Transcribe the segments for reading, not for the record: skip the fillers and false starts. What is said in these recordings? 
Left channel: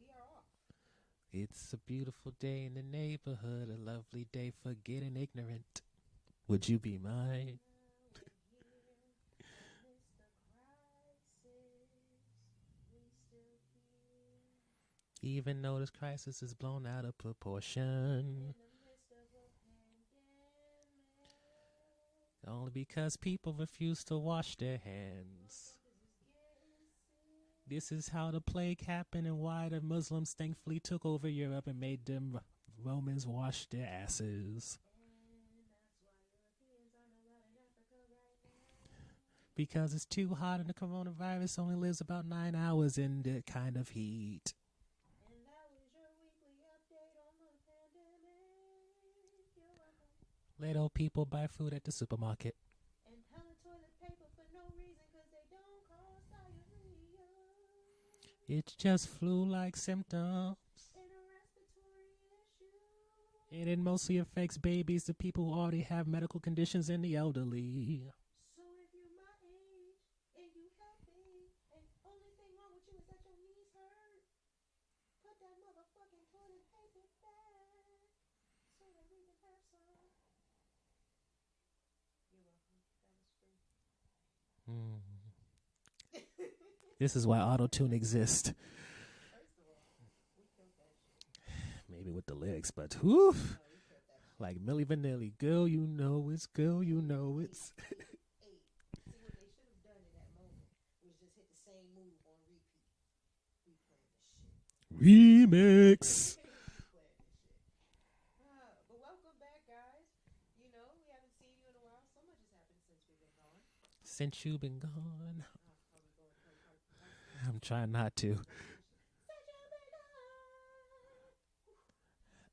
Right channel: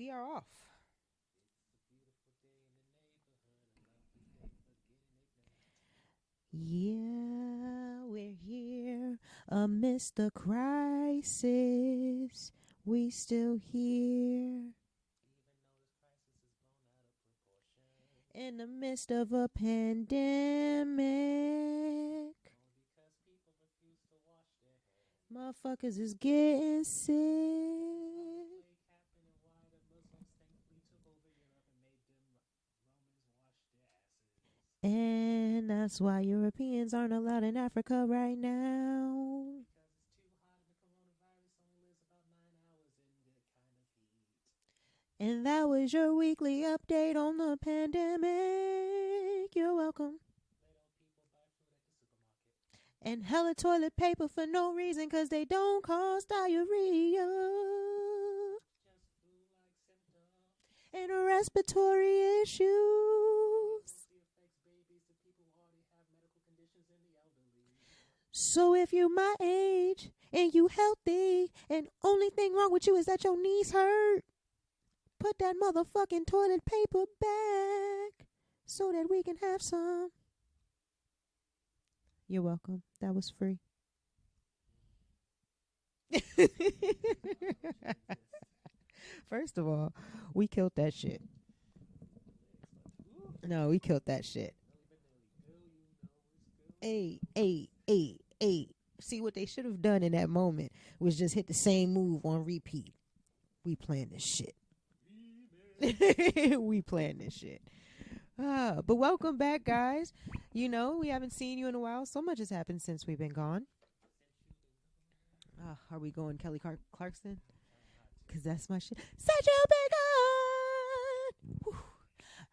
we are off. It's a beautiful day in the neighborhood, a lovely day for getting ignorant. Would you be mine? We're here amidst the crisis. We still here. Even though this crisis is blown out of proportion. In the midst of a pandemic. Only because people refuse to wash their hands. Motherfuckers is getting sick. This is how the plague happened and why the Muslims thankfully took over Europe and made them Romans wash their asses. And that's why Europeans aren't allowed in Africa right now. Because it's too hot and the coronavirus only lives about 9 hours in that kind of heat. And that was your weekly update on the pandemic. You're welcome. Let old people buy food at the supermarket. And hella toilet paper for no reason because they don't cause diarrhea. It's just flu-like symptoms. And respiratory issues. And it mostly affects babies, the people who already have medical conditions, and the elderly. So if you my age and you healthy and only thing wrong with you is that your knees hurt, put that motherfucking toilet paper back so that we can have some. You're welcome. That was free. This is why auto-tune exists. First of all, we killed that shit. Maybe with the lyrics, but whew. No, we killed that shit. Like Milli Vanilli, girl, you know it's, girl, you know it's. See, what they should have done in that moment was just hit the same move on repeat. We playing this shit. Remix. We playing this shit. But welcome back, guys. You know, we haven't seen you in a while. So much has happened since we've been gone. Since you've been gone. Are we going Kelly Clarkson? I'm trying not to. 'Cause that's my shit. Since you've been gone.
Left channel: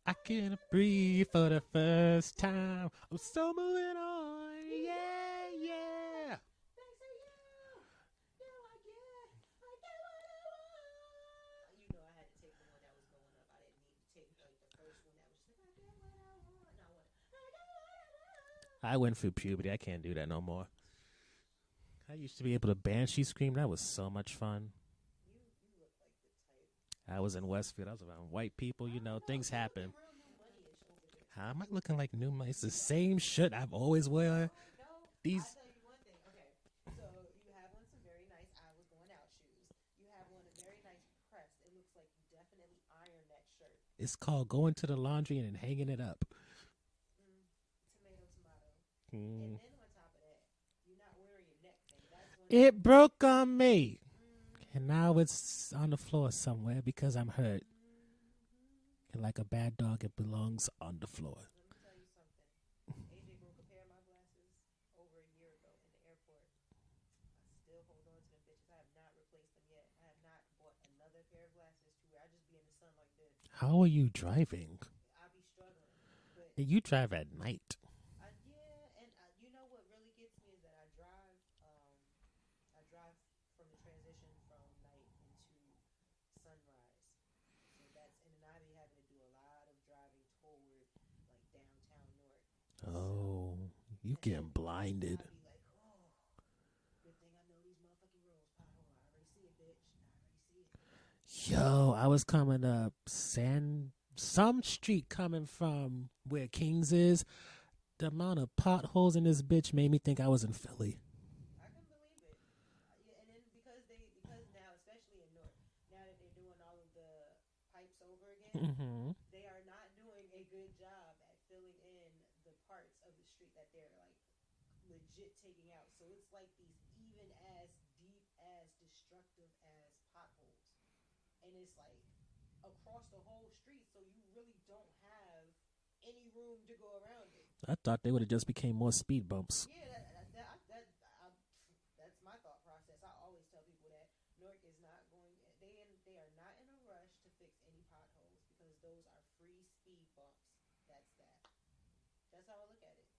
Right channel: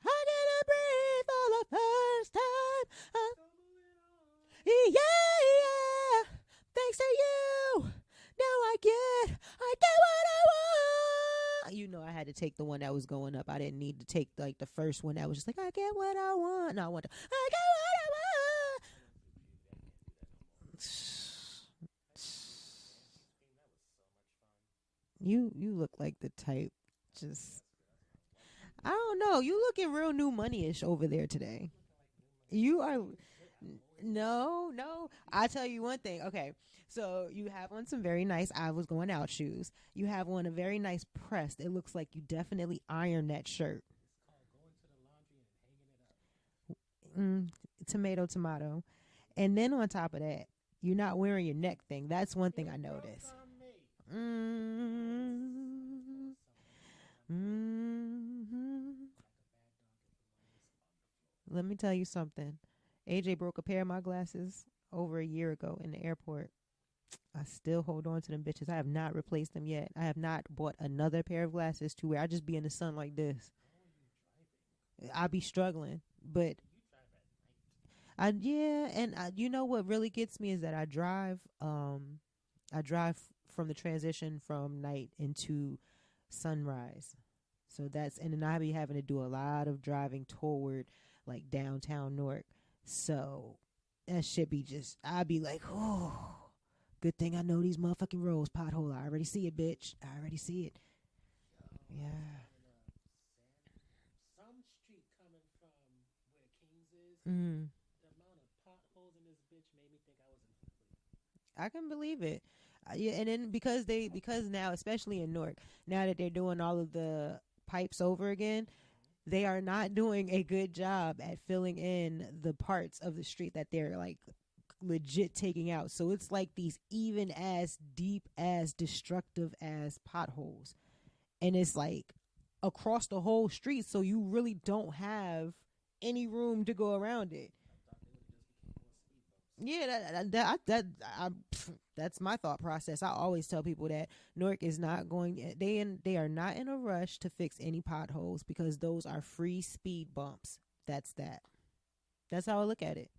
I can't breathe for the first time. I'm so moving on. Yeah. Thanks to you. Now I get what I want. You know, I had to take the one that was going up. I didn't need to take like the first one that was just like, I get what I want. No, I get what I want. I went through puberty. I can't do that no more. I used to be able to banshee scream. That was so much fun. You look like the type. I was in Westfield. I was around white people. I don't know. You looking real new money-ish over there today. I'm not looking like new money. It's You the same shit I've always worn. No. I tell you one thing. Okay, so you have on some very nice I was going out shoes. You have on a very nice pressed. It looks like you definitely ironed that shirt. It's called going to the laundry and hanging it up. Tomato. And then on top of that, you're not wearing your neck thing. That's one thing. It broke on me. And now it's on the floor somewhere because I'm hurt. And like a bad dog, it belongs on the floor. Let me tell you something. AJ broke a pair of my glasses over a year ago in the airport. I still hold on to them bitches. I have not replaced them yet. I have not bought another pair of glasses to where I just be in the sun like this. How are you driving? I be struggling. But you drive at night. You know what really gets me is that I drive from the transition from night into sunrise. So and then I be having to do a lot of driving toward like downtown Newark. So that shit be blinded. I be like, oh, good thing I know these motherfucking roads, pothole. I already see it, bitch. I already see it. Yo, I was coming up some street coming from where Kings is. The amount of potholes in this bitch made me think I was in Philly. I can believe it. And then because now, especially in Newark, now that they're doing all of the pipes over again, they are not doing a good job at filling in the parts of the street that they're like legit taking out. So it's like these even as deep as destructive as potholes. And it's like across the whole street. So you really don't have any room to go around it. I thought they would have just became more speed bumps. Yeah, that's my thought process. I always tell people that Newark is not going. They are not in a rush to fix any potholes because those are free speed bumps. That's that. That's how I look at it.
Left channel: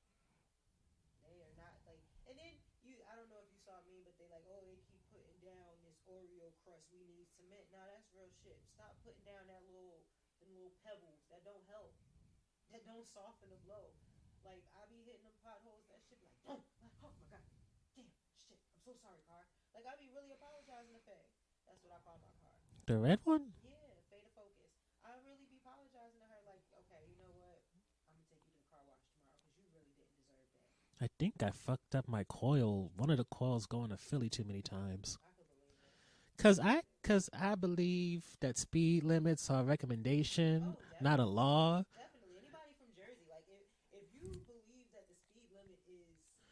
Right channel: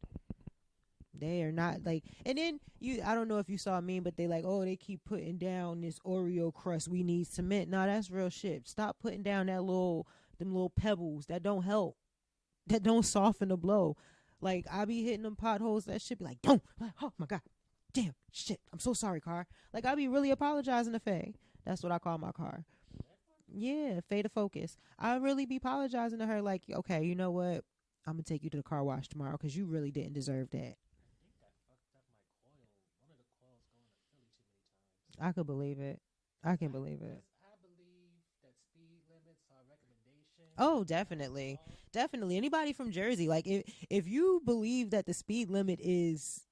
They are not like. And then I don't know if you saw a meme, but they like, oh, they keep putting down this Oreo crust. We need cement. No, that's real shit. Stop putting down them little pebbles that don't help. That don't soften the blow. Like, I be hitting them potholes. That shit be like, don't. Oh, my God. Damn. Shit. I'm so sorry, car. Like, I be really apologizing to Faye. That's what I call my car. The red one? Yeah, Fade Focus. I really be apologizing to her like, okay, you know what? I'm going to take you to the car wash tomorrow because you really didn't deserve that. I think I fucked up my coil. One of the coils going to Philly too many times. I could believe it. Cause I believe that speed limits are a recommendation. Oh, definitely. Not a law. Definitely. Anybody from Jersey, like if you believe that the speed limit is,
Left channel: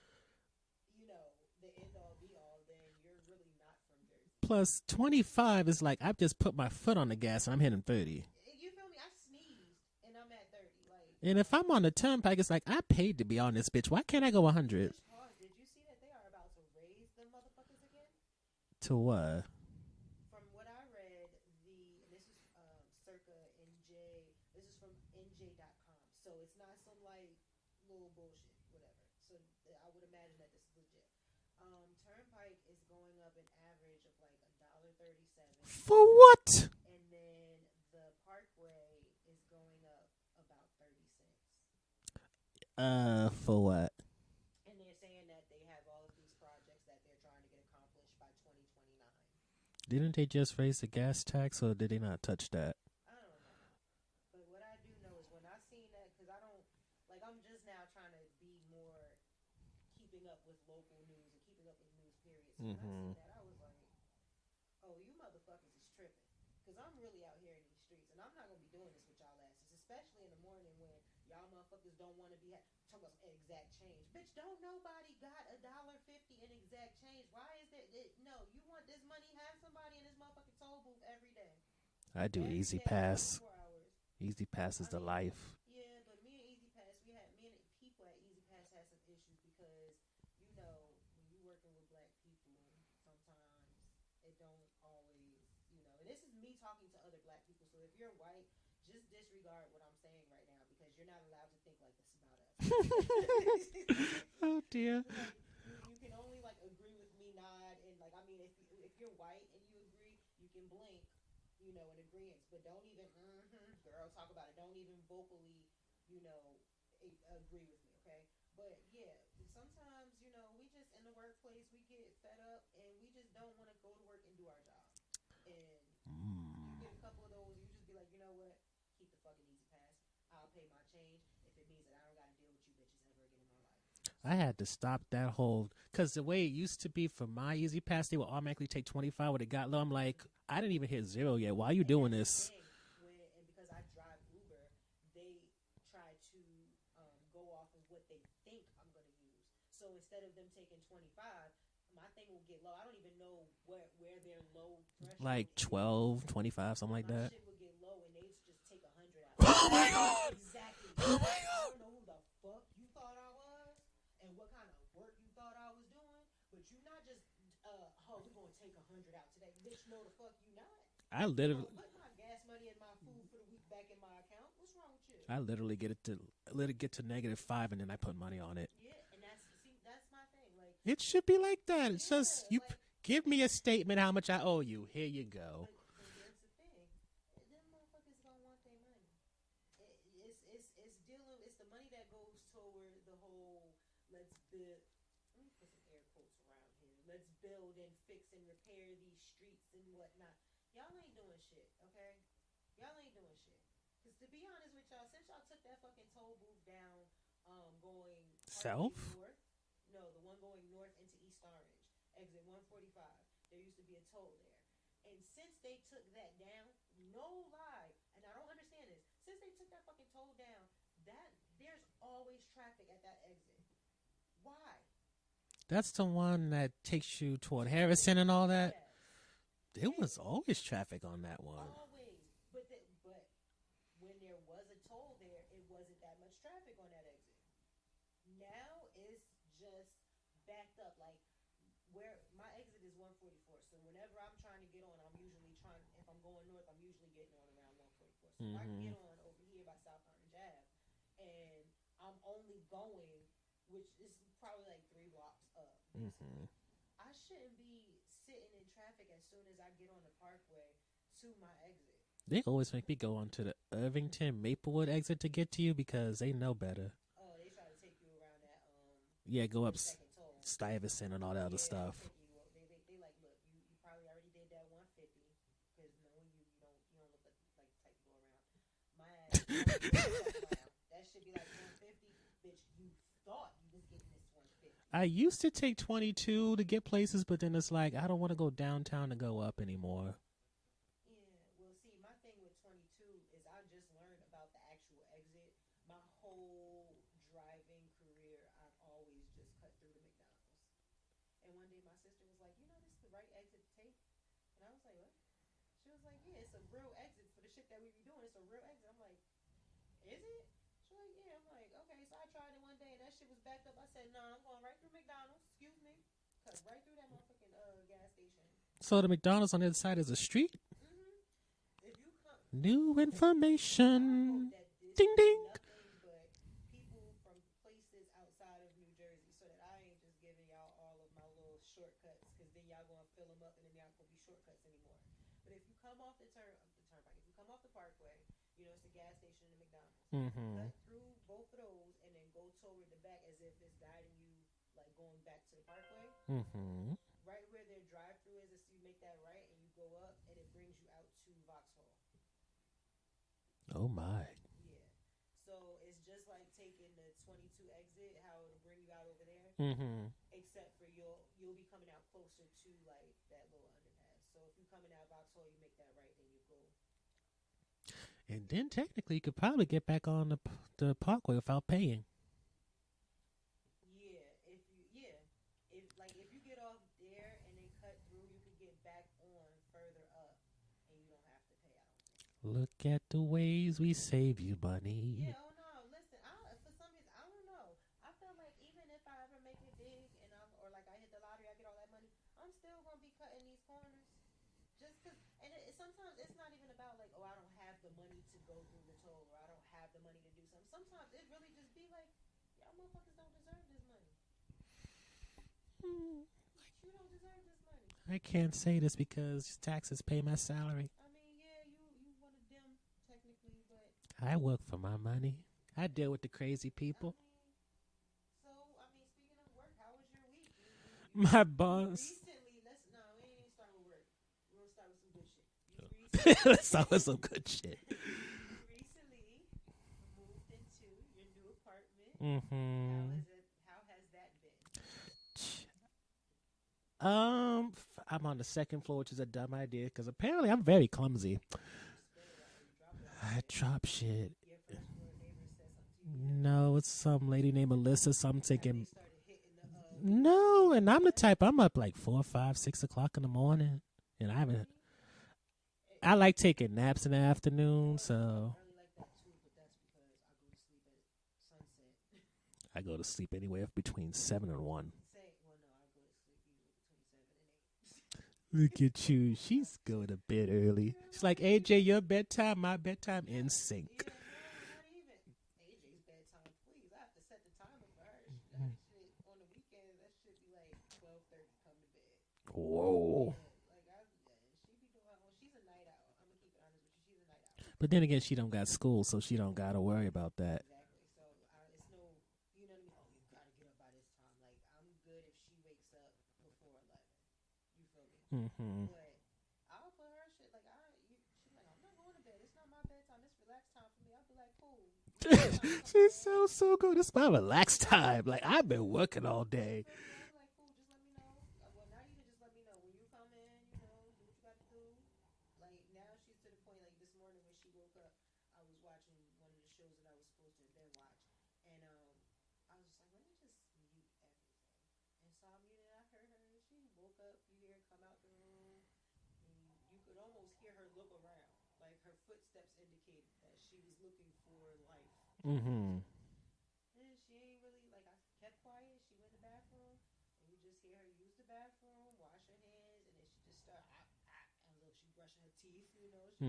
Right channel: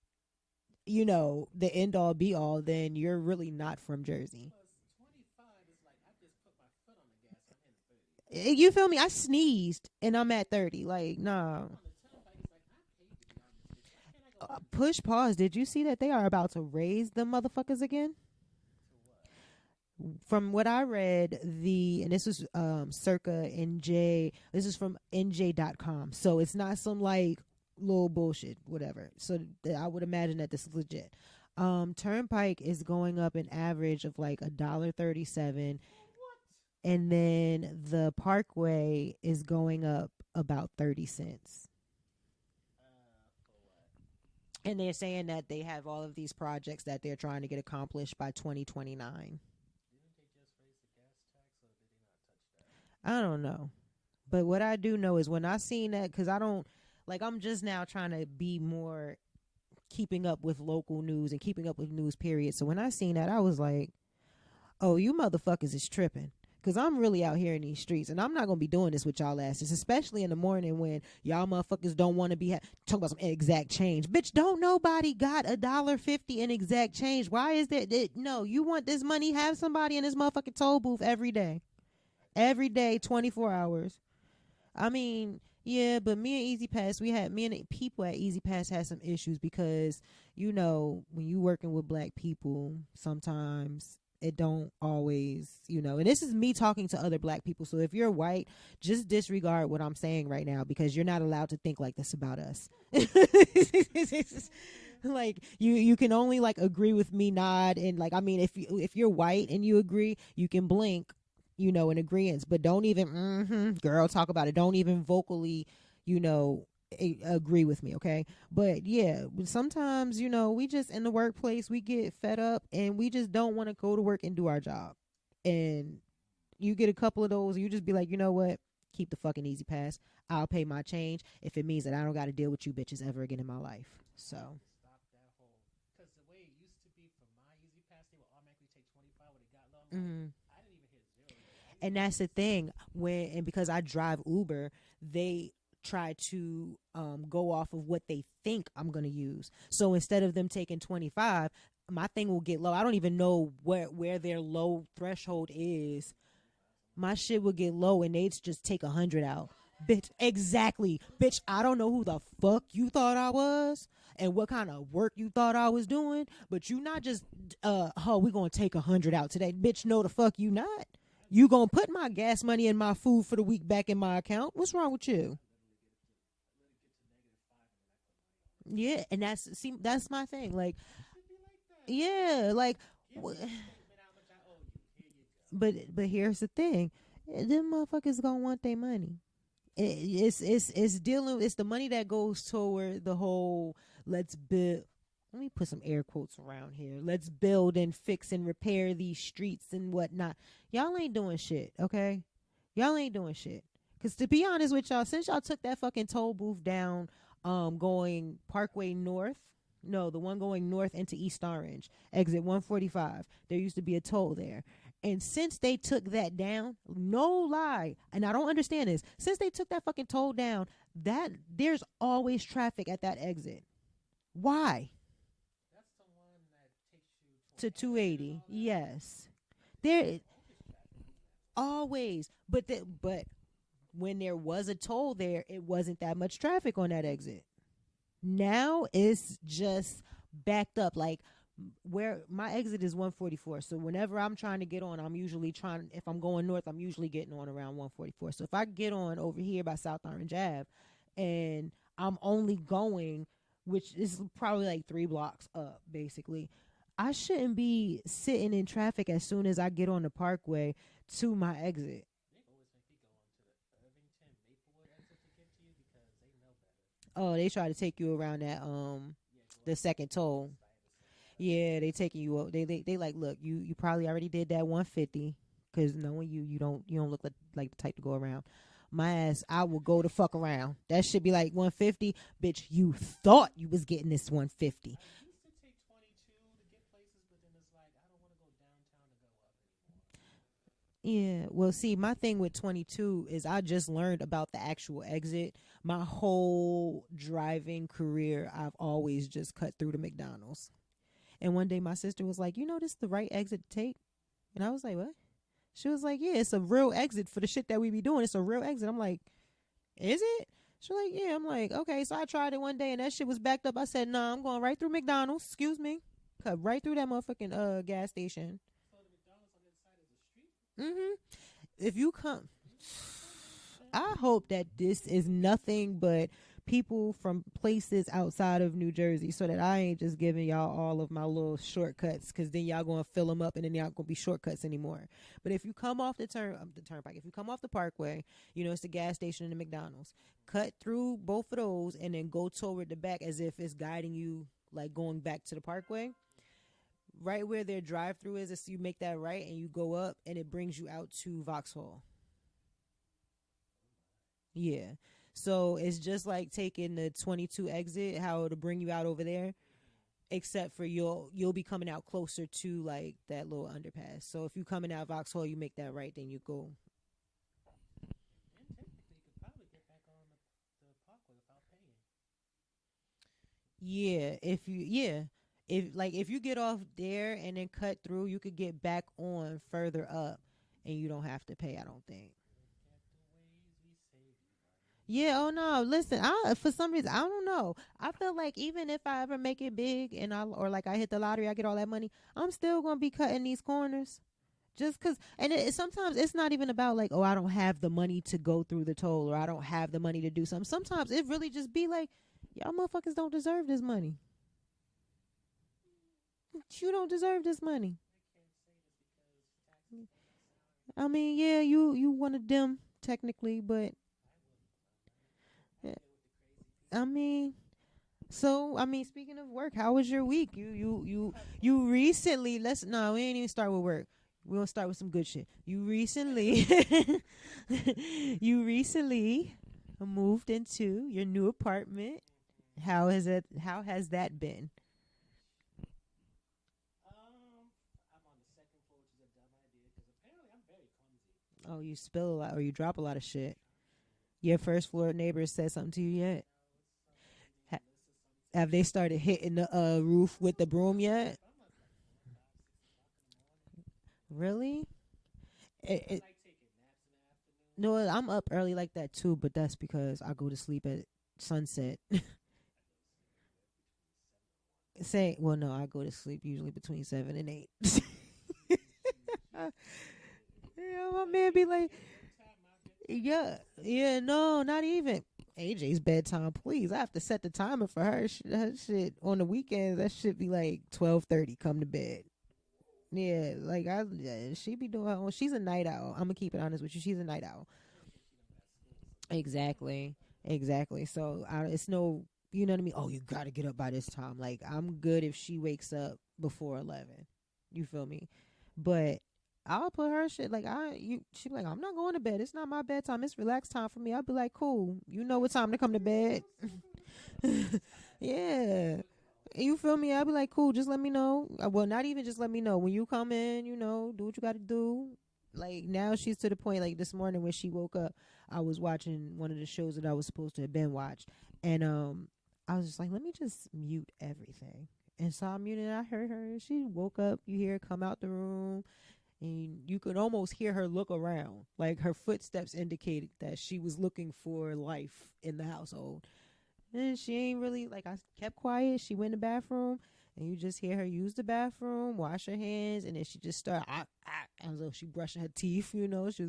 you know, the end all be all, then you're really not from Jersey. Plus 25 is like I've just put my foot on the gas and I'm hitting 30. You feel me? I sneezed and I'm at 30. Like, no. And if I'm on the turnpike, it's like I paid to be on this bitch. Why can't I go 100? Push pause. Did you see that they are about to raise the motherfuckers again? To what? From what I read, and this was circa NJ, this is from NJ.com. So it's not some like little bullshit, whatever. So I would imagine that this is legit. Turnpike is going up an average of like $1.37. For what? And then the Parkway is going up about 30 cents. For what? And they're saying that they have all of these projects that they're trying to get accomplished by 2029. Didn't they just raise the gas tax, or did they not touch that? I don't know. But what I do know is when I seen that, because I don't, like, I'm just now trying to be more keeping up with local news and keeping up with news, period. So when I seen that, I was like, oh, you motherfuckers is tripping. Because I'm really out here in these streets, and I'm not going to be doing this with y'all asses, especially in the morning when y'all motherfuckers don't want to be talking about some exact change. Bitch, don't nobody got $1.50 in exact change. Why is that? No, you want this money, have somebody in this motherfucking toll booth every day. I do every Easy day, Pass. 24 hours. Easy Pass is I the mean, life. yeah, but me and Easy Pass, me and the people at Easy Pass had some issues because, you know, when you working with black people, sometimes it don't always, you know, and this is me talking to other black people. So if you're white, just disregard what I'm saying right now because you're not allowed to think like this about us. Oh dear. Like you can only like agree with me, nod, and like, I mean, if you're white and you agree, you can blink, you know, in agreement, but don't even girl talk about it. Don't even vocally, you know, agree with me, okay? But yeah, sometimes, you know, we just in the workplace, we get fed up and we just don't want to go to work and do our job. And you get a couple of those, you just be like, you know what? Keep the fucking Easy Pass. I'll pay my change if it means that I don't got to deal with you bitches ever again in my life. So. I had to stop that whole, because the way it used to be for my Easy Pass, they would automatically take 25 when it got low. I'm like, I didn't even hit zero yet. Why are you doing this? And that's the thing. And because I drive Uber, they try to go off of what they think I'm going to use. So instead of them taking 25, my thing will get low. I don't even know where their low threshold like 12, 25, something like my that. shit would get low and they'd just take 100 out. Exactly. Bitch, I don't know who the fuck you thought I was and what kind of work you thought I was doing, but you not just, we gonna take 100 out today. Bitch, no the fuck you not. You gonna put my gas money and my food for the week back in my account? What's wrong with you? I literally let it get to -5 and then I put money on it. Yeah, and that's my thing. Like, it should be like that. Yeah, like, give me a statement how much I owe you. Here you go. But here's the thing, them motherfuckers gonna want their money. It's the money that goes toward the whole let's build. Let me put some air quotes around here. Let's build and fix and repair these streets and whatnot. Y'all ain't doing shit, okay? Y'all ain't doing shit. Because to be honest with y'all, since y'all took that fucking toll booth down going Parkway South? North, no, the one going north into East Orange, exit 145, there used to be a toll there. And since they took that down, no lie, and I don't understand this, since they took that fucking toll down, that there's always traffic at that exit. Why? That's the one that takes you toward To Harrison 280. and all that? Yes. There was always traffic on that one. Always. But when there was a toll there, it wasn't that much traffic on that exit. Now it's just backed up. Like, where my exit is 144. So whenever I'm trying to get on, if I'm going north, I'm usually getting on around 144. So if I get on over here by South Orange Ave and I'm only going, which is probably like 3 blocks up, basically, I shouldn't be sitting in traffic as soon as I get on the Parkway to my exit. They always make me go onto the Irvington Maplewood exit to get to you because they know better. Oh, they try to take you around that Go the up second toll. Stuyvesant and all that other Yeah, stuff. they taking you up. They like, look, you probably already did that 150 because knowing you don't look like the type to go around. My ass, I will go the fuck around. That should be like 150, bitch. You thought you was getting this 150. I used to take 22 to get places, but then it's like I don't want to go downtown to go up anymore. Yeah, well, see, my thing with 22 is I just learned about the actual exit. My whole driving career, I've always just cut through the McDonald's. And one day my sister was like, this is the right exit to take? And I was like, what? She was like, yeah, it's a real exit for the shit that we be doing. It's a real exit. I'm like, is it? She was like, yeah. I'm like, okay. So I tried it one day and that shit was backed up. I said, nah, I'm going right through McDonald's. Excuse me. Cut right through that motherfucking gas station. So the McDonald's on the other side is a street? Mm-hmm. If you come, new information. I hope that this ding, is ding. Nothing but people from places outside of New Jersey, so that I ain't just giving y'all all of my little shortcuts, because then y'all gonna fill them up and then y'all gonna be shortcuts anymore. But if you come off the turnpike, if you come off the parkway, it's the gas station and the McDonald's. Mm-hmm. Cut through both of those and then go toward the back as if it's guiding you, like going back to the parkway. Mm-hmm. Right where their drive-through is, you make that right and you go up and it brings you out to Vauxhall. Oh my. Yeah. So it's just like taking the 22 exit, how it'll bring you out over there. Mm-hmm. Except for you'll be coming out closer to like that little underpass. So if you coming out Vauxhall, you make that right, then you go. And then technically you could probably get back on the parkway without paying. Yeah, if you get off there and then cut through, you could get back on further up and you don't have to pay, I don't think. Look at the ways we save you money. Yeah, oh no, listen, for some reason, I don't know. I feel like even if I ever make it big and I hit the lottery, I get all that money, I'm still going to be cutting these corners. Just because, and sometimes it's not even about like, oh, I don't have the money to go through the toll or I don't have the money to do something. Sometimes it really just be like, y'all motherfuckers don't deserve this money. You don't deserve this money. I can't say this because taxes pay my salary. I mean, yeah, you one of them technically, but I work for my money. I deal with the crazy people. I mean, speaking of work, how was your week? You my boss. You recently we ain't even start with work. We're gonna start with some good shit. You recently some good shit. You recently moved into your new apartment. Mm-hmm. How has that been? I'm on the second floor, which is a dumb idea because apparently I'm very clumsy. Oh, you spill a lot or you drop a lot of shit. I drop shit. Your first floor neighbors said something to you yet? No, it's some lady named Alyssa. Something. Have they started hitting the roof with the broom and I'm yet? the type. I'm up like 4, 5, 6 o'clock in the morning. And really? I like taking naps in the afternoon. No, so I'm up early like that too, but that's because I go to sleep at sunset. I go to sleep anywhere between 7 and 1. No, I go to sleep usually between 7 and 8. Look at you. She's going to bed early. Yeah, it's like, AJ, your bedtime, my bedtime in sync. Yeah, no, not even. AJ's bedtime, please. I have to set the timer for her. Her shit on the weekends, that should be like 12:30, come to bed. Whoa. Yeah, like she be doing her own. She's a night owl. I'm gonna keep it honest with you. She's a night owl. But then again, she don't got school, so she don't gotta worry about that. Exactly. So it's no, you know what I mean? Oh, you gotta get up by this time. Like, I'm good if she wakes up before 11. You feel me? Mm-hmm. But I'll put her shit like she be like, I'm not going to bed. It's not my bedtime. It's relaxed time for me. I'll be like, cool. You know what time to come to bed. So good. It's my relaxed time. Yeah. Like, I've been working all day. You feel me? I'll be like, cool. Just let me know. Well, not even just let me know when you come in. Do what you got to do. Like, now she's to the point. Like, this morning when she woke up, I was watching one of the shows that I was supposed to have been watched, and I was just like, let me just mute everything. And so I muted. I heard her. She woke up. You hear her come out the room. And you could almost hear her look around. Like, her footsteps indicated that she was looking for life in the household. And she ain't really, like, I kept quiet. She went in the bathroom, and you just hear her use the bathroom, wash her hands, and then she just started, as though she brushing her teeth, She was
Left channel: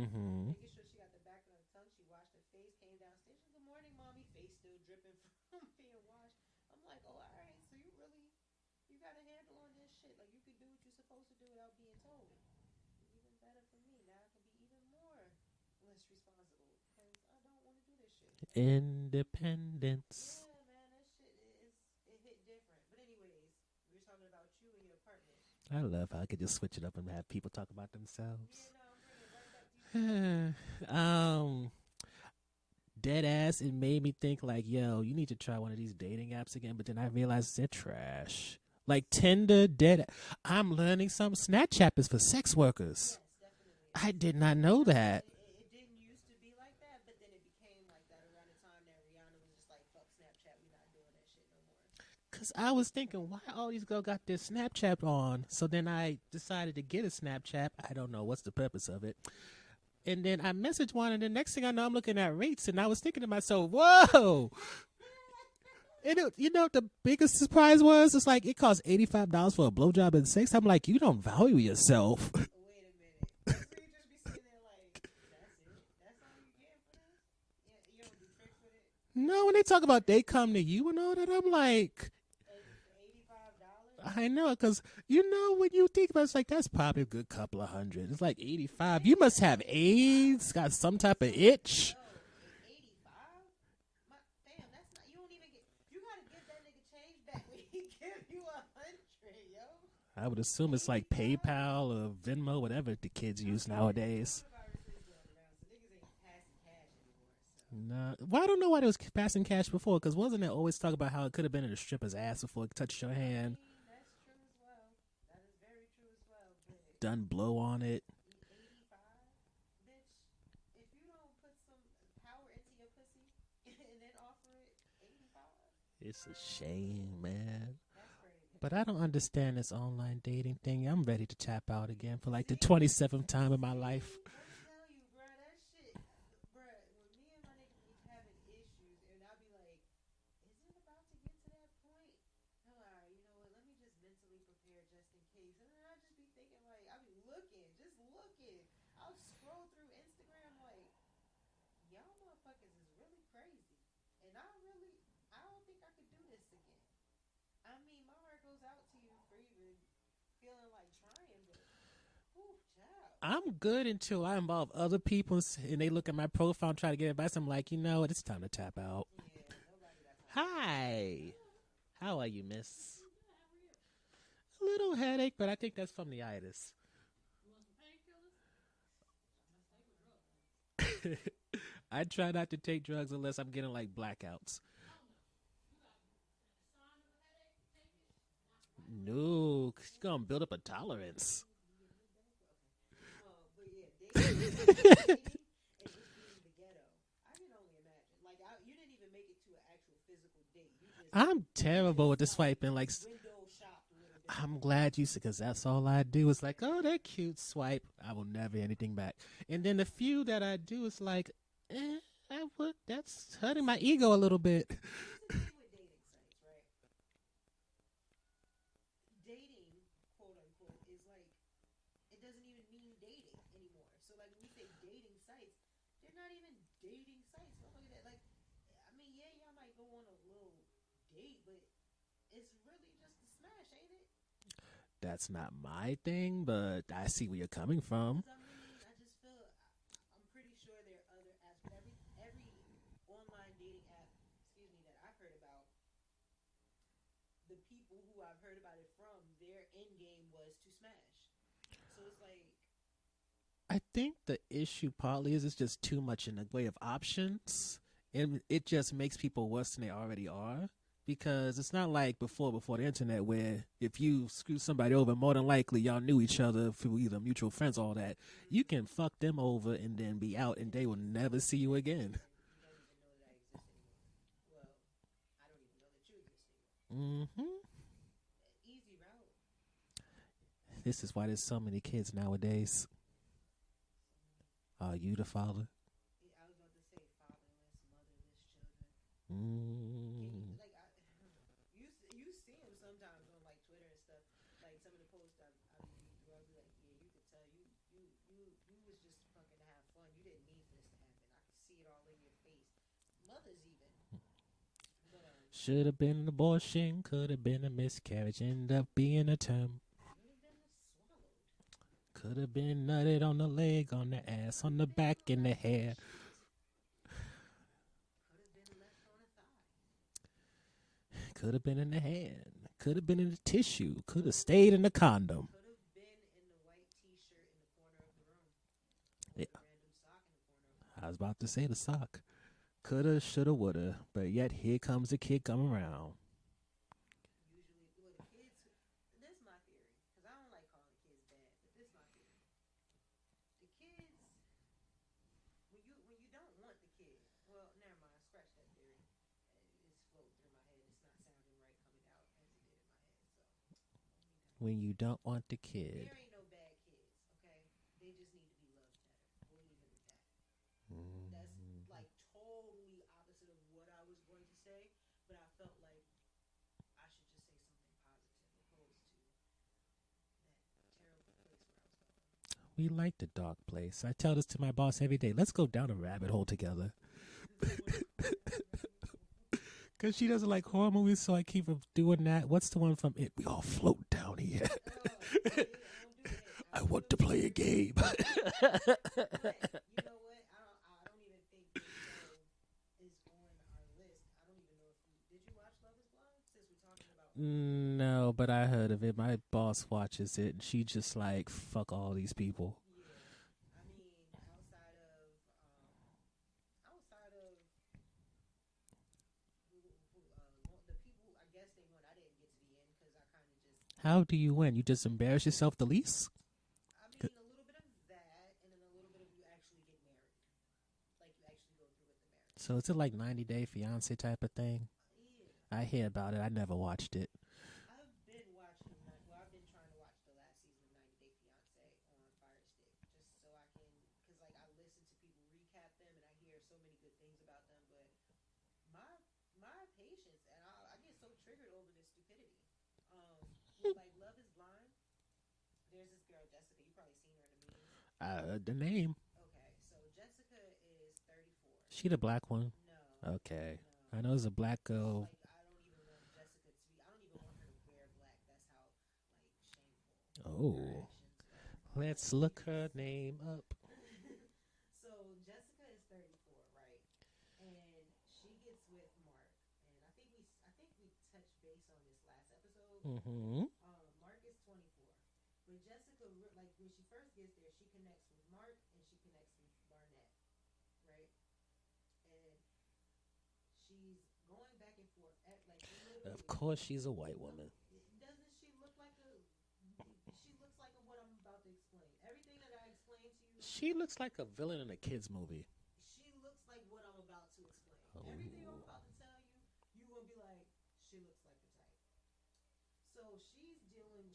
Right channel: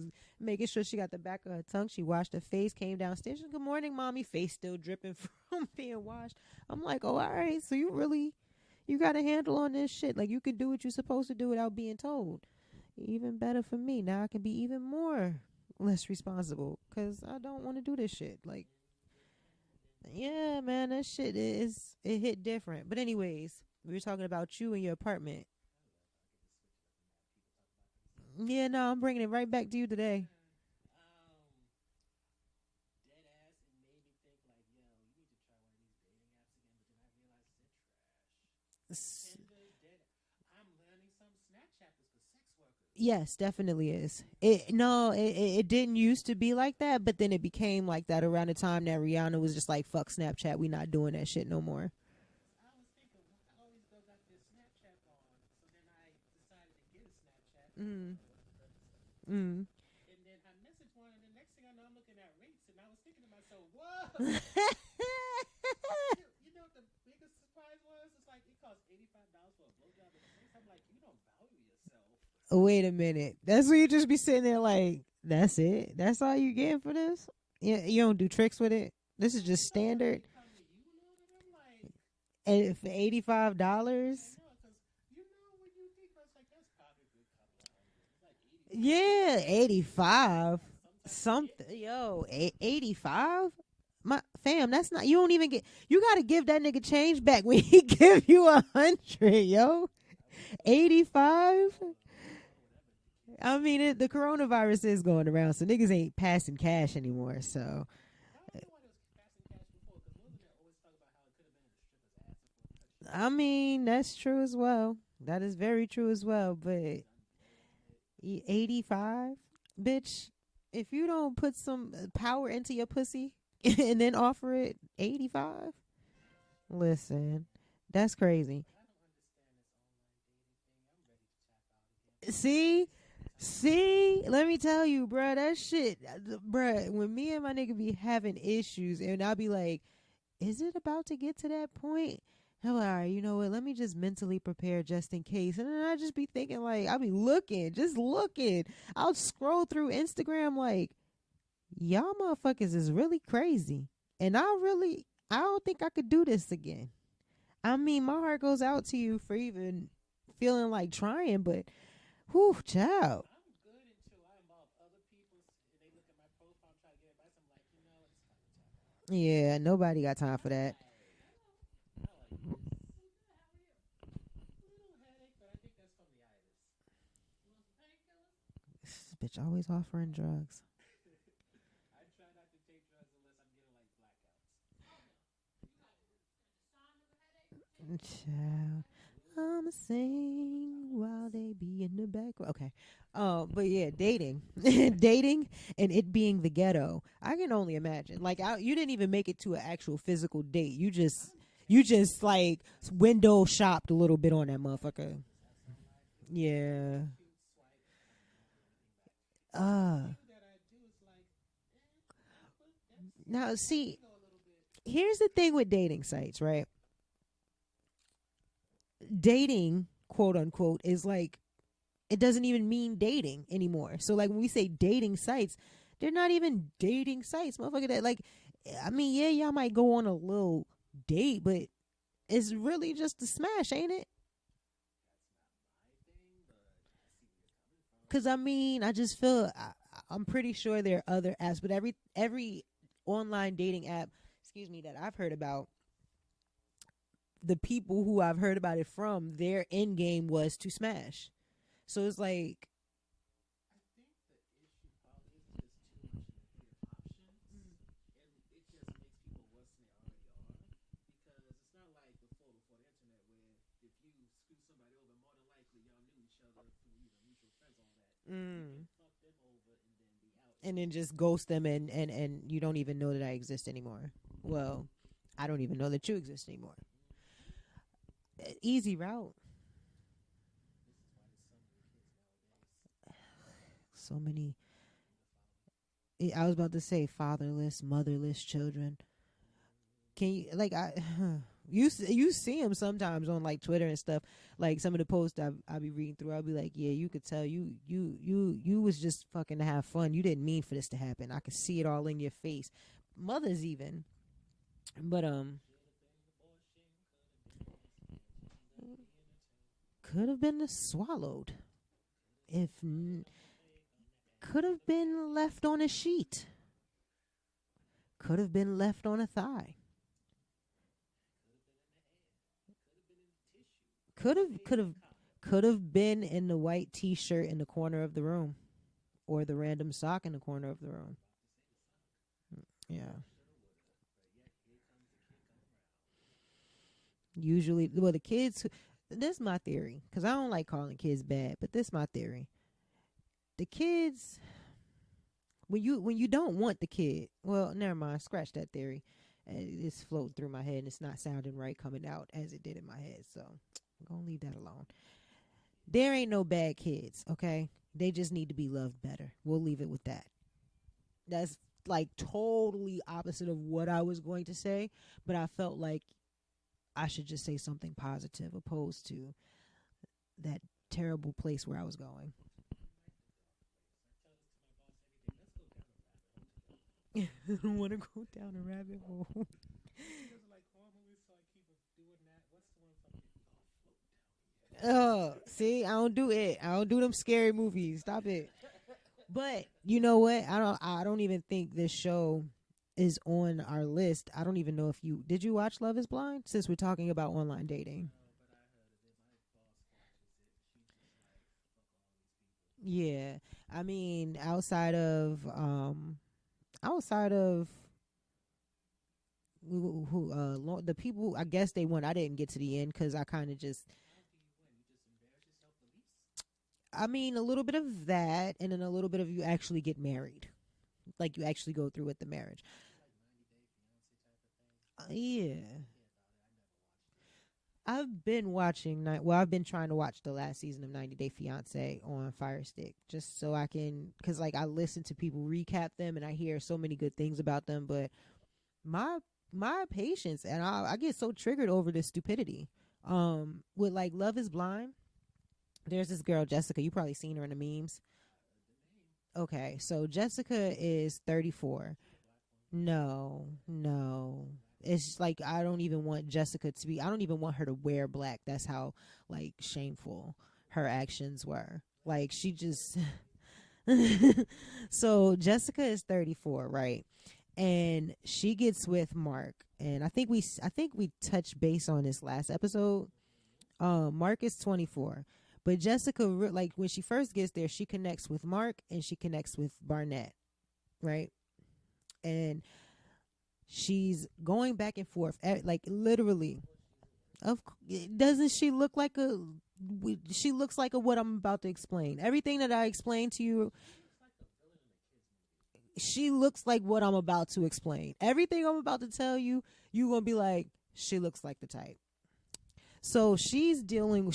making sure she got the back of her tongue. She washed her face, came downstairs. She said, good morning, mommy. Face still dripping from being washed. I'm like, oh, all right. So you got a handle on this shit. Like, you could do what you're supposed to do without being told. Even better for me. Now I can be even more less responsible because I don't want to do this shit. Like independence. Yeah, man, that shit it hit different. But anyways, we were talking about you and your apartment. I love how I could just switch it up and have people talk about themselves. Yeah, no, I'm bringing it right back to you today. Dead ass, it made me think like, yo, you need to try one of these dating apps again. But then I realized they're trash. Like Tinder, I'm learning some. Snapchat is for sex workers. Yes, definitely is. I did not know that. It didn't used to be like that, but then it became like that around the time that Rihanna was just like, fuck Snapchat, we not doing that shit no more. Because I was thinking, why all these girls got their Snapchat on? So then I decided to get a Snapchat. I don't know what's the purpose of it. And then I messaged one, and the next thing I know, I'm looking at rates, and I was thinking to myself, whoa. And you know what the biggest surprise was? It's like it costs $85 for a blowjob and sex. I'm like, you don't value yourself. Wait a minute. That's where you just be sitting there like, that's it? That's all you getting for this? You don't do tricks with it? This no, is when they just talk about standard? they come to you and all that, I'm like... And for $85? I know, because you know when you think about it, it's like that's probably a good couple of $100. It's like 85. Yeah, You must have 85. AIDS, got some type of itch. Yo, 85? My fam, that's not. You don't even get. You got to give that nigga change back when he give you 100, yo. I would assume it's like PayPal or Venmo, whatever the kids use nowadays. The coronavirus is going around, so niggas ain't passing cash anymore. So, well, I don't know why they was passing cash before, because wasn't it always talk about how it could have been in a stripper's ass before it touched your hand? I mean, that's true as well. That is very true as well. But done blow on it. 85, bitch. If you don't put some power into your pussy and then offer it 85. It's a shame. Listen, man. That's crazy. But I don't understand this online dating thing. I'm ready to tap out again for like the 27th time of my life. Let me tell you, bruh, that shit, bruh, when me and my nigga be having issues and I'll be like, is it about to get to that point? I'm like, all right, you know what? Let me just mentally prepare just in case. And then I just be thinking like, I'll be just looking. I'll scroll through Instagram like, y'all motherfuckers is really crazy. And I don't think I could do this again. I mean, my heart goes out to you for even feeling like trying, but whew, child. I'm good until I involve other people and they look at my profile and try to get advice. I'm like, you know what? It's time to tap out. Yeah, nobody got time for that. Hi. How are you, miss? A little headache, but I think that's from the itis. This bitch always offering drugs. I try not to take drugs unless I'm getting like blackouts. Child. No, it's gonna build up a tolerance. They be in the back. Okay. But yeah, dating and it being the ghetto. I can only imagine. Like, you didn't even make it to an actual physical date. I'm terrible with the like, swiping. Like window shopped a little bit on I'm that. glad you said, because that's all I do. It's like, oh, that cute swipe. I will never anything back. And then the few that I do is like, that's hurting my ego a little bit. Here's the thing with dating sites, right? Dating, quote unquote, is like, it doesn't even mean dating anymore. So like when we say dating sites, they're not even dating sites, motherfucker. That like, I mean, yeah, y'all might go on a little date, but it's really just a smash, ain't it? That's not my thing, but I see where you're coming from. Because I mean, I just feel I'm pretty sure there are other apps, but every online dating app, that I've heard about, the people who I've heard about it from, their end game was to smash. So it's like, I think the issue partly is it's just too much in the way of options, and it just makes people worse than they already are. Because it's not like before the internet, where if you screw somebody over, more than likely y'all knew each other through either mutual friends, all that. You can fuck them over and then be out, and they will just never ghost see them you again. and you don't even know that I exist anymore. Well, I don't even know that you exist anymore. Easy route. This is why there's so many kids nowadays. So many. Are you the father? I was about to say fatherless, motherless children. Can you like you see them sometimes on like Twitter and stuff, like some of the posts I'll be reading through. I'll be like, yeah, you could tell you was just fucking to have fun. You didn't mean for this to happen. I could see it all in your face. Mothers even. But should have been an abortion, could have been a miscarriage, end up being a term. Could have been swallowed. Could have If been nutted on the leg, on the ass, could on have the back, been in the left on a hair. sheet. Could have been left on a thigh. Could have been in the hand. Could have been in the tissue. Could have Could've- stayed in the could've- condom. Could have been in the white T-shirt in the corner of the room, or the random sock in the corner of the room. I was about to say the sock. Coulda, shoulda, woulda. But yet here comes the kid coming around. Usually, well, the kids. This is my theory, because I don't like calling kids bad, but this is my theory. The kids, when you don't want the kid, well, never mind. Scratch that theory. It's floating through my head, and it's not sounding right coming out as it did in my head. So I'm gonna leave that alone. When you don't want the kid. There ain't no bad kids, okay? They just need to be loved better. We'll leave it with that. That's like totally opposite of what I was going to say, but I felt like I should just say something positive opposed to that terrible place where I was going. We like the dark place. I tell this to my boss every day. Let's go down a rabbit hole together. Who want to go down the rabbit hole? Because she doesn't like horror movies, so I keep her doing that. What's the one from It? We all float down here. Oh, see, I don't do it. I don't do them scary movies. But you know what? I don't even think this show is on our list. I don't even know if did you watch Love is Blind, since we're talking about online dating? No, but I heard of it. My boss watches it, and she just like, fuck all these people. Yeah. I mean, outside of the people, I guess they won. I didn't get to the end because I kind of just. How do you win? You just embarrass yourself the least? I mean, a little bit of that, and then a little bit of you actually get married. Like, you actually go through with the marriage. So is it like 90 Day Fiance type of thing? Yeah. I hear about it. I never watched it. I've been trying to watch the last season of 90 Day Fiance on Fire Stick, just so I can, because like I listen to people recap them and I hear so many good things about them, but my patience, and I get so triggered over this stupidity. With like Love is Blind, there's this girl, Jessica. You probably seen her in the memes. I heard the name. Okay, so Jessica is 34. She the black one? No. Okay. No. I know it's a black girl. It's like, I don't even want Jessica to be, I don't even want her to wear black. That's how like shameful her actions were. Let's like look she just her name up. So Jessica is 34, right? And she gets with Mark. And I think we touched base on this last episode. Mm-hmm. Mark is 24. But Jessica, like when she first gets there, she connects with Mark and she connects with Barnett, right? And she's going back and forth, like literally. Of course, she's a white woman. Doesn't she look like a? She looks like what I'm about to explain. Everything that I explained to you. She looks like a villain in a kids movie. She looks like what I'm about to explain. Everything I'm about to tell you, you're gonna be like, she looks like the type. So she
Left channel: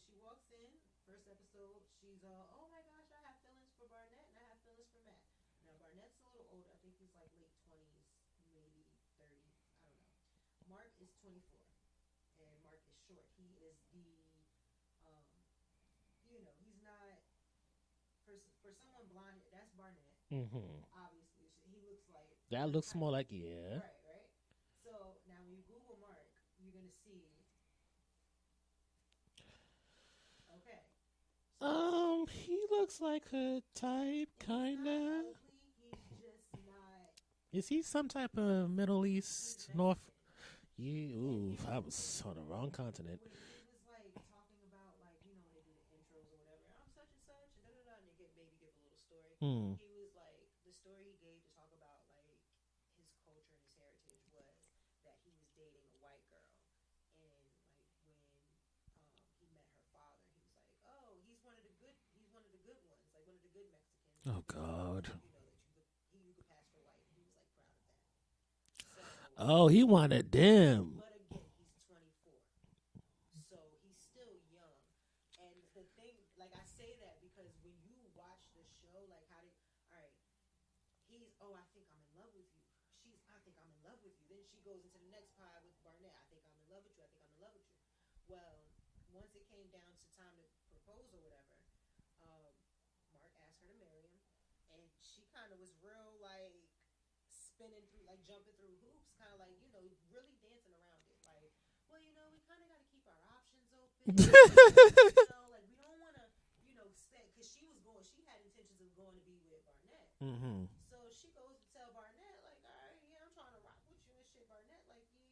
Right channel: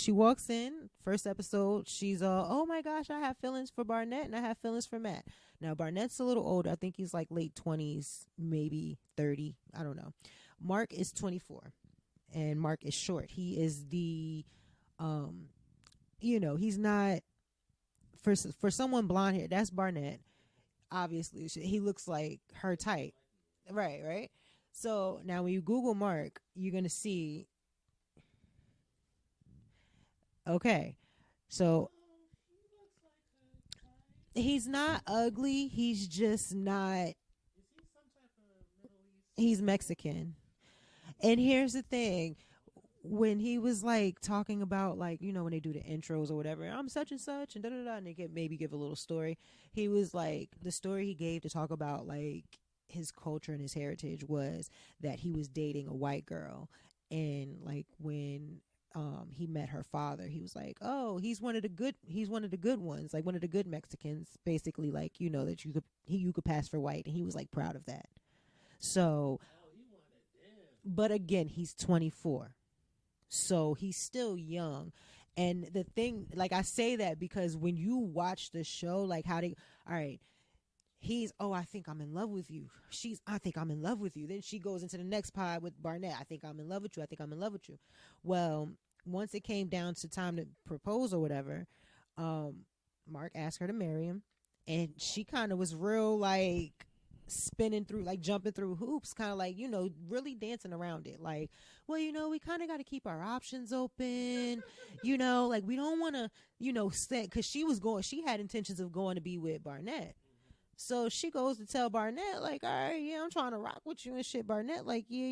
walks in, first episode, she's oh my gosh, I have feelings for Barnett and I have feelings for Matt. Now Barnett's a little older. I think he's like late 20s, maybe 30. I don't know. Mark is 24 and Mark is short. He is the, he's not, for someone blonde hair, that's Barnett. Mm-hmm. Obviously, he looks like that her looks type. More like, yeah. Right. So now when you Google Mark, you're going to see. Okay, so he looks like her type. He's not ugly. He's just not. Is he some type of Middle East? He's Mexican. And here's the thing: on the wrong continent. When he was like talking about, like, when they do the intros or whatever, I'm such and such and and they maybe give a little story. He was like, the story he gave to talk about like his culture and his heritage was that he was dating a white girl, and like when he met her father, he was like, oh, he's one of the good ones, like one of the good Mexicans, basically. God. Like, that you could pass for white, and he was like proud of that. So he wanted them. But again, he's 24, so he's still young. And the thing, like, I say that because when you watch the show, like he's, I think I'm in love with you. I think I'm in love with you. Then she goes into the next pod with Barnett. I think I'm in love with you. I think I'm in love with you. Well, once it came down to time to propose or whatever, Mark asked her to marry him, and she kind of was real like spinning through, like jumping through hoops, kind of like, really dancing around it. Like, well, we kind of got to keep our options open. Like we don't want to, set, because she had intentions of going to be with Barnett. Mm-hmm. So she goes to tell Barnett, like, all right, yeah, I'm trying to rock with you and shit. Barnett, like, yeah,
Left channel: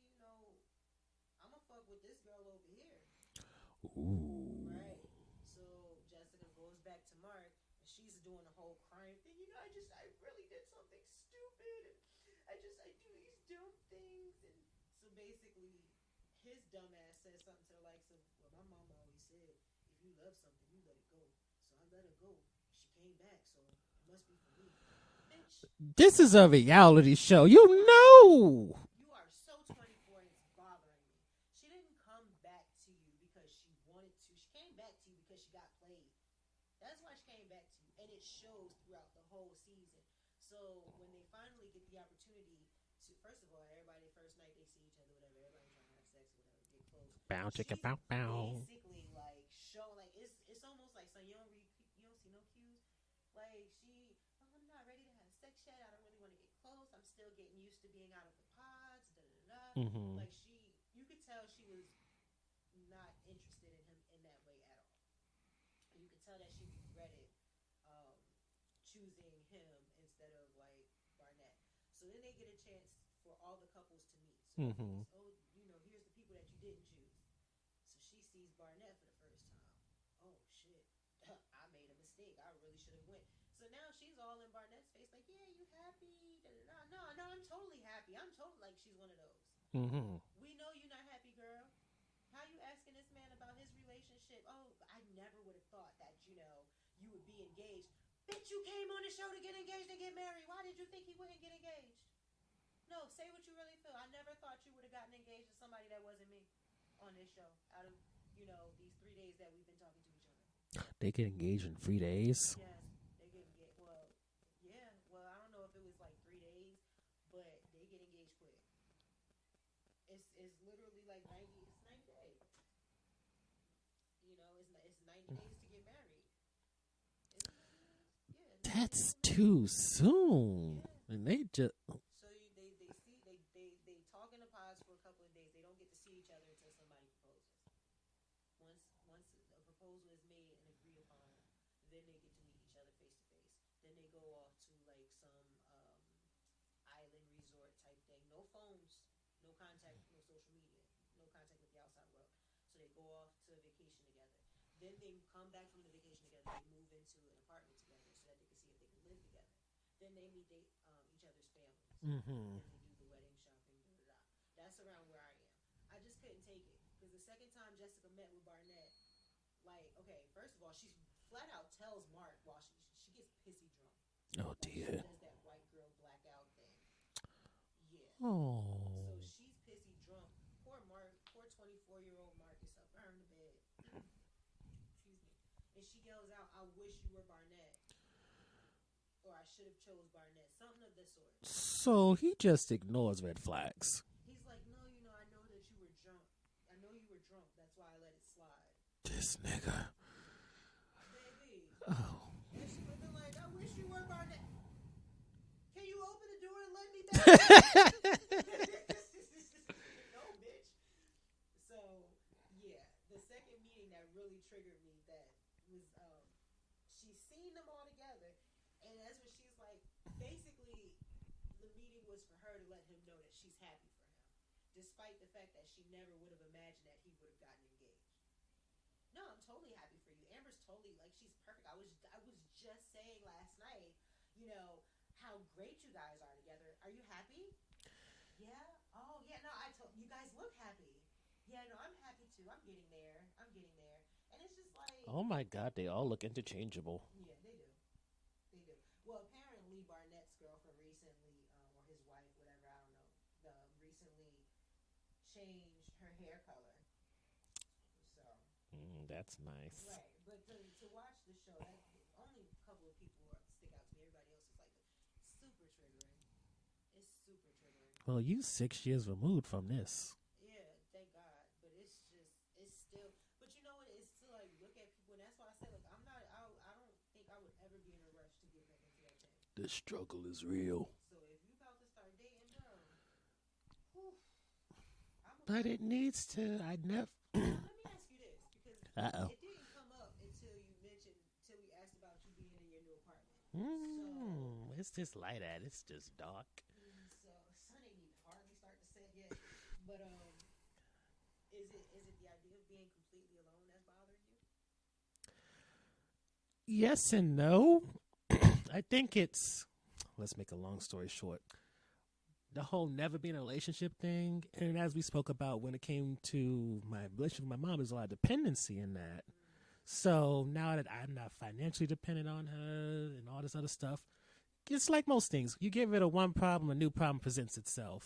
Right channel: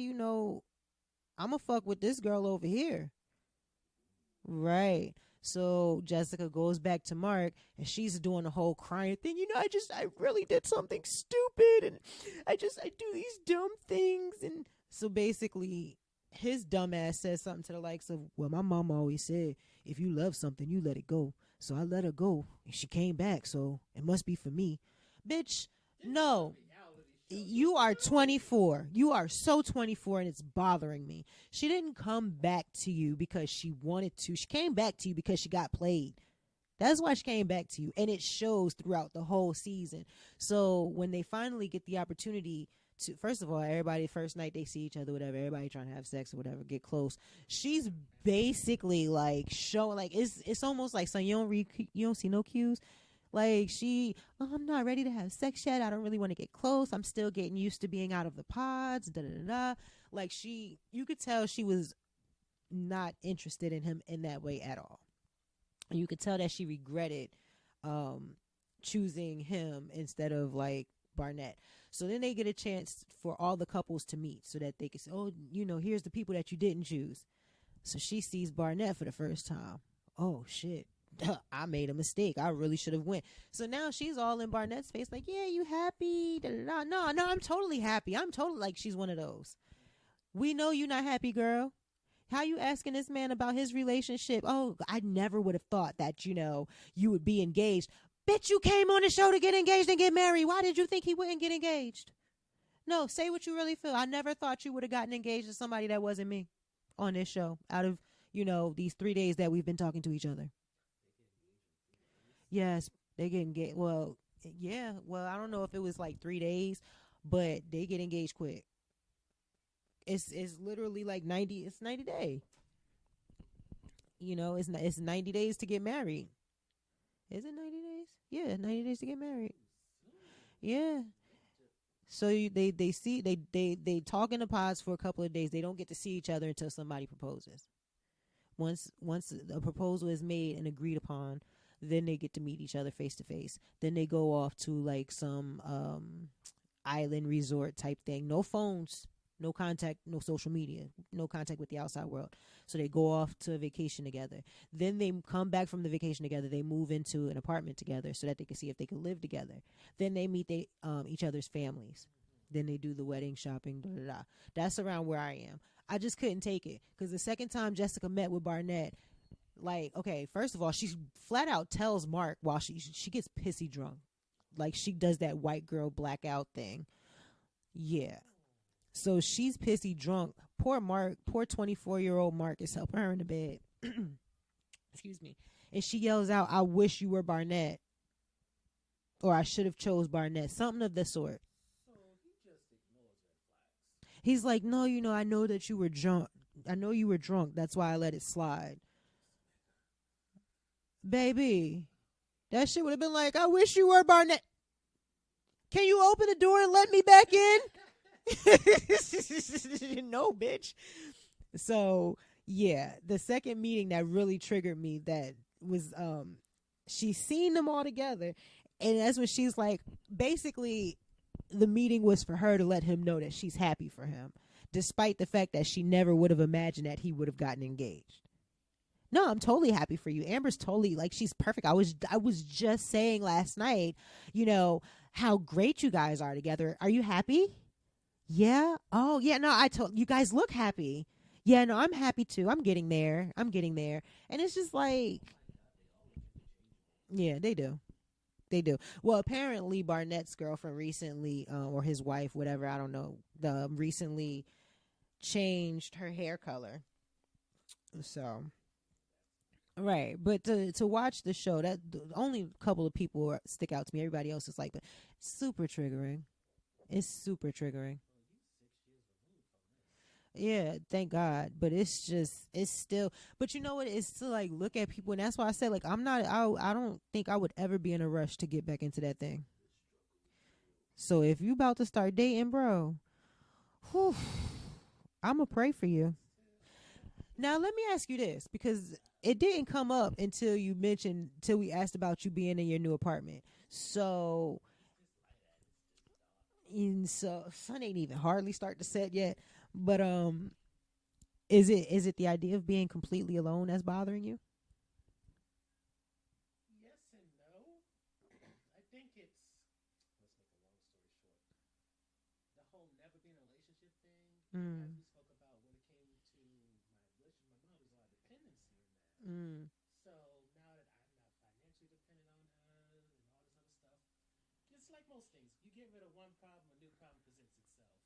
I'm going to fuck with this girl over here. Ooh. Right. So Jessica goes back to Mark, and she's doing the whole crying thing. I really did something stupid, and I do these dumb things. And so basically, his dumb ass says something to the likes of, well, my mom always said, if you love something, you let it go. So I let her go, and she came back, so it must be for me. Bitch, this is a reality show. You are know. 24. You are so 24, and it's bothering me. She didn't come back to you because she wanted to. She came back to you because she got played. That's why she came back to you, and it shows throughout the whole season. So when they finally get the opportunity to, first of all, everybody, first night they see each other, whatever, everybody trying to have sex or whatever, get close. She's basically like showing, like, it's almost like, son, you don't see no cues. Like, I'm not ready to have sex yet. I don't really want to get close. I'm still getting used to being out of the pods. Da da da da. Mm-hmm. Like, you could tell she was not interested in him in that way at all. And you could tell that she regretted choosing him instead of like Barnett. So then they get a chance for all the couples to meet so that they can say, oh, here's the people that you didn't choose. So she sees Barnett for the first time. Oh shit. I made a mistake. I really should have went. So now she's all in Barnett's face, like, yeah, you happy? Da, da, da. No, I'm totally happy. I'm totally, like, she's one of those. Mm-hmm. We know you not happy, girl. How you asking this man about his relationship? Oh, I never would have thought that, you would be engaged. Bitch, you came on the show to get engaged and get married. Why did you think he wouldn't get engaged? No, say what you really feel. I never thought you would have gotten engaged to somebody that wasn't me on this show out of, these 3 days that we've been talking to each other. They get engaged in 3 days? Yes, they get engaged. Well, yeah. Well, I don't know if it was like 3 days, but they get engaged quick. It's literally like 90. It's 90 days. It's 90 days to get married. Is it 90 days? Yeah, 90 days to get married. That's too soon. Yeah, and they just they talk in the pods for a couple of days. They don't get to see each other until somebody proposes. Once a proposal is made and agreed upon, then they get to meet each other face to face. Then they go off to like some island resort type thing. No phones, no contact, no social media, no contact with the outside world. So they go off to a vacation together. Then they come back from the vacation together. They move into an apartment together so that they can see if they can live together. Then they meet each other's families. Mm-hmm. Then they do the wedding shopping. Da, da, da. That's around where I am. I just couldn't take it because the second time Jessica met with Barnett, like, okay, first of all, she flat out tells Mark while she gets pissy drunk. Oh, like dear. she does that white girl blackout thing. Yeah. Oh. So she's pissy drunk. Poor Mark, poor 24-year-old Mark is helping her in the bed. Excuse me. And she yells out, I wish you were Barnett. Or I should have chose Barnett. Something of the sort. So he just ignores red flags. He's like, no, I know that you were drunk. I know you were drunk. That's why I let it slide. This nigga. Baby. Oh. That shit would have been like, I wish you were Barnett. Can you open the door and let me back in? No, bitch. So, yeah, the second meeting that really triggered me, that was, she's seen them all together. And that's when she's like, basically, the meeting was for her to let him know that she's happy for him, despite the fact that she never would have imagined that he would have gotten engaged. No, I'm totally happy for you. Amber's totally, like, she's perfect. I was just saying last night, how great you guys are together. Are you happy? Yeah. Oh, yeah. No, you guys look happy. Yeah, no, I'm happy too. I'm getting there. And it's just like, oh my God, they all look interchangeable. Yeah, they do. Well, apparently Barnett's girlfriend recently, or his wife, whatever, I don't know, recently changed her hair color. So that's nice, right? But to watch the show, that only a couple of people stick out to me. Everybody else is like, but super triggering. It's super triggering. Well, you 6 years removed from this. Yeah, thank God. But it's just, it's still, but you know what? It's to like look at people, and that's why I said like I don't think I would ever be in a rush to get back into that thing. The struggle is real. So if you about to start dating, bro, whew, I'm gonna But pray it for you. needs to. I never. Now let me ask you this, because Uh-oh. it didn't come up until you mentioned, till we asked about you being in your new apartment. So It's just light at. It's just dark. and so sun ain't even hardly start to set yet. But is it the idea of being completely alone that's bothering you? Yes and no. I think it's. Let's make a long story short. The whole never being in a relationship thing, and as we spoke about when it came to my relationship with my mom, there's a lot of dependency in that. So now that I'm not financially dependent on her and all this other stuff, it's like most things. You get rid of one problem, a new problem presents itself.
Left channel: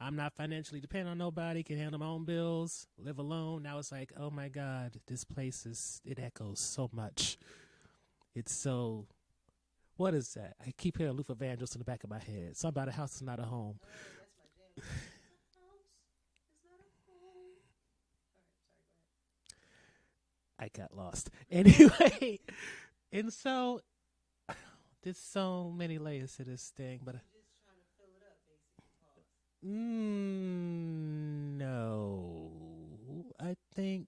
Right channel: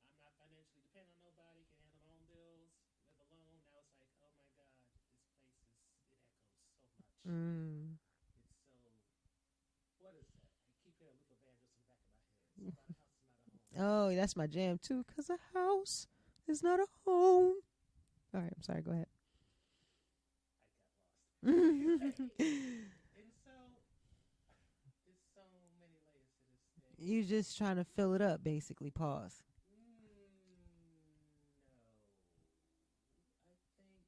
I'm not financially dependent on nobody, can handle my own bills, live alone. Now it's like, oh my God, this place it echoes so much. It's so, what is that? I keep hearing Luther Vandross in the back of my head. Something about a house is not a home. Oh, that's my jam too. Because a house is not a home. All right, I'm sorry. Go ahead. I got lost. Anyway, and so there's so many layers to this thing. But You just trying to fill it up, basically. Pause. No, I think.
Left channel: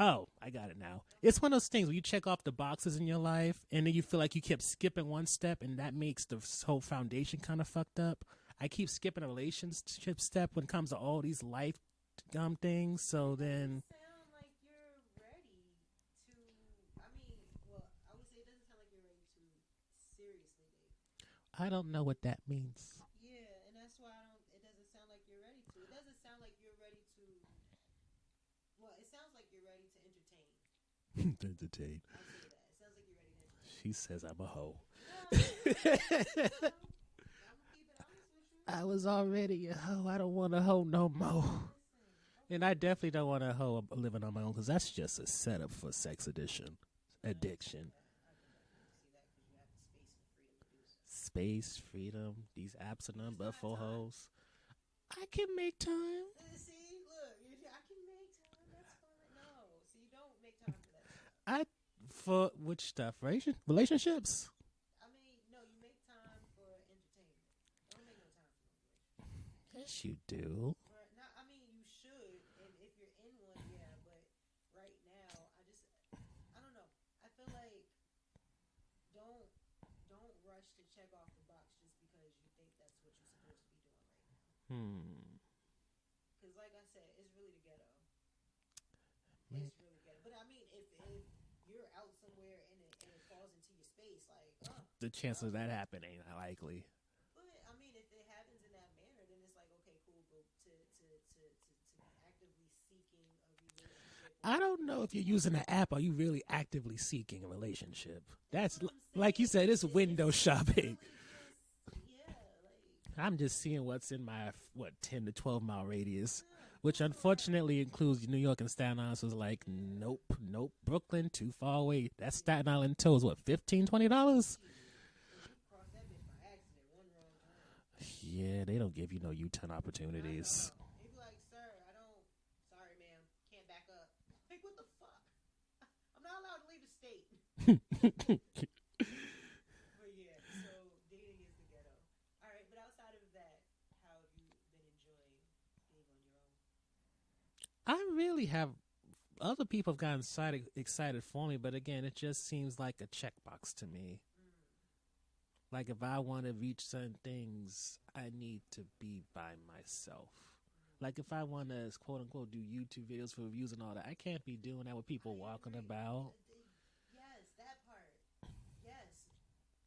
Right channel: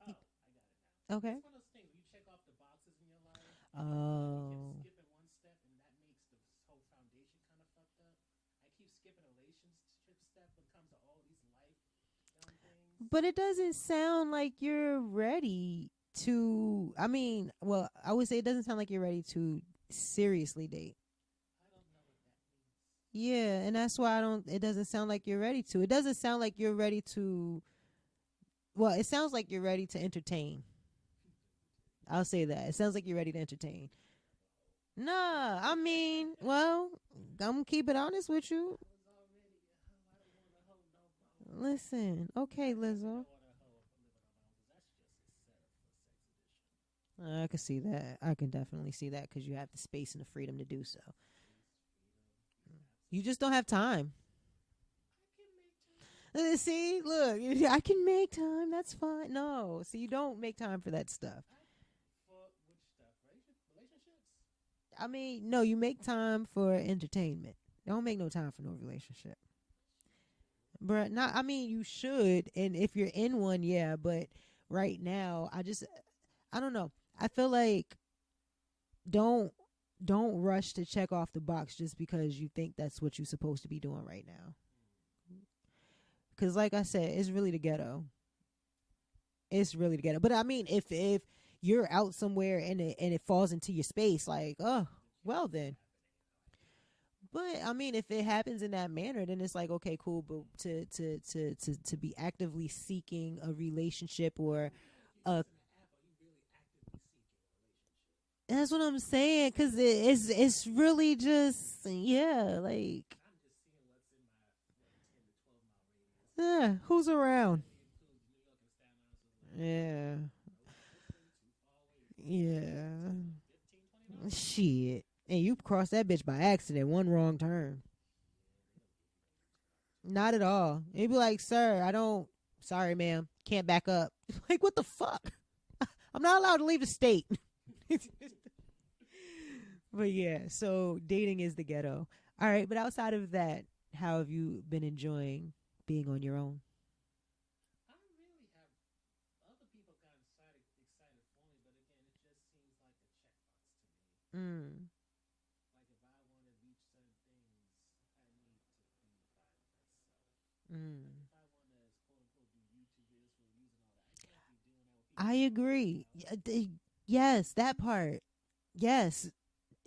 Oh, I got it now. Okay. It's one of those things where you check off the boxes in your life, and then you feel like you kept skipping one step, and that makes the whole foundation kind of fucked up. I keep skipping a relationship step when it comes to all these life things. But it doesn't sound like you're ready to. I mean, well, I would say it doesn't sound like you're ready to seriously date. I don't know what that means. Yeah, and that's why it doesn't sound like you're ready to. It doesn't sound like you're ready to. Well, it sounds like you're ready to entertain. Entertain. I'll say that. It sounds like you're ready to entertain. She says I'm a hoe. Nah, I mean, well, I'm gonna keep it honest with you. I was already a hoe. I don't want a hoe no more. Listen, okay. And I definitely Rizzo. don't want a hoe living on my own, because that's just a setup for sex addiction. I can see that. I can definitely see that, because you have the space and the freedom to do so. Space, freedom, these apps. You just don't have time. I can make time. See, look, I can make time. That's fine. No, so you don't make time for that stuff. For which stuff? Relationships? I mean, no, you make time for entertainment. You don't make no time for no relationship. Yes, you do. But not. I mean, you should, and if you're in one, yeah. But right now, I don't know. I feel like don't rush to check off the box just because you think that's what you're supposed to be doing right now. Because like I said, it's really the ghetto. It's really the ghetto. But I mean, if you're out somewhere and it falls into your space, like, oh, the chances of that happening ain't likely. But I mean, if it happens in that manner, then it's like, okay, cool. But to be actively seeking a relationship, or I don't know if you're using an app. Are you really actively seeking a relationship? That's what I'm saying. Like you said, it's really just, yeah, like I'm just seeing what's in my 10 to 12 mile radius, yeah, which who's unfortunately around? includes New York and Staten Island. So it's like, Yeah. nope, Brooklyn too far away. That's Yeah. Staten Island tolls what, $15-$20? Shit. And you crossed that bitch by accident, one wrong turn. Yeah, they don't give you no U-turn opportunities. Not at all. They'd be like, sir, sorry, ma'am, can't back up. Like, what the fuck? I'm not allowed to leave the state. But yeah, so dating is the ghetto. All right, but outside of that, how have you been enjoying being on your own? I really have. Other people have gotten excited for me, but again, it just seems like a checkbox to me. Like, if I want to reach certain things, I need to be by myself. Like, if I want to, quote unquote, do YouTube videos for reviews and all that, I can't be doing that with people. I agree. Yes, that part. Yes,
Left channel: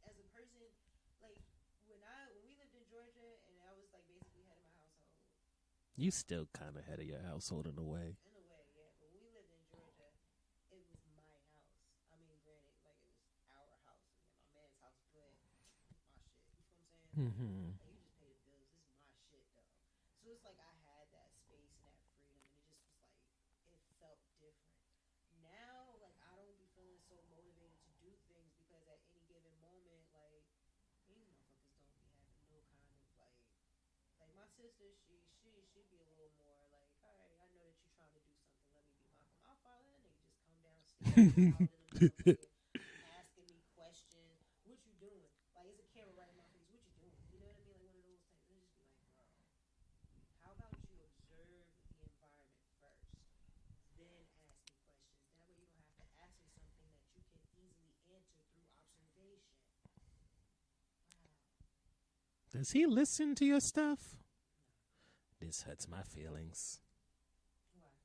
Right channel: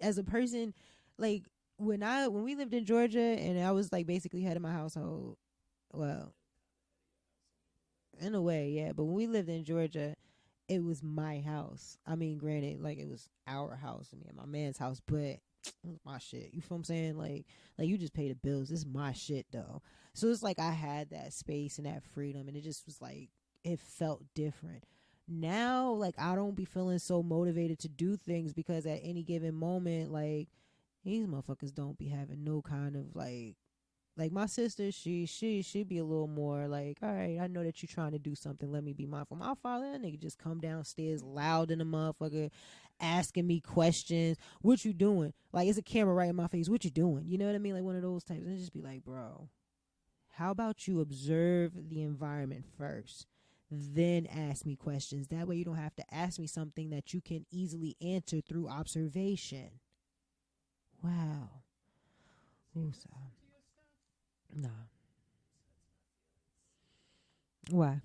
as a person, like when we lived in Georgia and I was like basically head of my household. Well, you still kind of head of your household in a way. In a way, yeah. But when we lived in Georgia, it was my house. I mean, granted, like it was our house, me and my man's house, but it was my shit. You feel what I'm saying? Like you just pay the bills. This is my shit though. So it's like I had that space and that freedom, and it just was like it felt different. Now, like I don't be feeling so motivated to do things because at any given moment, like these motherfuckers don't be having no kind of like Like my sister, she'd be a little more like, all right, I know that you're trying to do something. Let me be mindful. My father, that nigga just come downstairs loud in the motherfucker, asking me questions. What you doing? Like it's a camera right in my face. What you doing? You know what I mean? Like one of those types. And just be like, bro, how about you observe the environment first, then ask me questions. That way you don't have to ask me something that you can easily answer through observation. Wow. Does he listen to your stuff? No. This hurts my feelings. Why?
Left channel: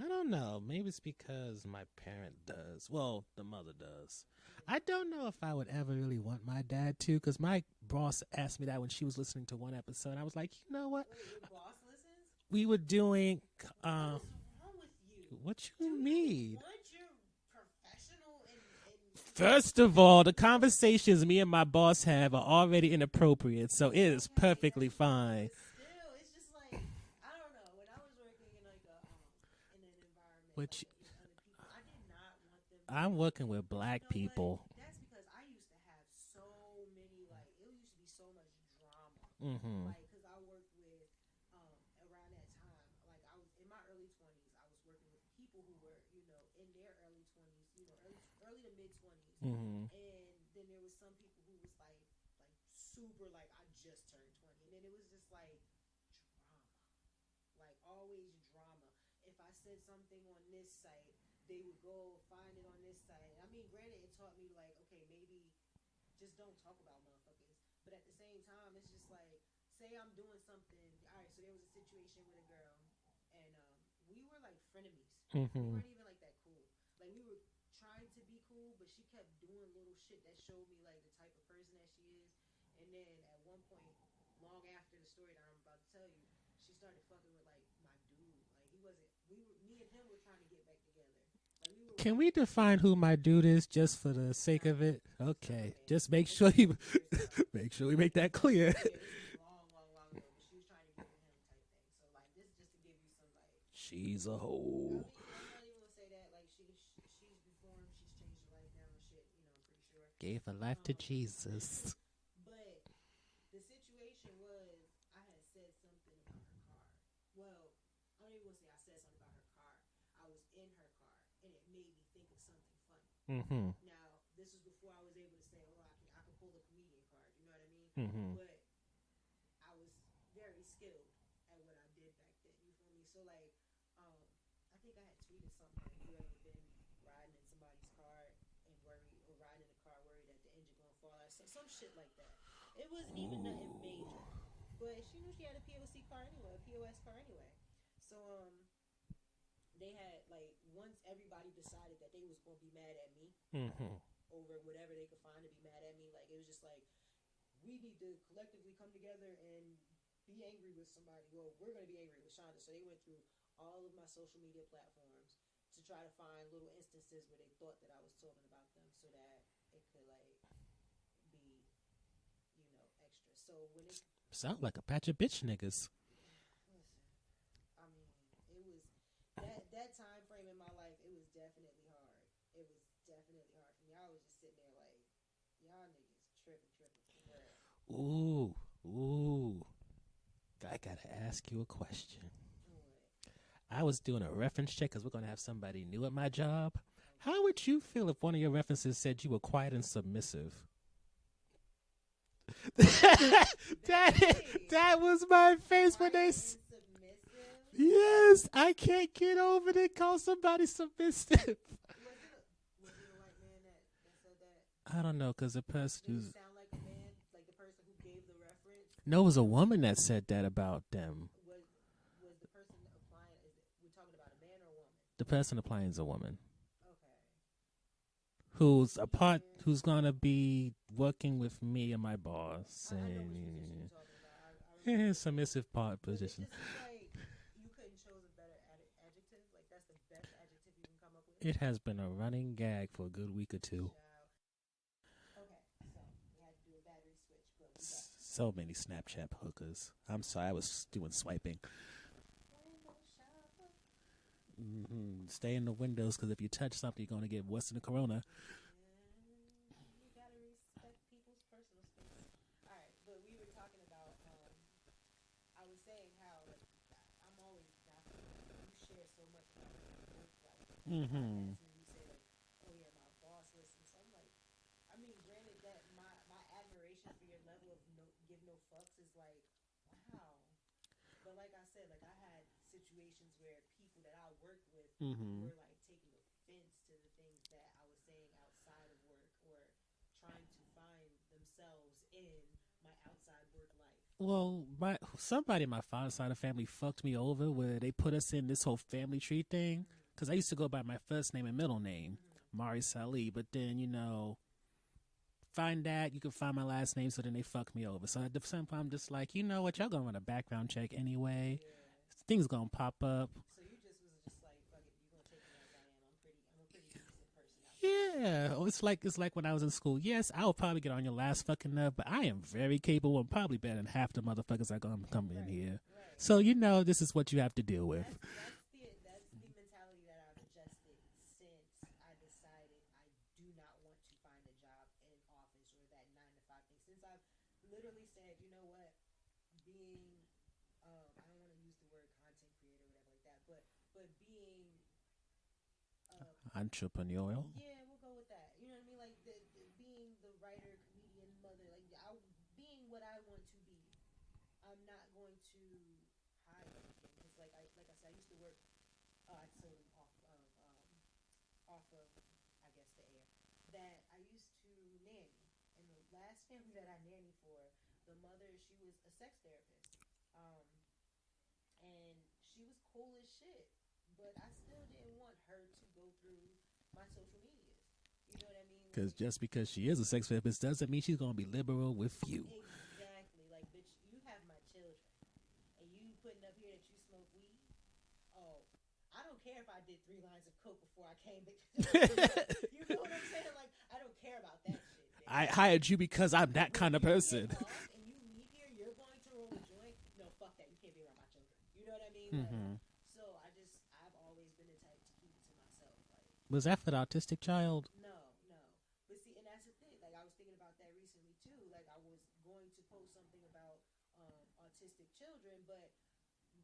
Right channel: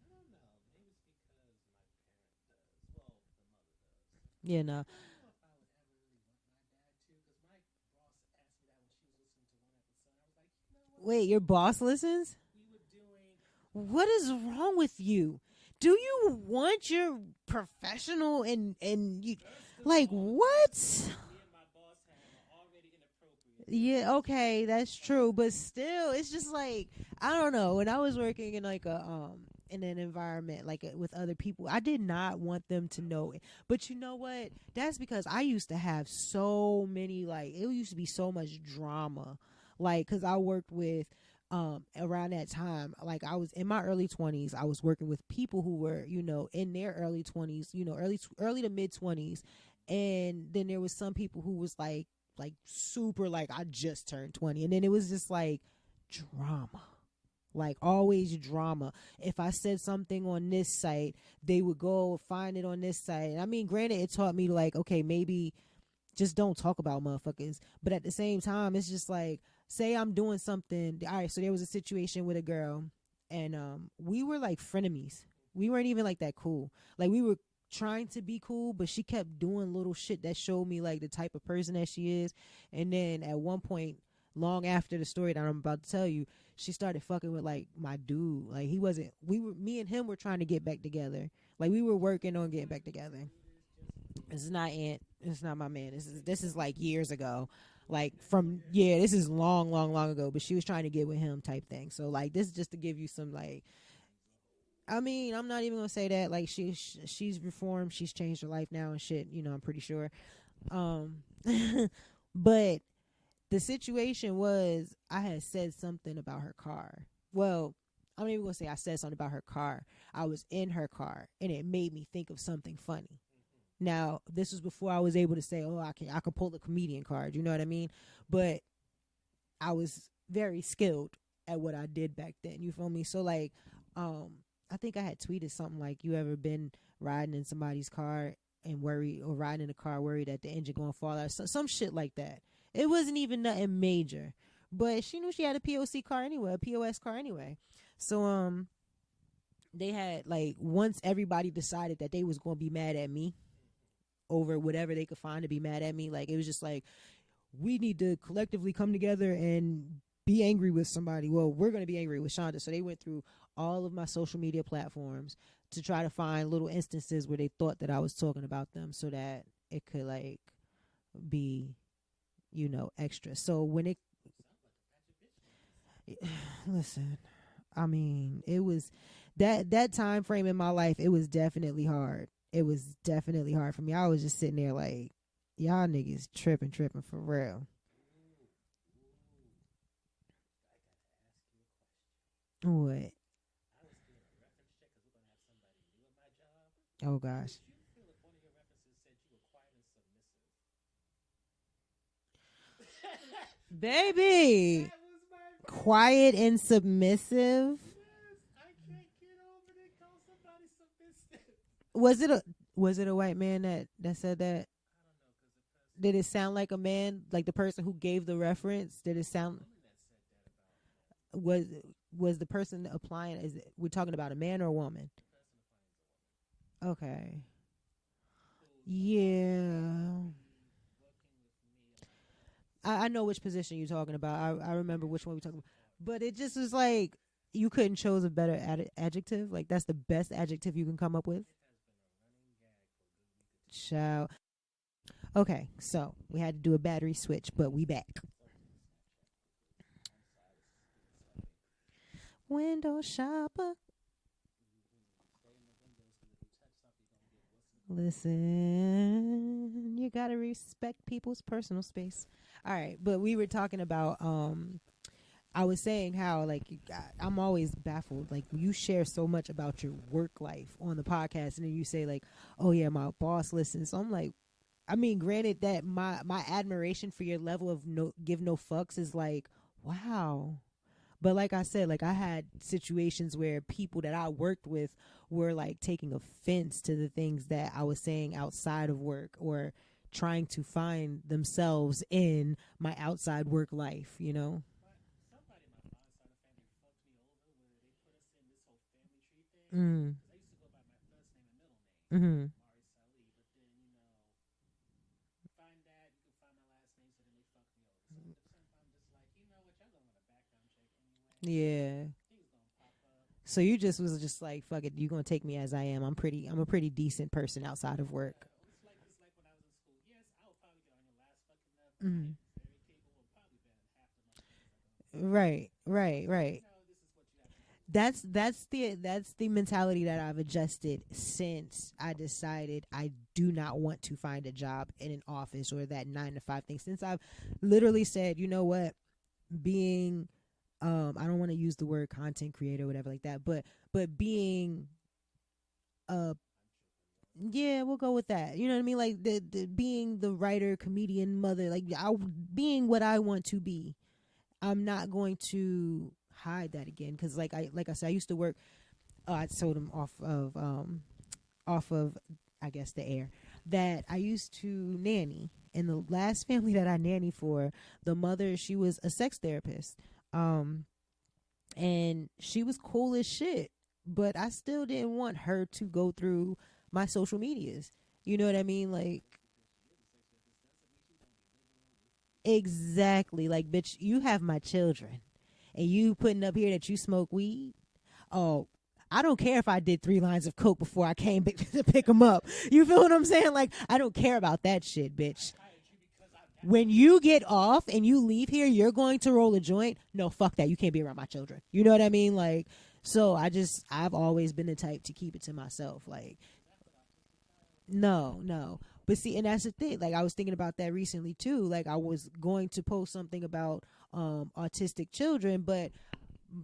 I don't know. Maybe it's because my parent does. Well, the mother does. Yeah, no. I don't know if I would ever really want my dad to, because my boss asked me that when she was listening to one episode. I was like, you know what? Wait, your boss listens? We were doing... what is wrong with you? What Do mean? you want your professional and First of like, all, the what? conversations me and my boss have are already inappropriate, so yeah, it is okay, perfectly that's fine. true. But still, it's just like I don't know. When I was working in like a in an environment with other people, I did not want them to I'm know. working with but black you know people. what? That's because I used to have so many it used to be so much drama. Mm-hmm. Like, cause I worked with. Around that time, like I was in my early 20s, I was working with people who were, in their early 20s, early to mid 20s. Mm-hmm. And then there was some people who was like super, like I just turned 20. And then it was just like drama, like always drama. If I said something on this site, they would go find it on this site. I mean, granted, it taught me like, okay, maybe just don't talk about motherfuckers. But at the same time, it's just like, say I'm doing something. All right, so there was a situation with a girl, and we were like frenemies. Mm-hmm. We weren't even like that cool. Like we were trying to be cool, but she kept doing little shit that showed me like the type of person that she is. And then at one point, long after the story that I'm about to tell you, she started fucking with like my dude. Like me and him were trying to get back together. Like we were working. Can we define who my dude is, just for the sake of it? It's not my man. Just this is like years ago. Make sure we like make that from, clear. Yeah, this is long ago. But she was trying to get with him, type thing. So like this is just to give you some like. She's a hoe. I mean, I'm not even gonna say that. Like she's reformed. She's changed her life now and shit. I'm pretty sure. Gave her life to Jesus. But the situation was, I had said something about her car. Well, I'm not even gonna say I said something about her car. I was in her car, and it made me think of something funny. Mm-hmm. Now, this was before I was able to say, "Oh, I can pull the comedian card." You know what I mean? Mm-hmm. But I was very skilled at what I did back then. You feel me? So, like, I think I had tweeted something like, "You ever been riding in somebody's car and worried, or riding in a car worried that the engine gonna fall out?" So, some shit like that. It wasn't even nothing major, but she knew she had a POC car anyway, a POS car anyway. So, they had like, once everybody decided that they was going to be mad at me over whatever they could find to be mad at me, like it was just like, we need to collectively come together and be angry with somebody. Well, we're going to be angry with Shonda. So they went through all of my social media platforms to try to find little instances where they thought that I was talking about them, so that it could like be, extra. So when it sound like a patch of bitch niggas. Listen, I mean, it was that time frame in my life. It was definitely hard. It was definitely hard for me. I was just sitting there like, y'all niggas tripping for real. Ooh. I gotta ask you a question. What? I was doing a reference check because we're gonna have somebody new at my job. Oh gosh. How would you feel if one of your references said you were quiet and submissive? Baby, that was my face. Quiet and submissive. Yes, I can't get over it. Call somebody submissive. Was it a white man that said that? I don't know, because the person. Did it sound like a man, like the person who gave the reference? No, it was a woman that said that about them. Was the person applying? We're talking about a man or a woman? The person applying is a woman. Okay. Who's who's gonna be working with me and my boss. I know which position you're talking about. I remember which submissive part. But it just was like, you couldn't chose a better adjective. Like, that's the best adjective you can come up with. It has been a running gag for a good week or two. Shout. Okay, so we had to do a battery switch, but we back. So many Snapchat hookers. I'm sorry, I was doing swiping. Window shopper. Mm-hmm. Stay in the windows, because if you touch something, you're going to get worse than the corona. Listen, you got to respect people's personal space. All right, but we were talking about I was saying how like I'm always baffled. Like you share so much about your work life on the podcast, and then you say like, "Oh yeah, my boss listens." So I'm like, I mean, granted that my admiration for your level of no fucks is like, wow. But like I said, like I had situations where people that I worked with were like taking offense to the things that I was saying outside of work, or trying to find themselves in my outside work life, you know? Somebody in my father's side of the family fucked me over where they put us in this whole family tree thing. Because I used to go by my first name and middle name, Amari Salih. But then, find that, you can find my last name, so then they fuck me over. So at the same time, I'm just like, you know what, y'all gonna run a background check anyway. Yeah. Things gonna pop up. So you just was just like, fuck it, you gonna take me as I am. I'm a pretty decent person outside of work. Yeah. It's like when I was in school. Yes, I will probably get on your last fucking nerve, but I am very capable and probably better than half the motherfuckers that gonna come over here. Right. So this is what you have to deal with. That's the mentality that I've adjusted since I decided I do not want to find a job in an office or that 9 to 5 thing. Since I've literally said, you know what, being I don't want to use the word content creator or whatever like that, but being entrepreneurial. Yeah, we'll go with that. You know what I mean? Like the being the writer, comedian, mother, like being what I want to be. I'm not going to hide that again, because like I said, I used to work. I told him off of I guess the air that I used to nanny. And the last family that I nanny for, the mother, she was a sex therapist. And she was cool as shit, but I still didn't want her to go through my social medias. You know what I mean? Like, just because she is a sex therapist doesn't mean she's gonna be liberal with you. Exactly. Like, bitch, you have my children, and you putting up here that you smoke weed. Oh, I don't care if I did 3 lines of coke before I came to pick them up. You feel what I'm saying? Like, I don't care about that shit, bitch. I hired you because I'm that when kind of person. When you get off and you leave here, you're going to roll a joint. No, fuck that. You can't be around my children. You know what I mean? Like, so I've always been the type to keep it to myself. Like, was that for the autistic child? No. But see, and that's the thing. Like, I was thinking about that recently too. Like, I was going to post something about autistic children, but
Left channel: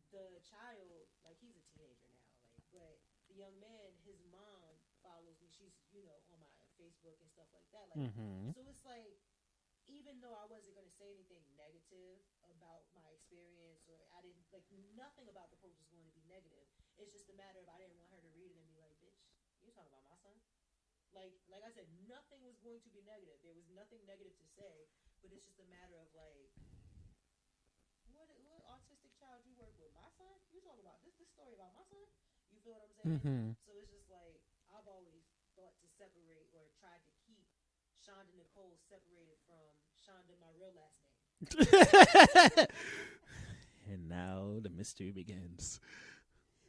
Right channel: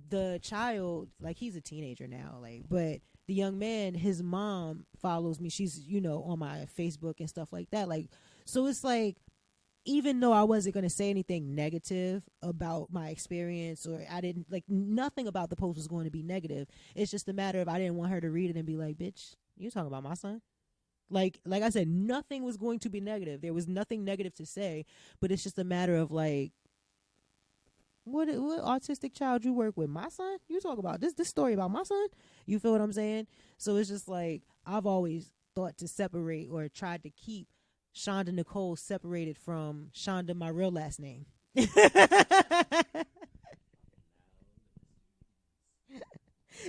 the child, like, he's a teenager now, like, but the young man, his mom follows me. She's, on my Facebook and stuff like that. Like, so it's like, even though I wasn't going to say anything negative about my experience, or I didn't, like, nothing about the post was going to be negative. It's just a matter of, I didn't want her to read it and be like, bitch, you talking about my son? Like I said, nothing was going to be negative. There was nothing negative to say, but it's just a matter of, like, what autistic child you work with? My son? You talk about this story about my son? You feel what I'm saying? So it's just like, I've always thought to separate, or tried to keep Shonda Nicole separated from Shonda, my real last name. And now the mystery begins.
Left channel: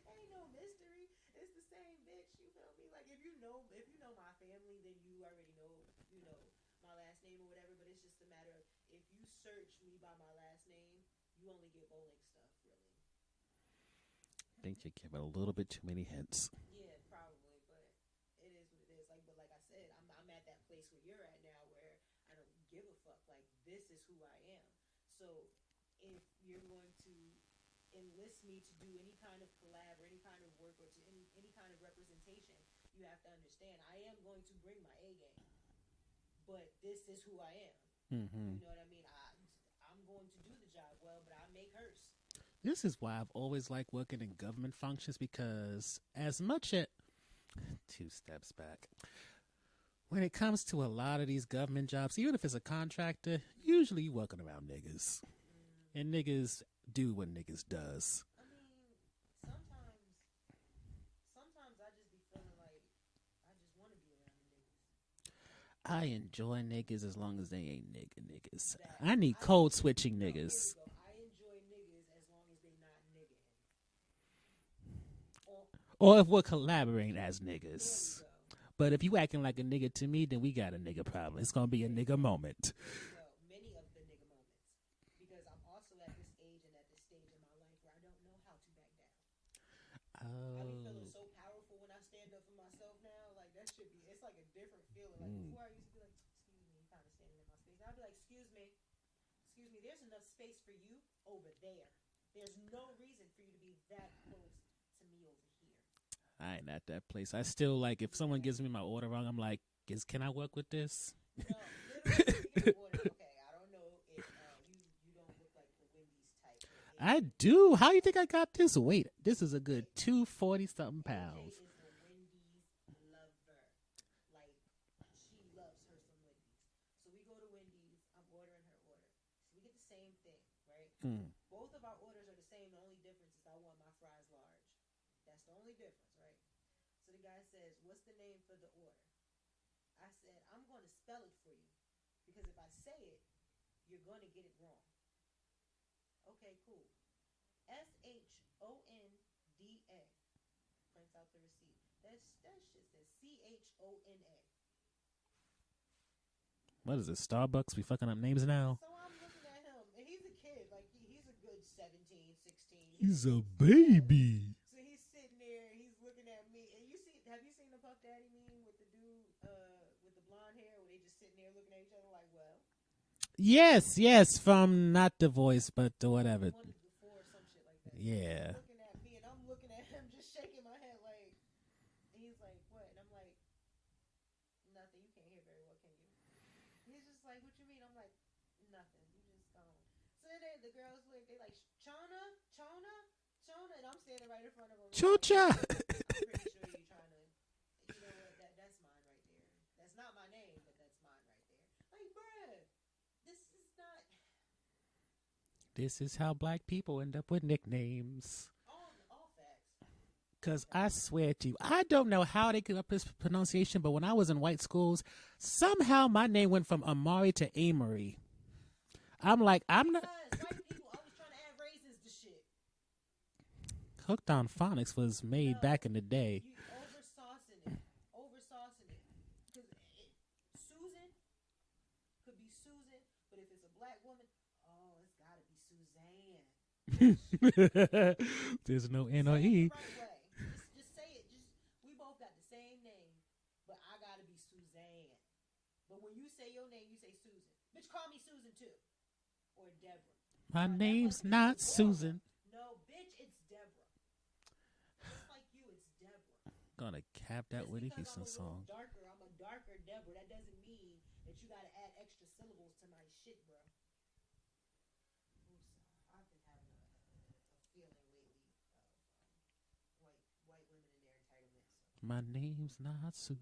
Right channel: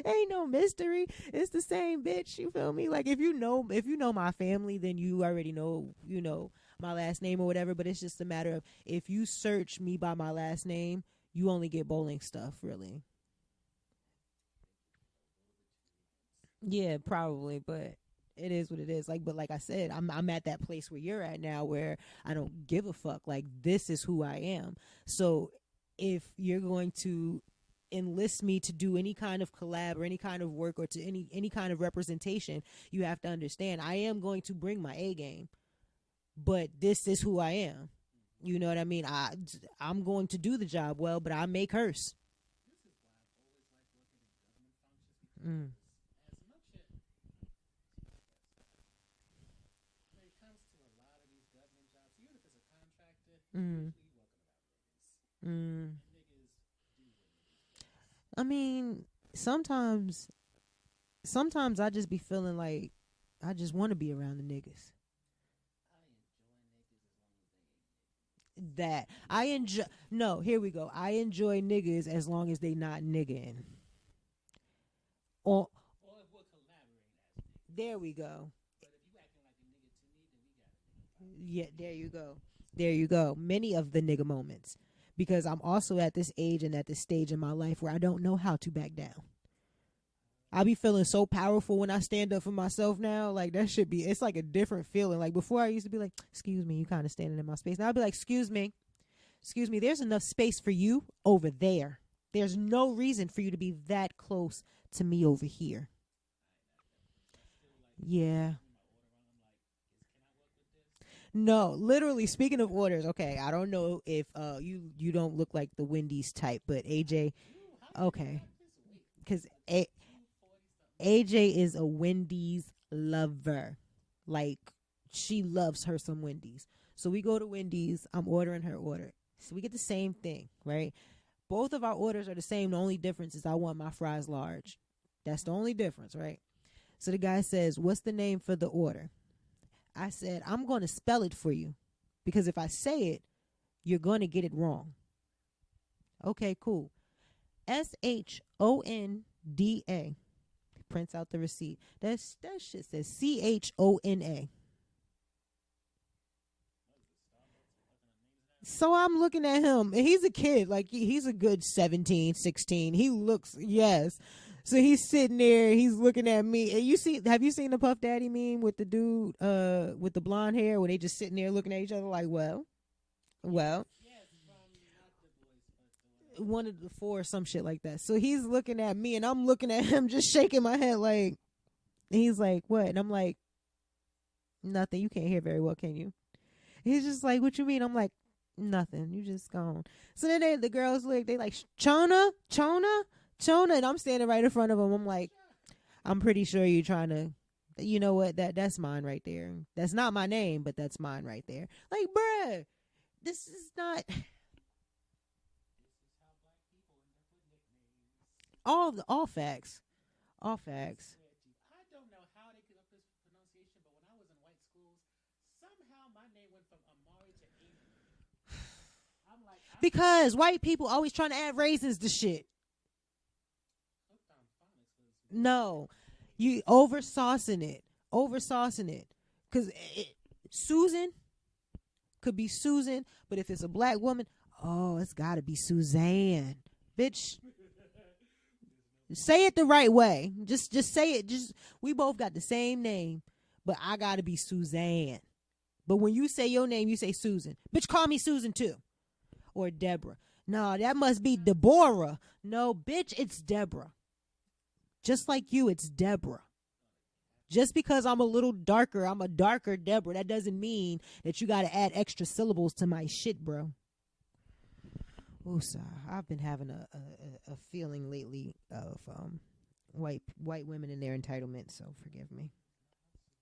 Ain't no mystery. It's the same bitch. You feel me? Like, if you know my family, then you already know, my last name or whatever. But it's just a matter of, if you search me by my last name, you only get bowling stuff, really. I think you give it a little bit too many hints. Yeah, probably, but it is what it is. Like, but like I said, I'm at that place where you're at now, where I don't give a fuck. Like, this is who I am. So if you're going to enlist me to do any kind of collab or any kind of work, or to any kind of representation, you have to understand, I am going to bring my A game, but this is who I am. You know what I mean? I'm going to do the job well, but I may curse. This is why I've always liked working in government functions, because as much as 2 steps back, when it comes to a lot of these government jobs, even if it's a contractor, usually you working around niggas, and niggas do what niggas does. I mean, sometimes I just be feeling like I just want to be around the niggas. I enjoy niggas as long as they ain't niggas. That I need code switching niggas. No, here we go. I enjoy niggas as long as they not nigging. Or if we're collaborating as niggas. There we go. But if you acting like a nigga to me, then we got a nigga problem. It's going to be a nigga moment. There you go. Many of the nigga moments. Because I'm also at this age and at this stage in my life where I don't know how to back down. I be feeling so powerful when I stand up for myself now. Like, that should be, it's like a different feeling. Like, before I used to be like, excuse me, you kind of standing in my space. Now I'll be like, excuse me, there's enough space for you over there. There's no reason for you to be that close to me over here. I ain't at that place. I still like if someone gives me my order wrong, I'm like, can I work with this? No, literally. Speaking of orders, okay, I don't know if you don't look like the Wendy's type, but AJ, I do. How you think I got this? Wait, this is a good 240 something. AJ is a Wendy's lover. Like, she loves her some Wendy's. So we go to Wendy's. I'm ordering her order. So we get the same thing, right? Both of our orders are the same. The only difference is I want my fries large. That's the only difference, right? So the guy says, "What's the name for the order?" I said, "I'm going to spell it for you, because if I say it, you're going to get it wrong." Okay, cool. SHONDA. Prints out the receipt. That shit says CHONA. What is it, Starbucks? We fucking up names now? So I'm looking at him, and he's a kid. Like, he's a good 17, 16. He's looks, yes. So he's sitting there, he's looking at me. And have you seen the Puff Daddy meme with the dude with the blonde hair, where they just sitting there looking at each other like, well? Yes, from not the voice, but the whatever. One of the four, some shit like that. So he's looking at me, and I'm looking at him, just shaking my head like, and he's like, what? And I'm like, nothing. You can't hear very well, can you? He's just like, what you mean? I'm like, nothing. You just gone. So then the girls look, they like, Chona, and I'm standing right in front of them. I'm like, I'm pretty sure you're trying to, you know what? That's mine right there. That's not my name, but that's mine right there. Like, bruh, this is not. This is how black people end up with nicknames. All facts. Because I swear to you, I don't know how they get up this pronunciation, but when I was in white schools, somehow my name went from Amari to Amari. I'm like, because white people always trying to add raisins to shit. Hooked on Phonics was made back in the day. You over saucing it. Because Susan could be Susan, but if it's a black woman, it's got to be Suzanne. Bitch. There's no say it the right way. Just say it. We both got the same name, but I got to be Suzanne. But when you say your name, you say Susan. Bitch, call me Susan too. Or Deborah. No, that must be Deborah. Susan. No, bitch, it's Deborah. Just like you, it's Deborah. Gonna cap just because I'm a little darker, I'm a darker Deborah. That doesn't mean that you got to add extra syllables to my shit, bro. Oosa, I've been having a feeling lately of white women and their entitlement. So my name's not Susan.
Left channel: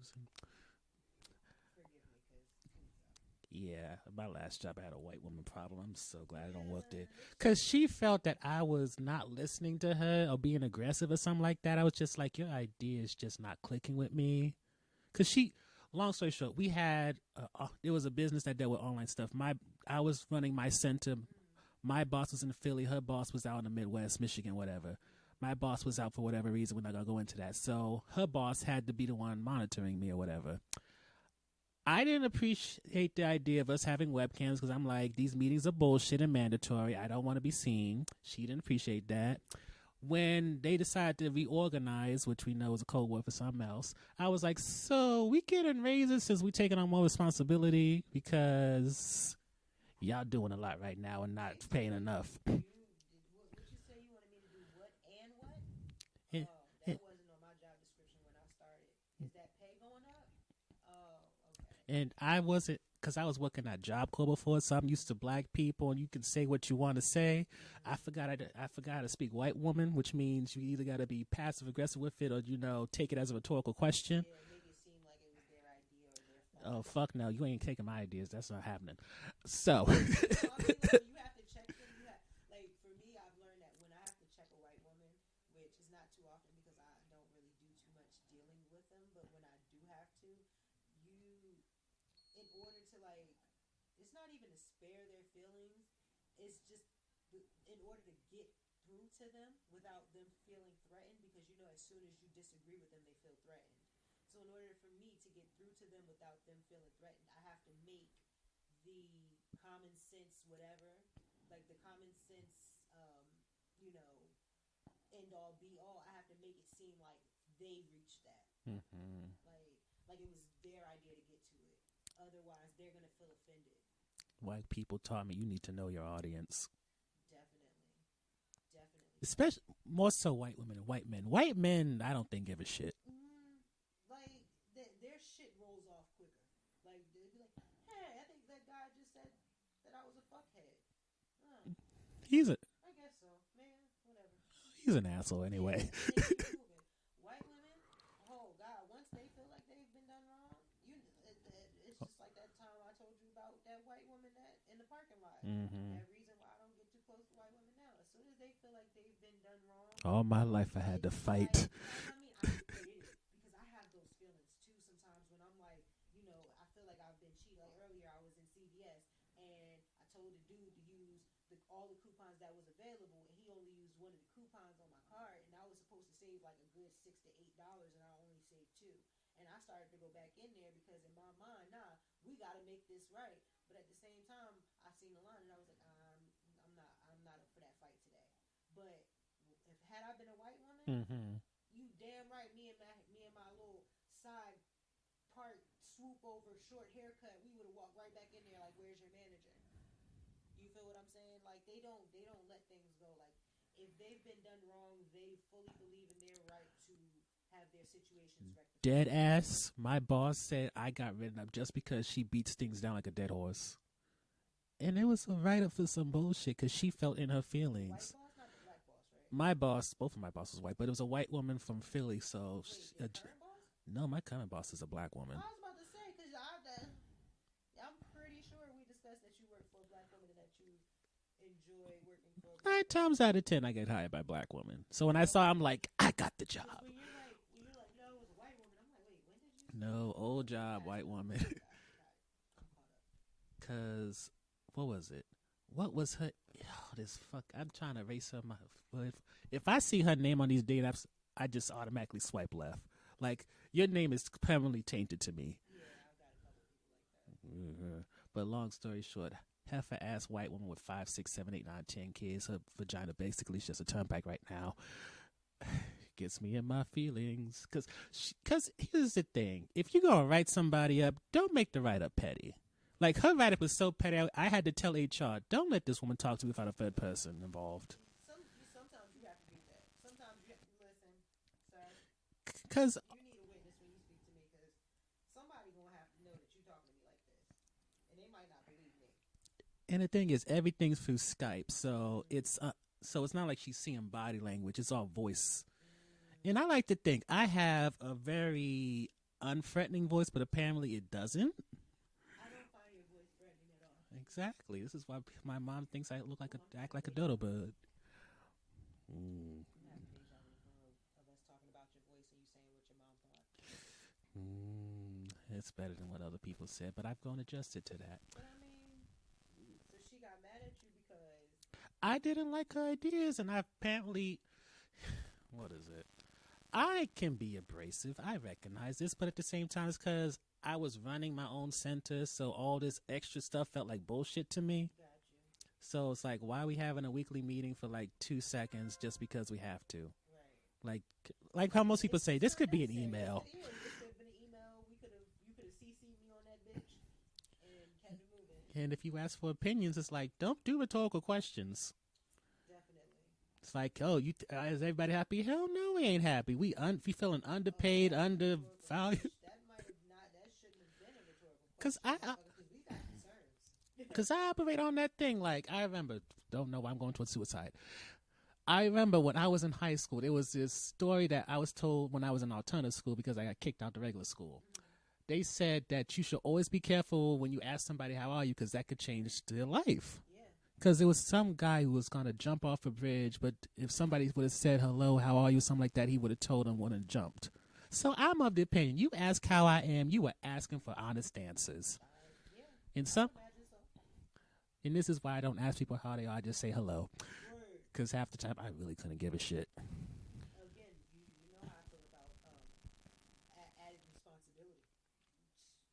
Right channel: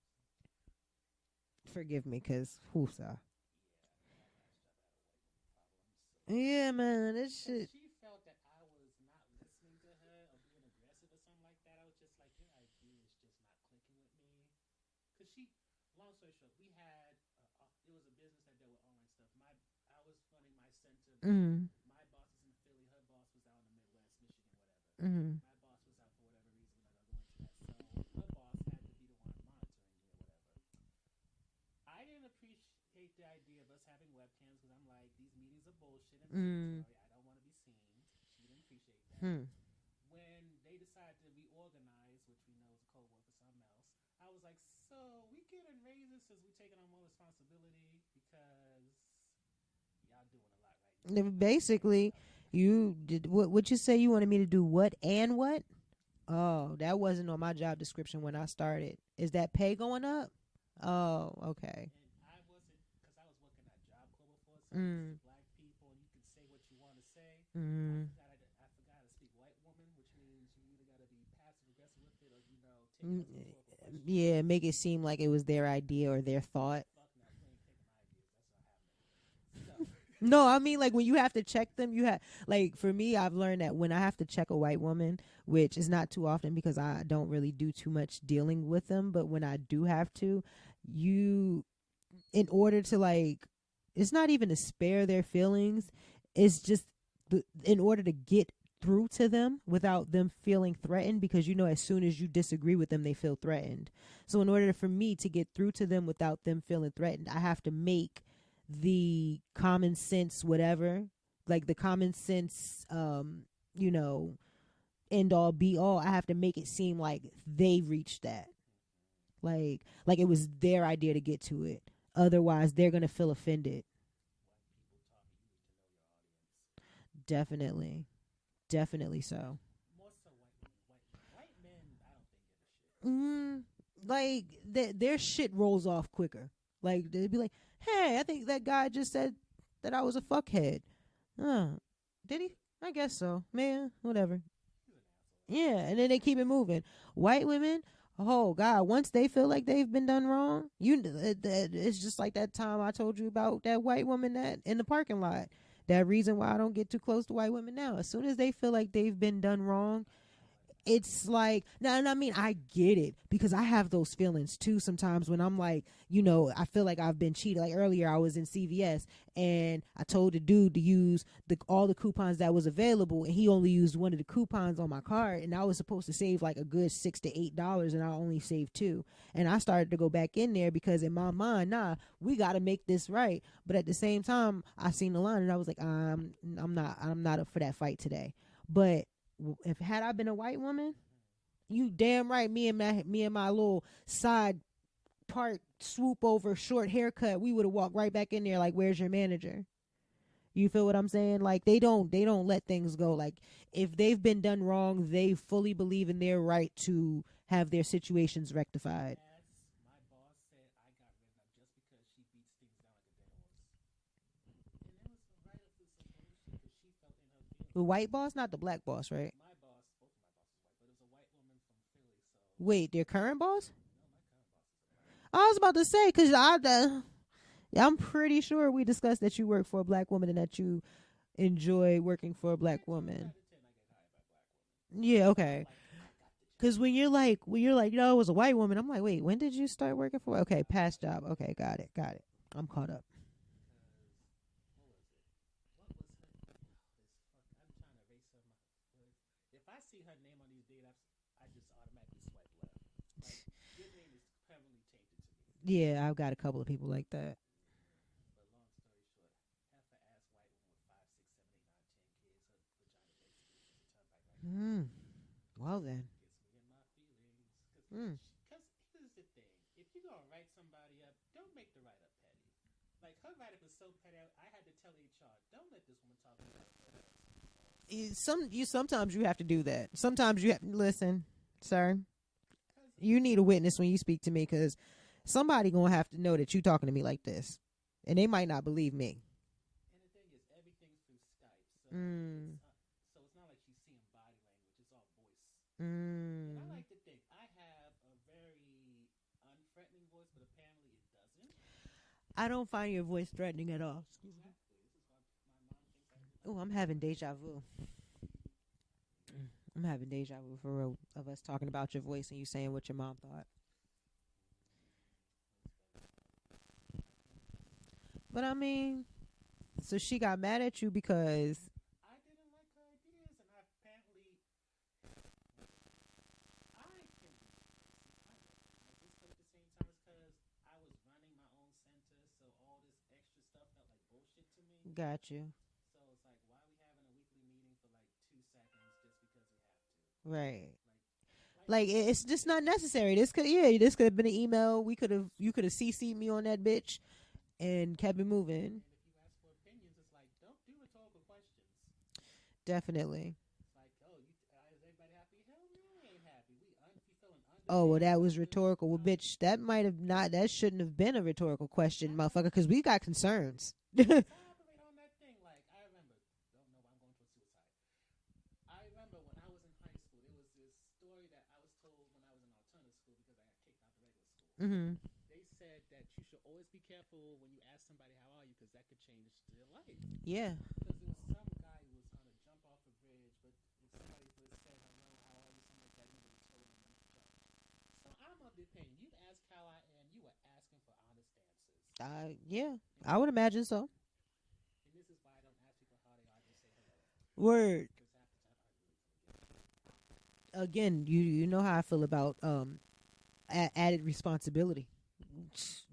Forgive me, cause Oosa. Yeah, my last job I had a white woman problem. I'm so glad. Yeah, man, because she felt that I was not listening to her or being aggressive or something like that. I was just like, your idea is just not clicking with me. Because long story short, we had there was a business that dealt with online stuff. I was running my center. Mm-hmm. My boss was in Philly. Her boss was out in the Midwest, Michigan, whatever. Mm-hmm. My boss was out for whatever reason. We're not going to go into that. So her boss had to be the one monitoring me or whatever. I didn't appreciate the idea of us having webcams because I'm like, these meetings are bullshit and mandatory. I don't want to be seen. She didn't appreciate that. When they decided to reorganize, which we know is a code word for something else, I was like, so we getting raises since we taking on more responsibility because y'all doing a lot right now. And basically, not paying enough. You did what you say you wanted me to do what and what? That wasn't on my job description when I started. Is that pay going up? Oh, okay. And I wasn't, because I was working at Job Corps before, so I'm used to black people, and you can say what you want to say. I forgot to speak white woman, which means you either got to be passive aggressive with it, or take it as a rhetorical question. Yeah, make it seem like it was their idea or their thought. Oh, fuck no, you ain't taking my ideas. That's not happening. So no, I mean, like, when you have to check them, you have, like, for me, I've learned that when I have to check a white woman, which is not too often because I don't really do too much dealing with them, but when I do have to, in order to, like, it's not even to spare their feelings, it's just in order to get through to them without them feeling threatened, because as soon as you disagree with them, they feel threatened. So in order for me to get through to them without them feeling threatened, I have to make the common sense whatever, like the common sense end all be all. I have to make it seem like they reached that. Like it was their idea to get to it. Otherwise, they're going to feel offended. White people taught me you need to know your audience. Definitely. Definitely so. Especially more so white women and white men. White men, I don't think give a shit. Like their shit rolls off quicker. Like they'd be like, "Hey, I think that guy just said that I was a fuckhead." I guess so, man. Whatever. He's an asshole anyway. Yeah, and then they keep it moving. White women, oh God, once they feel like they've been done wrong, it's just like that time I told you about that white woman that in the parking lot. That reason why I don't get too close to white women now. As soon as they feel like they've been done wrong, all my life I had to it's fight. like, no, I mean, I get it because I have those feelings too sometimes when I'm like, I feel like I've been cheated. Like earlier I was in CVS and I told the dude to use all the coupons that was available, and he only used one of the coupons on my card, and I was supposed to save like a good $6 to $8, and I only saved $2. And I started to go back in there because in my mind, we got to make this right. But at the same time, I seen the line and I was like, I'm not up for that fight today. But if had I been a white woman, you damn right, me and my little side part swoop over short haircut, we would have walked right back in there like, where's your manager? You feel what I'm saying? Like they don't let things go. Like if they've been done wrong, they fully believe in their right to have their situations rectified. Dead ass. My boss said I got written up just because she beats things down like a dead horse. And it was a write-up for some bullshit because she felt in her feelings. The white boss, not the black boss, right? My boss, both of my bosses white, but it was a white woman from Philly. So wait, their current boss? No, my current boss is a black woman. I was about to say because I'm pretty sure we discussed that you work for a black woman and that you enjoy working for a black woman. 9 times out of 10, I get hired by black women. So when I saw, I'm like, I got the job. Because when you're like, no, it was a white woman. I'm like, wait, when did you start working for? Okay, job, past job. Women. Okay, got it. I'm caught up. Because what was it? What was her? Oh, this fuck! I'm trying to erase her. If I see her name on these date apps, I just automatically swipe left. Like your name is permanently tainted to me. Yeah, I've got a couple of people like that. But long story short, heifer ass white woman with 5, 6, 7, 8, 9, 10 kids. Her vagina basically is just a turnpike right now. Well then. Gets me in my feelings. Because here's the thing: if you're gonna write somebody up, don't make the write up petty. Like her write up was so petty, I had to tell HR, don't let this woman talk to me without a third person involved. Sometimes you have to do that. Sometimes you have to listen, sir. Because you need a witness when you speak to me, because somebody gonna have to know that you talking to me like this, and they might not believe me. And the thing is, everything's through Skype, so it's not like she's seeing body language; it's all voice. And I like to think I have a very unthreatening voice, but apparently it doesn't. I don't find your voice threatening at all. Exactly. This is why my mom thinks I look like I'm having deja vu. Bug. I'm having deja vu for real of us talking about your voice and you saying what your mom thought. It's better than what other people said, but I've grown adjusted to that. But I mean, so she got mad at you because I didn't like her ideas, and I apparently, what is it? I can be abrasive. I recognize this, but at the same time, it's because I was running my own center, so all this extra stuff felt like bullshit to me. Got you. So it's like, why are we having a weekly meeting for like 2 seconds just because we have to? Right. Like how most people say, it's this not could necessary. be an email. This could have been an email. You could have CC'd me on that bitch and kept it moving. And if you ask for opinions, it's like, don't do rhetorical questions. Definitely. It's like, is everybody happy? Hell no, we ain't happy. We feeling underpaid. Oh, that was rhetorical. Well, bitch, that might have not. That shouldn't have been a rhetorical question, motherfucker. Because we got concerns. Because I operate on that thing. Like I remember, don't know why I'm going towards suicide. I remember when I was in high school, there was this story that I was told when I was in alternative school because I got kicked out the regular school. They said that you should always be careful when you ask somebody how are you, because that could change their life. Yeah. Because there was some guy who was going to jump off a bridge, but if somebody would have said hello, how are you, something like that, he would have told them when and jumped. So I'm of the opinion, you ask how I am, you are asking for honest answers. Yeah, I would imagine so. And this is why I don't ask people how they are. I just say hello. Word. Because half the time I really couldn't give a shit. Again, you know how I feel about added responsibility.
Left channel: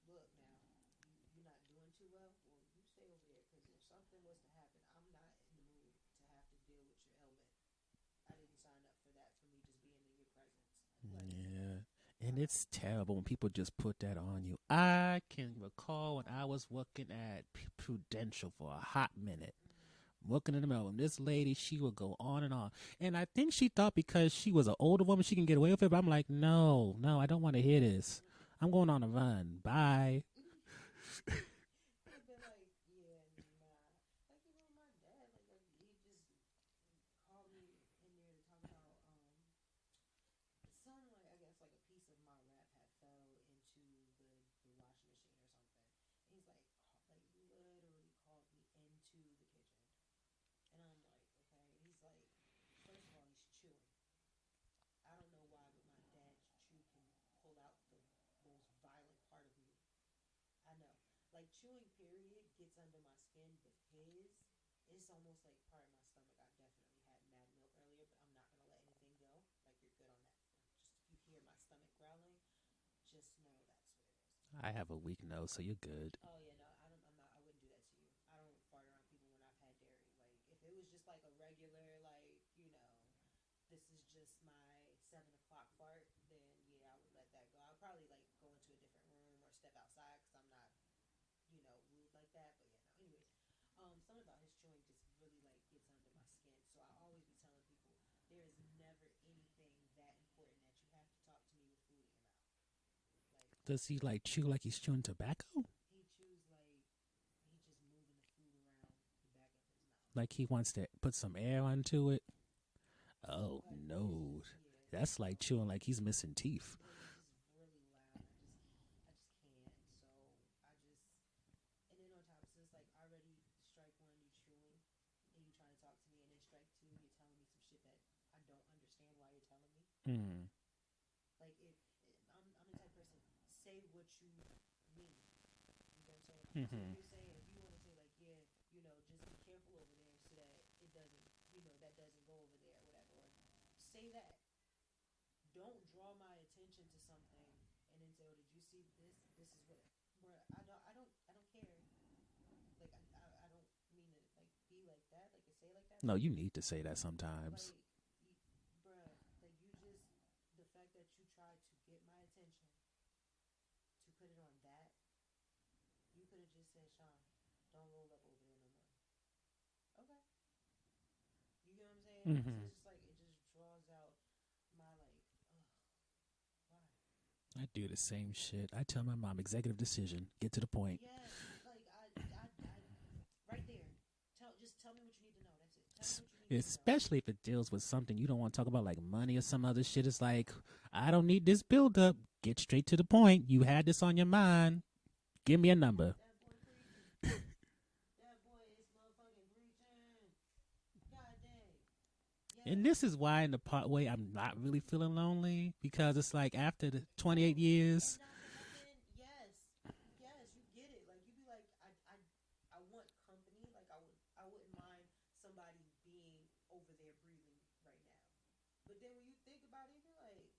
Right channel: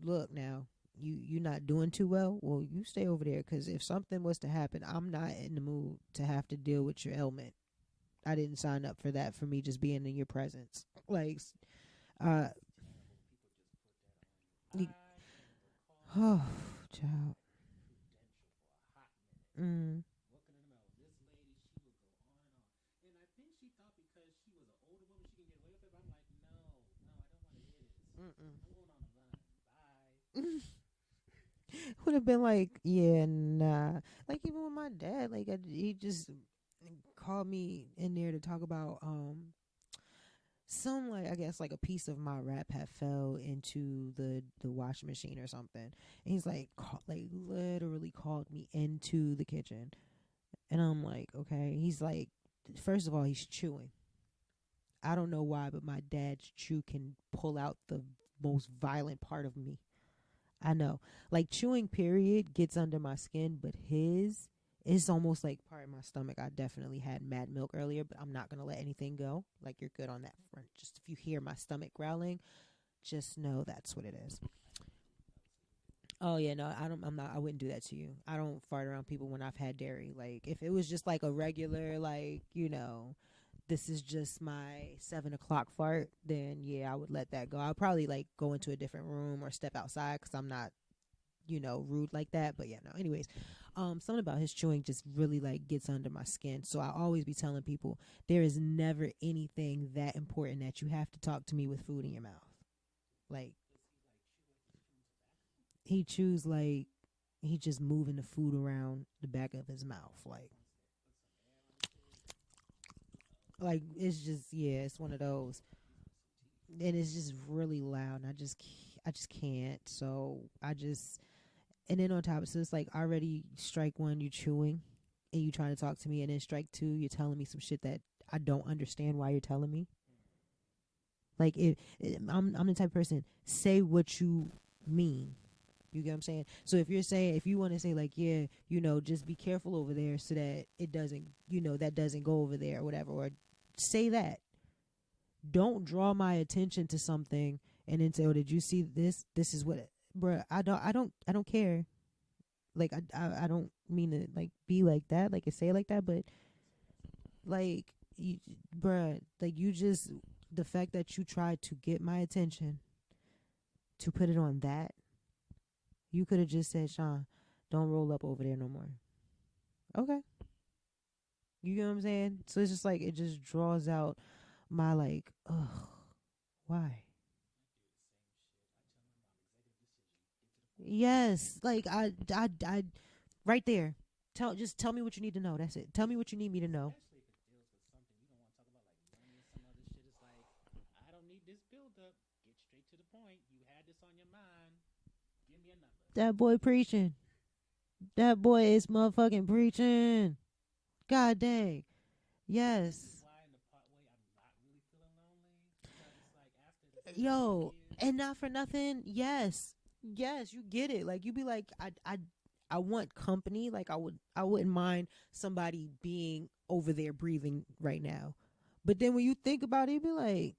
Look now, you're not doing too well. Well, you stay over there, because if something was to happen, I'm not in the mood to have to deal with your ailment. I didn't sign up for that, for me just being in your presence. It's terrible when people just put that on you. I can recall I was working at Prudential for a hot minute. Working in the mailroom. This lady, she would go on and on. And I think she thought because she was an older woman, she can get away with it. But I'm like, no, I don't want to hear this. I'm going on a run. Bye. Would have been like, yeah, nah. Like even with my dad, like he just called me in there to talk about some, like, I guess like a piece of my wrap had fell into the washing machine or something. And he's like, literally called me into the kitchen, and I'm like, okay. He's like, first of all, he's chewing. I don't know why, but my dad's chew can pull out the most violent part of me. I know. Like chewing period gets under my skin, but his is almost like part of my stomach. I definitely had mad milk earlier, but I'm not going to let anything go. Like you're good on that front. Just if you hear my stomach growling, just know that's what it is. I have a weak nose, so you're good. Oh yeah, no, I wouldn't do that to you. I don't fart around people when I've had dairy. Like if it was just like a regular, like, this is just my 7 o'clock fart, then yeah, I would let that go. I'll probably like go into a different room or step outside because I'm not, rude like that. But yeah, no. Anyways, something about his chewing just really like gets under my skin. So I always be telling people there is never anything that important that you have to talk to me with food in your mouth. Like, does he like chew like he's chewing tobacco? He chews like he just moving the food around the back of his mouth. Like he wants to put some air onto it. Oh, like no. It's just it's that's one of like those. chewing like he's missing teeth, and it's just really loud. And I just can't. So and then on top, so it's like already strike one, you chewing, and you trying to talk to me, and then strike two, you're telling me some shit that I don't understand why you're telling me. Like I'm the type of person, say what you mean. You get what I'm saying? So if you want to say like, yeah, just be careful over there so that it doesn't, that doesn't go over there or whatever, or say that. Don't draw my attention to something and then say, oh, did you see this? This is what, bruh, I don't care. Like, I don't mean to like be like that, like say it like that. No, but you need to say that sometimes. Like, bruh, like the fact that you tried to get my attention to put it on that, you could have just said, Sean, don't roll up over there no more. Okay. You get what I'm saying? So it's just like, it just draws out my like, ugh, why? I do the same shit. I tell my mom, executive decision, get to the point. Yes. Like I right there. Just tell me what you need to know. That's it. Tell me what you need me to know. Especially if it deals with something you don't want to talk about, like money or some other shit. It's like, I don't need this build up. Get straight to the point. You had this on your mind. Give me a number. That boy preaching. That boy is motherfucking preaching. God dang. Yes. And this is why in the part way I'm not really feeling lonely, because it's like after the 28 years. And not for nothing. Yes. Yes, you get it. Like you be like, I want company. Like I wouldn't mind somebody being over there breathing right now. But then when you think about it, you be like,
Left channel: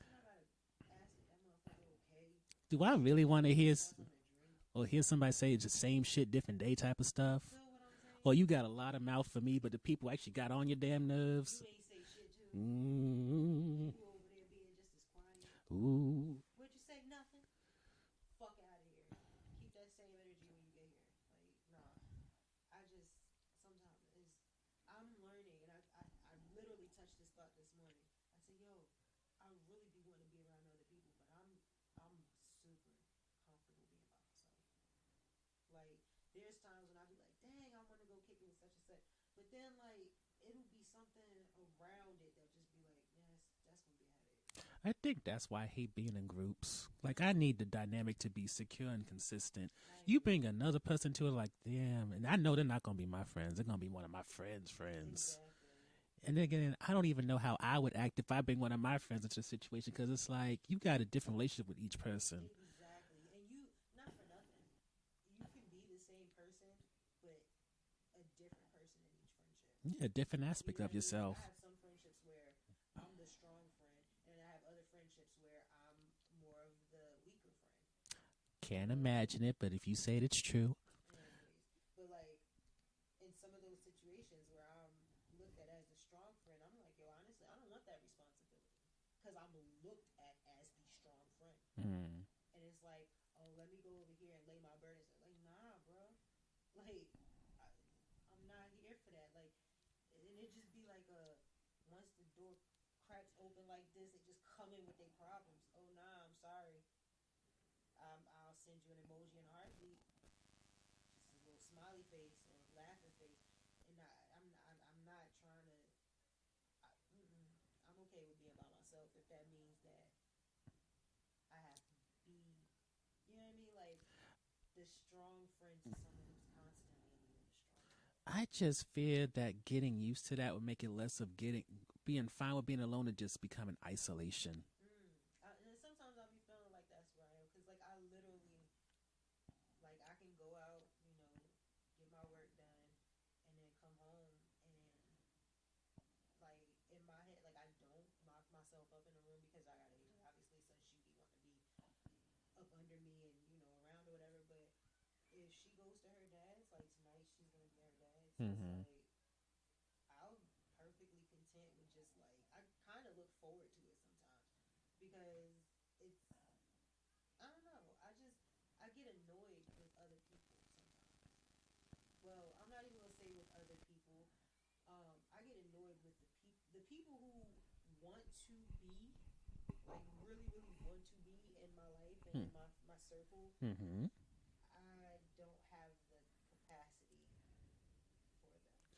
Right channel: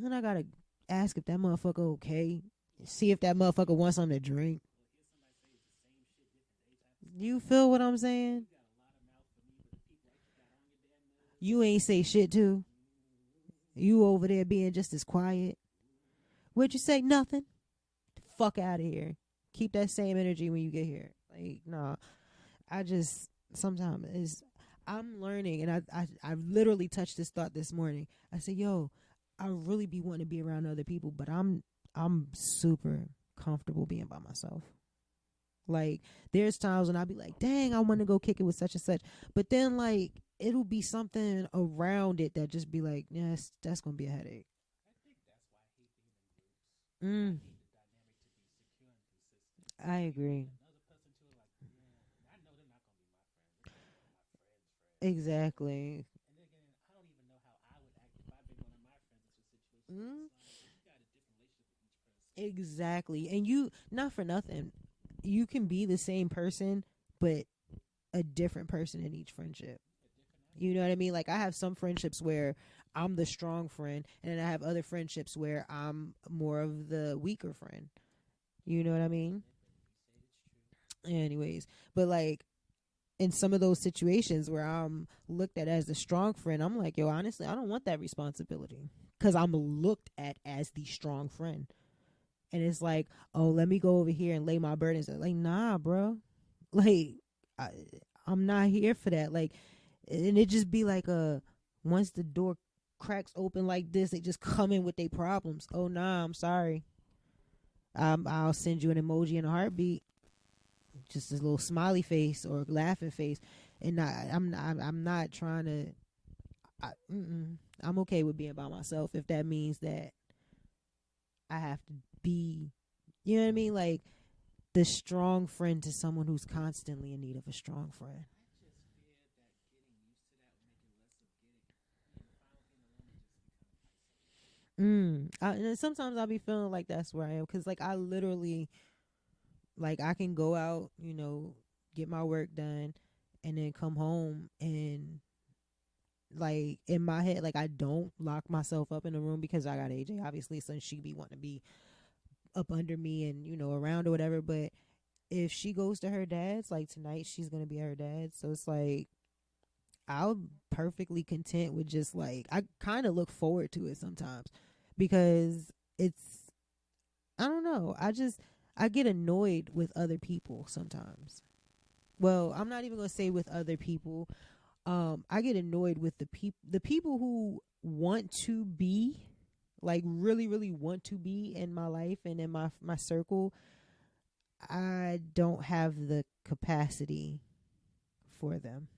then I gotta ask if that motherfucker okay. Do I see really if that motherfucker wants something to drink? Or hear somebody say it's the same shit, different day type of stuff. You feel what I'm saying? Or you got a lot of mouth for me, but the people actually got on your damn nerves. You ain't say shit too. You over there being just as quiet. What'd you say? Nothing. Fuck out of here. Keep that same energy when you get here. Like, nah. I just sometimes I'm learning, and I literally touched this thought this morning. I said, yo, I really be wanting to be around other people, but I'm super comfortable being by myself. Like, there's times when I'll be like, dang, I want to go kick it with such and such. But then, like, it'll be something around it that just be like, yes, that's going to be a headache. I think that's why I hate being in groups. Like, I need the dynamic to be secure and consistent. I agree. You bring another person to it, like, damn. And I know they're not going to be my friends. They're going to be one of my friends' friends. Exactly. And then again, I don't even know how I would act if I bring one of my friends into a situation, because it's like, you got a different relationship with each person. Exactly. And you, not for nothing, you can be the same person, but a different person in each friendship. Yeah, different aspect. You know what I mean? Yourself. Like, I have some friendships where I'm the strong friend, and then I have other friendships where I'm more of the weaker friend. Can't imagine it, but if you say it, it's true. Anyways, but like in some of those situations where I'm looked at as the strong friend, I'm like, yo, honestly, I don't want that responsibility. because I'm looked at as the strong friend. Mm. And it's like, oh, let me go over here and lay my burdens. Like, nah, bro. Like, I'm not here for that. Like, and it just be like once the door cracks open like this, they just come in with their problems. Oh, nah, I'm sorry. I'll send you an emoji and a heartbeat, just a little smiley face or laughing face, and I'm not trying to. I'm okay with being by myself if that means that I have to be, you know what I mean, like the strong friend to someone who's constantly in need of a strong friend. I just fear that getting used to that would make it less of being fine with being alone and just becoming isolation. And sometimes I'll be feeling like that's where I am, because like I literally, like I can go out, get my work done, and then come home and like in my head, like I don't lock myself up in a room because I got AJ obviously, so she be wanting to be up under me and around or whatever. But if she goes to her dad's, like tonight she's gonna be at her dad's, so it's like I'll perfectly content with just like, I kind of look forward to it sometimes because it's, I don't know, I get annoyed with other people sometimes. Well, I'm not even gonna say with other people. I get annoyed with the people who want to be, like really really want to be in my life and in my circle. I don't have the capacity for them.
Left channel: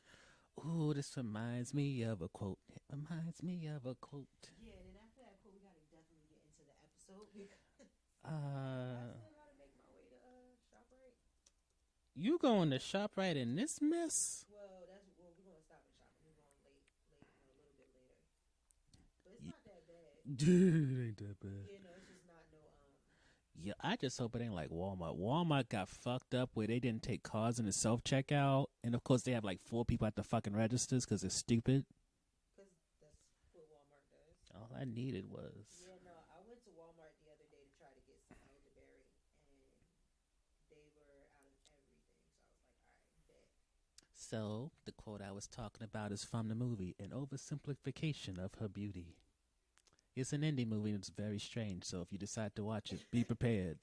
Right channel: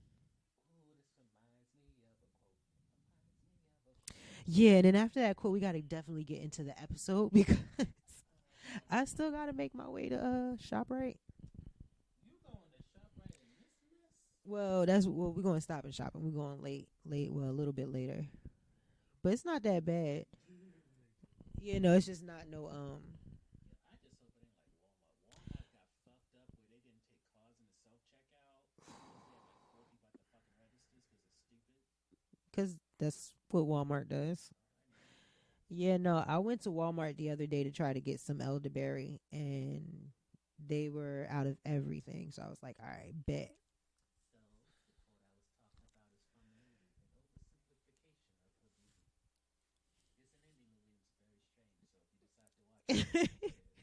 Ooh, this reminds me of a quote. It reminds me of a quote. Yeah, and then after that quote, we got to definitely get into the episode because I still got to make my way to ShopRite. You going to ShopRite in this mess? Well, we're going to stop and shop, and we're going late. Well, a little bit later, but it's not that bad. Dude, it ain't that bad. Yeah, no, it's just not no Yeah, I just hope it ain't like Walmart. Walmart got fucked up where they didn't take cards in the self checkout, and of course they have like 4 people at the fucking registers because they're stupid. Because that's what Walmart does. All I needed was. Yeah, no, I went to Walmart the other day to try to get some elderberry, and they were out of everything. So I was like, all right, bet. So the quote I was talking about is from the movie, an oversimplification of her beauty. It's an indie movie and it's very strange, so if you decide to watch it, be prepared.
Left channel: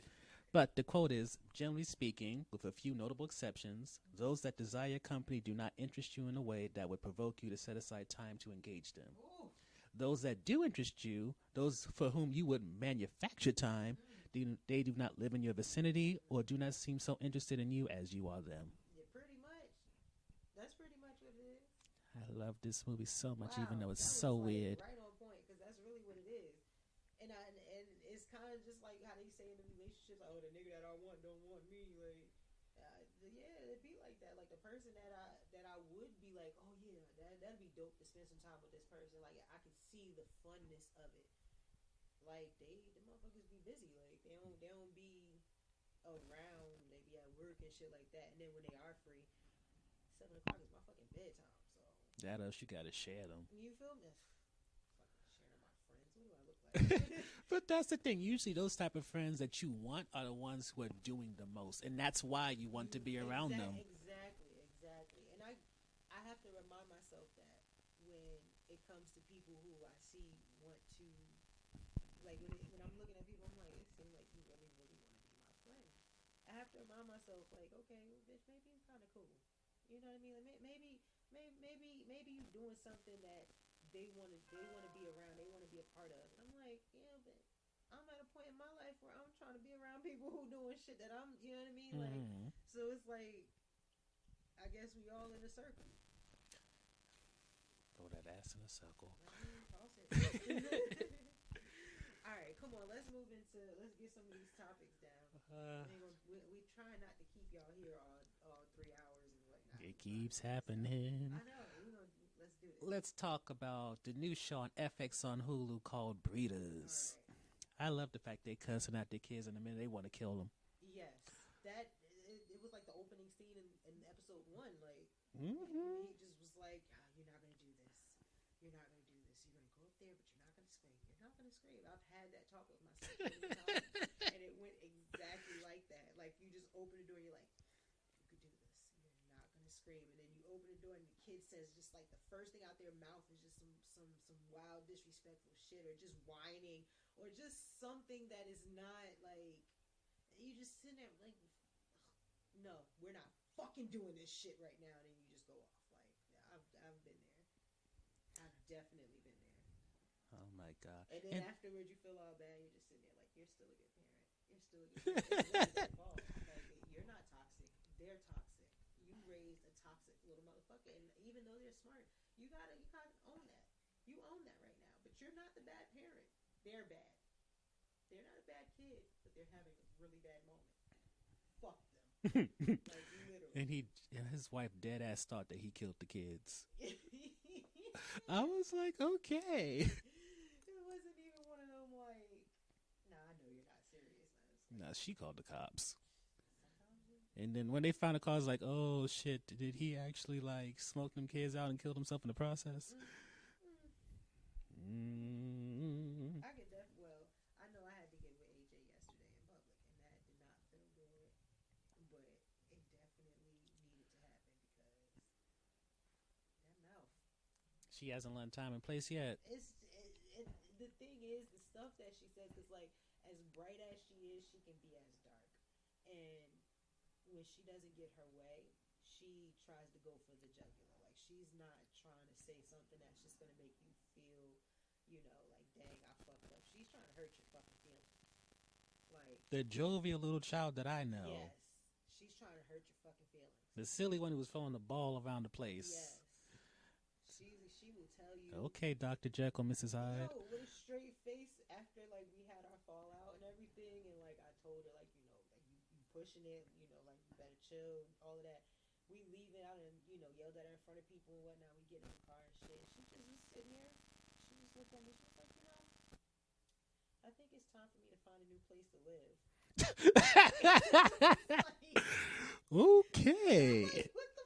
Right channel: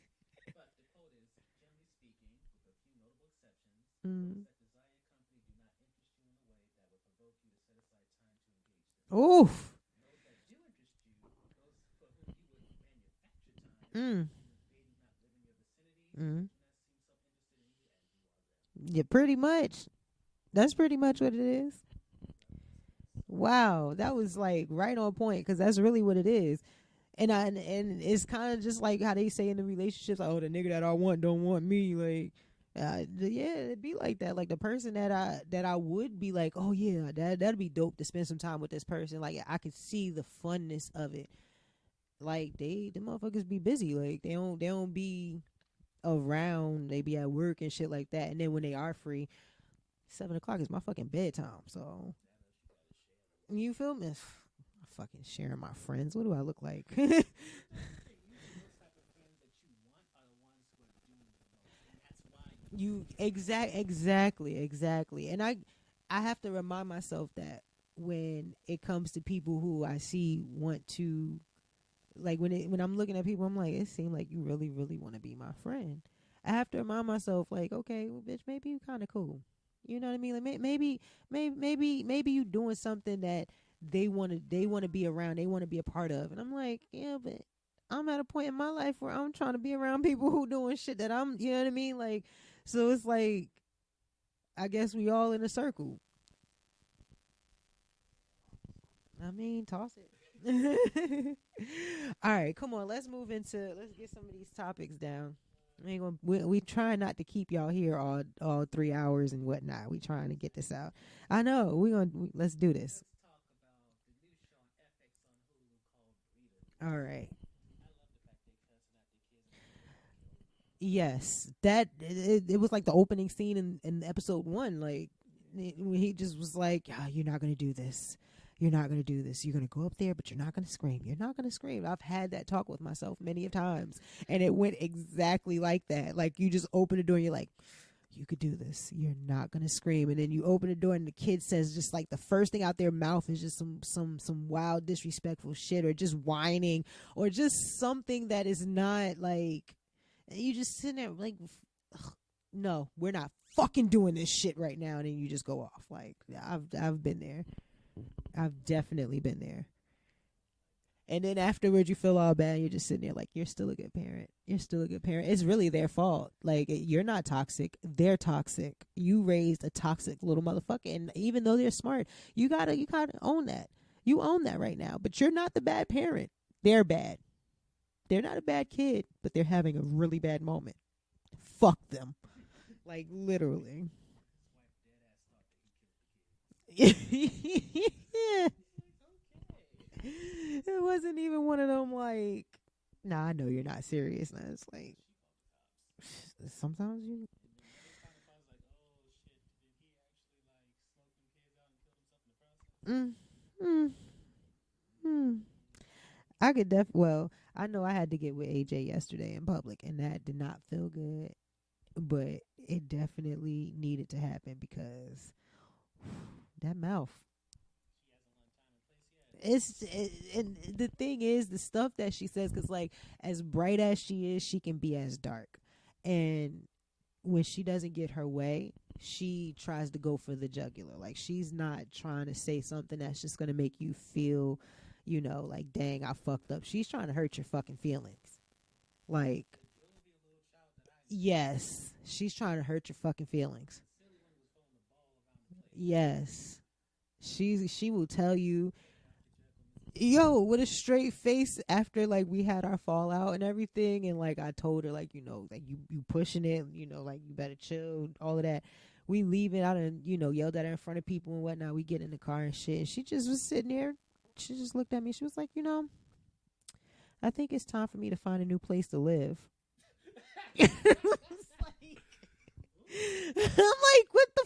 But the quote is, generally speaking, with a few notable exceptions, those that desire your company do not interest you in a way that would provoke you to set aside time to engage them. Oof. Those that do interest you, those for whom you would manufacture time, they do not live in your vicinity or do not seem so interested in you as you are them. Yeah, pretty much. That's pretty much what it is. I love this movie so much. Wow, that was so like weird. Right on point, because that's really what it is. And it's kind of just like how they say in the relationships, like, oh, the nigga that I want don't want me. Like, yeah, it'd be like that. Like the person that I would be like, oh yeah, that'd be dope to spend some time with this person. Like I could see the funness of it. Like the motherfuckers be busy. Like they don't be around. They be at work and shit like that. And then when they are free, 7 o'clock is my fucking bedtime. So that else you gotta share them. You feel me? Fucking sharing my friends. What do I look like? But that's the thing. Usually those type of friends that you want are the ones who are doing the most, and that's why you want to be around them. Exactly. And I have to remind myself that when it comes to people who I see want to, like when I'm looking at people, I'm like, it seems like you really really want to be my friend. I have to remind myself, like, okay, well, bitch, maybe you kind of cool. You know what I mean? Like maybe you doing something that they want to be around, they want to be a part of. And I'm like, yeah, but I'm at a point in my life where I'm trying to be around people who doing shit that I'm, you know what I mean? Like, so it's like, I guess we all in a circle. Throw that ass in a circle. I mean, toss it. All right, come on, let's get some of these topics down. We try not to keep y'all here all 3 hours and whatnot. We trying to get this out. I know. Let's do this. Let's talk about the new show on FX on Hulu called Breeders. All right. I love the fact they cussing out their kids in the minute they want to kill them. Yes, that it was like the opening scene in episode 1. Like when he just was like, "You're not gonna do this. You're not going to do this. You're going to go up there, but you're not going to scream. You're not going to scream." I've had that talk with myself many times, and it went exactly like that. Like, you just open the door, and you're like, you could do this. You're not gonna scream. And then you open the door and the kid says just like the first thing out their mouth is just some wild disrespectful shit, or just whining, or just something that is not like, you just sitting there like, no, we're not fucking doing this shit right now. And then you just go off. Like, I've been there. I've definitely been there. And then afterwards, you feel all bad. You're just sitting there like, you're still a good parent. You're still a good parent. It's really their fault. Like, you're not toxic. They're toxic. You raised a toxic little motherfucker. And even though they're smart, you gotta own that. You own that right now. But you're not the bad parent. They're bad. They're not a bad kid, but they're having a really bad moment. Fuck them. Like, literally. His wife dead ass thought that he killed the kids. Yeah. I was like, okay. It wasn't even one of them like, nah, I know you're not serious. And it's like, she called the cops. Sometimes you. And then when they found the car, it's like, oh shit, did he actually like smoke them kids out and killed himself in the process? I could well, I know I had to get with AJ yesterday in public, and that did not feel good, but it definitely needed to happen because that mouth. She hasn't learned time and place yet. And the thing is, the stuff that she says, because like as bright as she is, she can be as dark, and when she doesn't get her way, she tries to go for the jugular. Like, she's not trying to say something that's just gonna make you feel, you know, like, dang, I fucked up. She's trying to hurt your fucking feelings. Like, the jovial little child that I know. Yes. She's trying to hurt your fucking feelings. The silly one who was throwing the ball around the place. Yes. She will tell you. Okay, Dr. Jekyll, Mrs. Hyde. Yo, with a straight face after, like, we had our fallout and everything. And, like, I told her, like, you know, like, you pushing it. You know, like, you better chill, all of that. We leave it out and, you know, yelled at her in front of people and whatnot. We get in the car and shit. And she just was sitting there. She just looked at me. She was like, you know, I think it's time for me to find a new place to live. Okay. I'm like, what the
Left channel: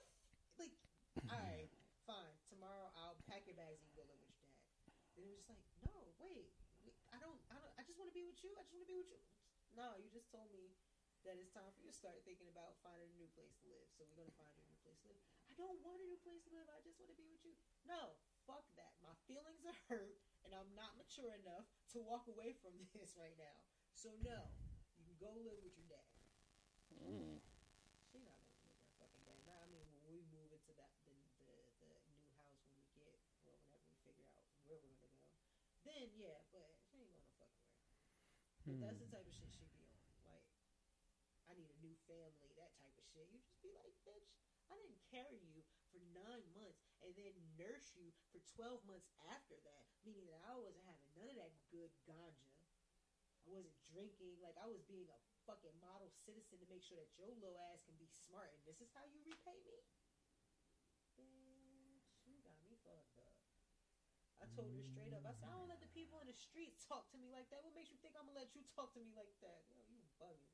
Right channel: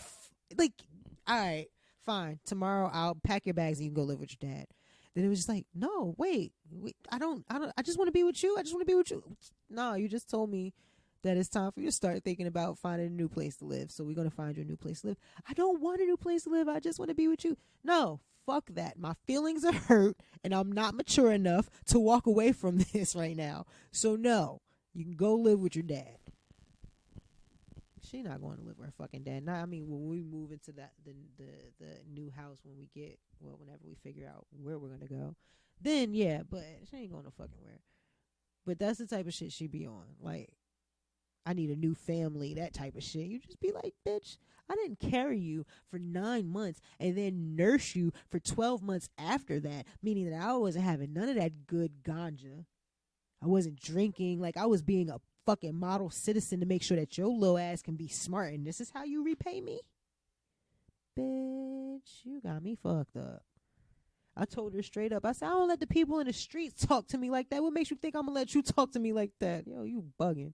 like, all right, fine. Tomorrow I'll pack your bags and you can go live with your dad. Then it was just like, no, wait, I just want to be with you. I just want to be with you. No, you just told me that it's time for you to start thinking about finding a new place to live. So we're going to find you a new place to live. I don't want a new place to live. I just want to be with you. No, fuck that. My feelings are hurt and I'm not mature enough to walk away from this right now. So no, you can go live with your dad. She not going to live with her fucking dad. Now, I mean, when we move into the new house, whenever we figure out where we're gonna go, then yeah. But she ain't going to fucking where. But that's the type of shit she be on. Like, I need a new family, that type of shit. You just be like, bitch, I didn't carry you for 9 months and then nurse you for 12 months after that, meaning that I wasn't having none of that good ganja. I wasn't drinking. Like, I was being a fucking model citizen to make sure that your little ass can be smart, and this is how you repay me? Bitch, you got me fucked up. I told her straight up. I said, I don't let the people in the streets talk to me like that. What makes you think I'm gonna let you talk to me like that? Yo, you bugging.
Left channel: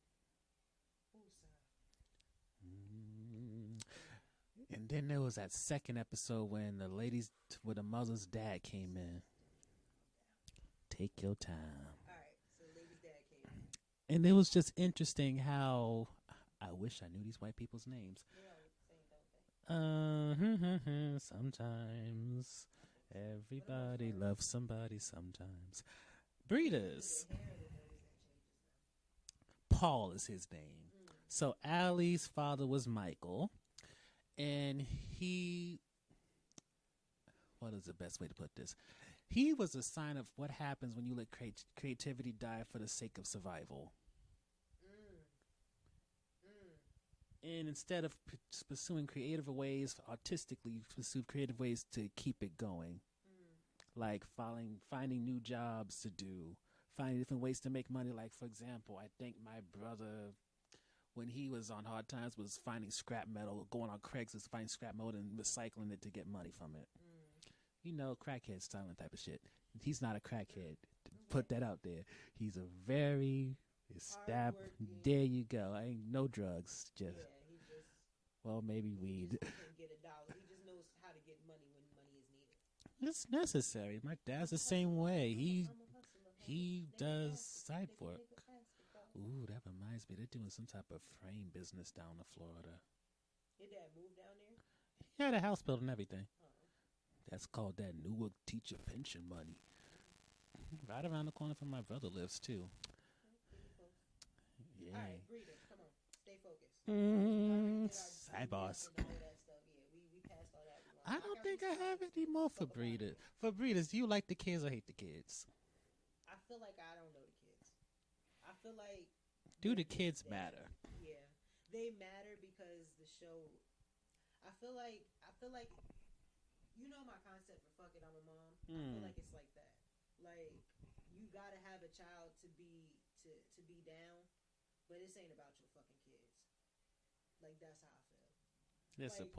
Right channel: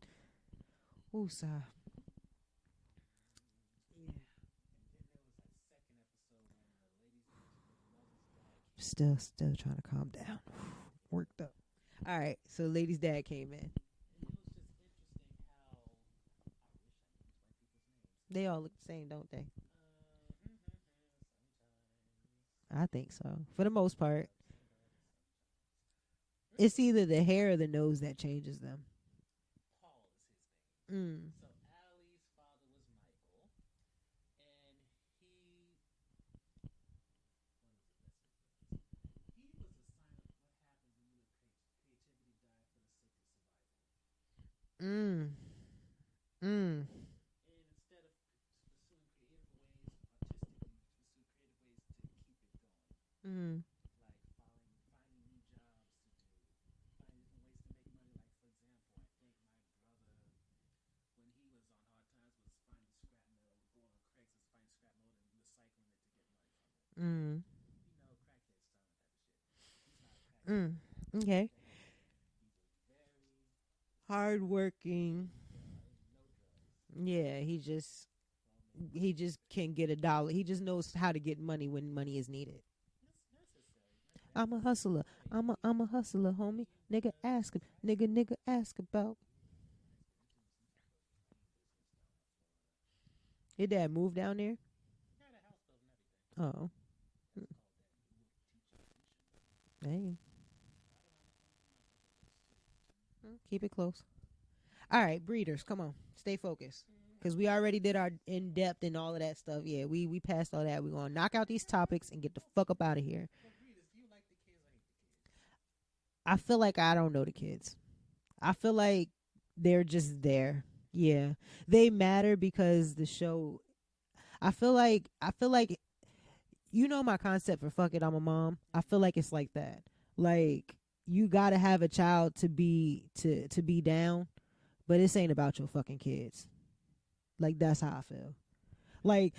Woosah. And then there was that second episode when the ladies with the mother's dad came Still in. trying to calm down. Take your time. All right, so lady's dad came in. And it was just interesting how I wish I knew these white people's names. They all look the same, don't they? Sometimes. I think so. For the most part. Love somebody sometimes. It's either the hair or the nose that changes them. Paul is his name. So Allie's father was Michael. And what is the best way to put this? He was a sign of what happens when you let creativity die for the sake of survival. And instead of pursuing creative ways, artistically, you pursue creative ways to keep it going. Like finding new jobs to do, finding different ways to make money. Like, for example, I think my brother, when he was on hard times, was finding scrap metal, going on Craigslist, finding scrap metal and recycling it to get money from it. You know, crackhead styling type of shit. He's not a crackhead. Okay. Put that out there. He's a very hardworking. There you go. I ain't no drugs. He just. Well, maybe he just can get $1. He just knows how to get money when money is needed. It's necessary. My dad's I'm a the hustler. same way. I'm a hustler, homie. Nigga ask about. Ooh, that reminds me. They're doing some type of frame business down in Florida. Your dad moved down there? He had a house built and everything. Oh. That's called that Newark teacher pension money. Hey. Right around the corner from my brother lives, too. Keep it close. Yeah. All right, breeders, come on. Stay focused. Because we already did our in-depth and all of that stuff. Yeah, we passed all that. We're going to knock out these topics and get the fuck up out of here. For breeders, do you like the kids or hate the kids? I feel like I don't know the kids. I feel like they're just there. Matter? Yeah. They matter because the show... I feel like you know my concept for fuck it, I'm a mom. I feel like it's like that. Like you gotta have a child to be down, but this ain't about your fucking kids. Like that's how I feel. Like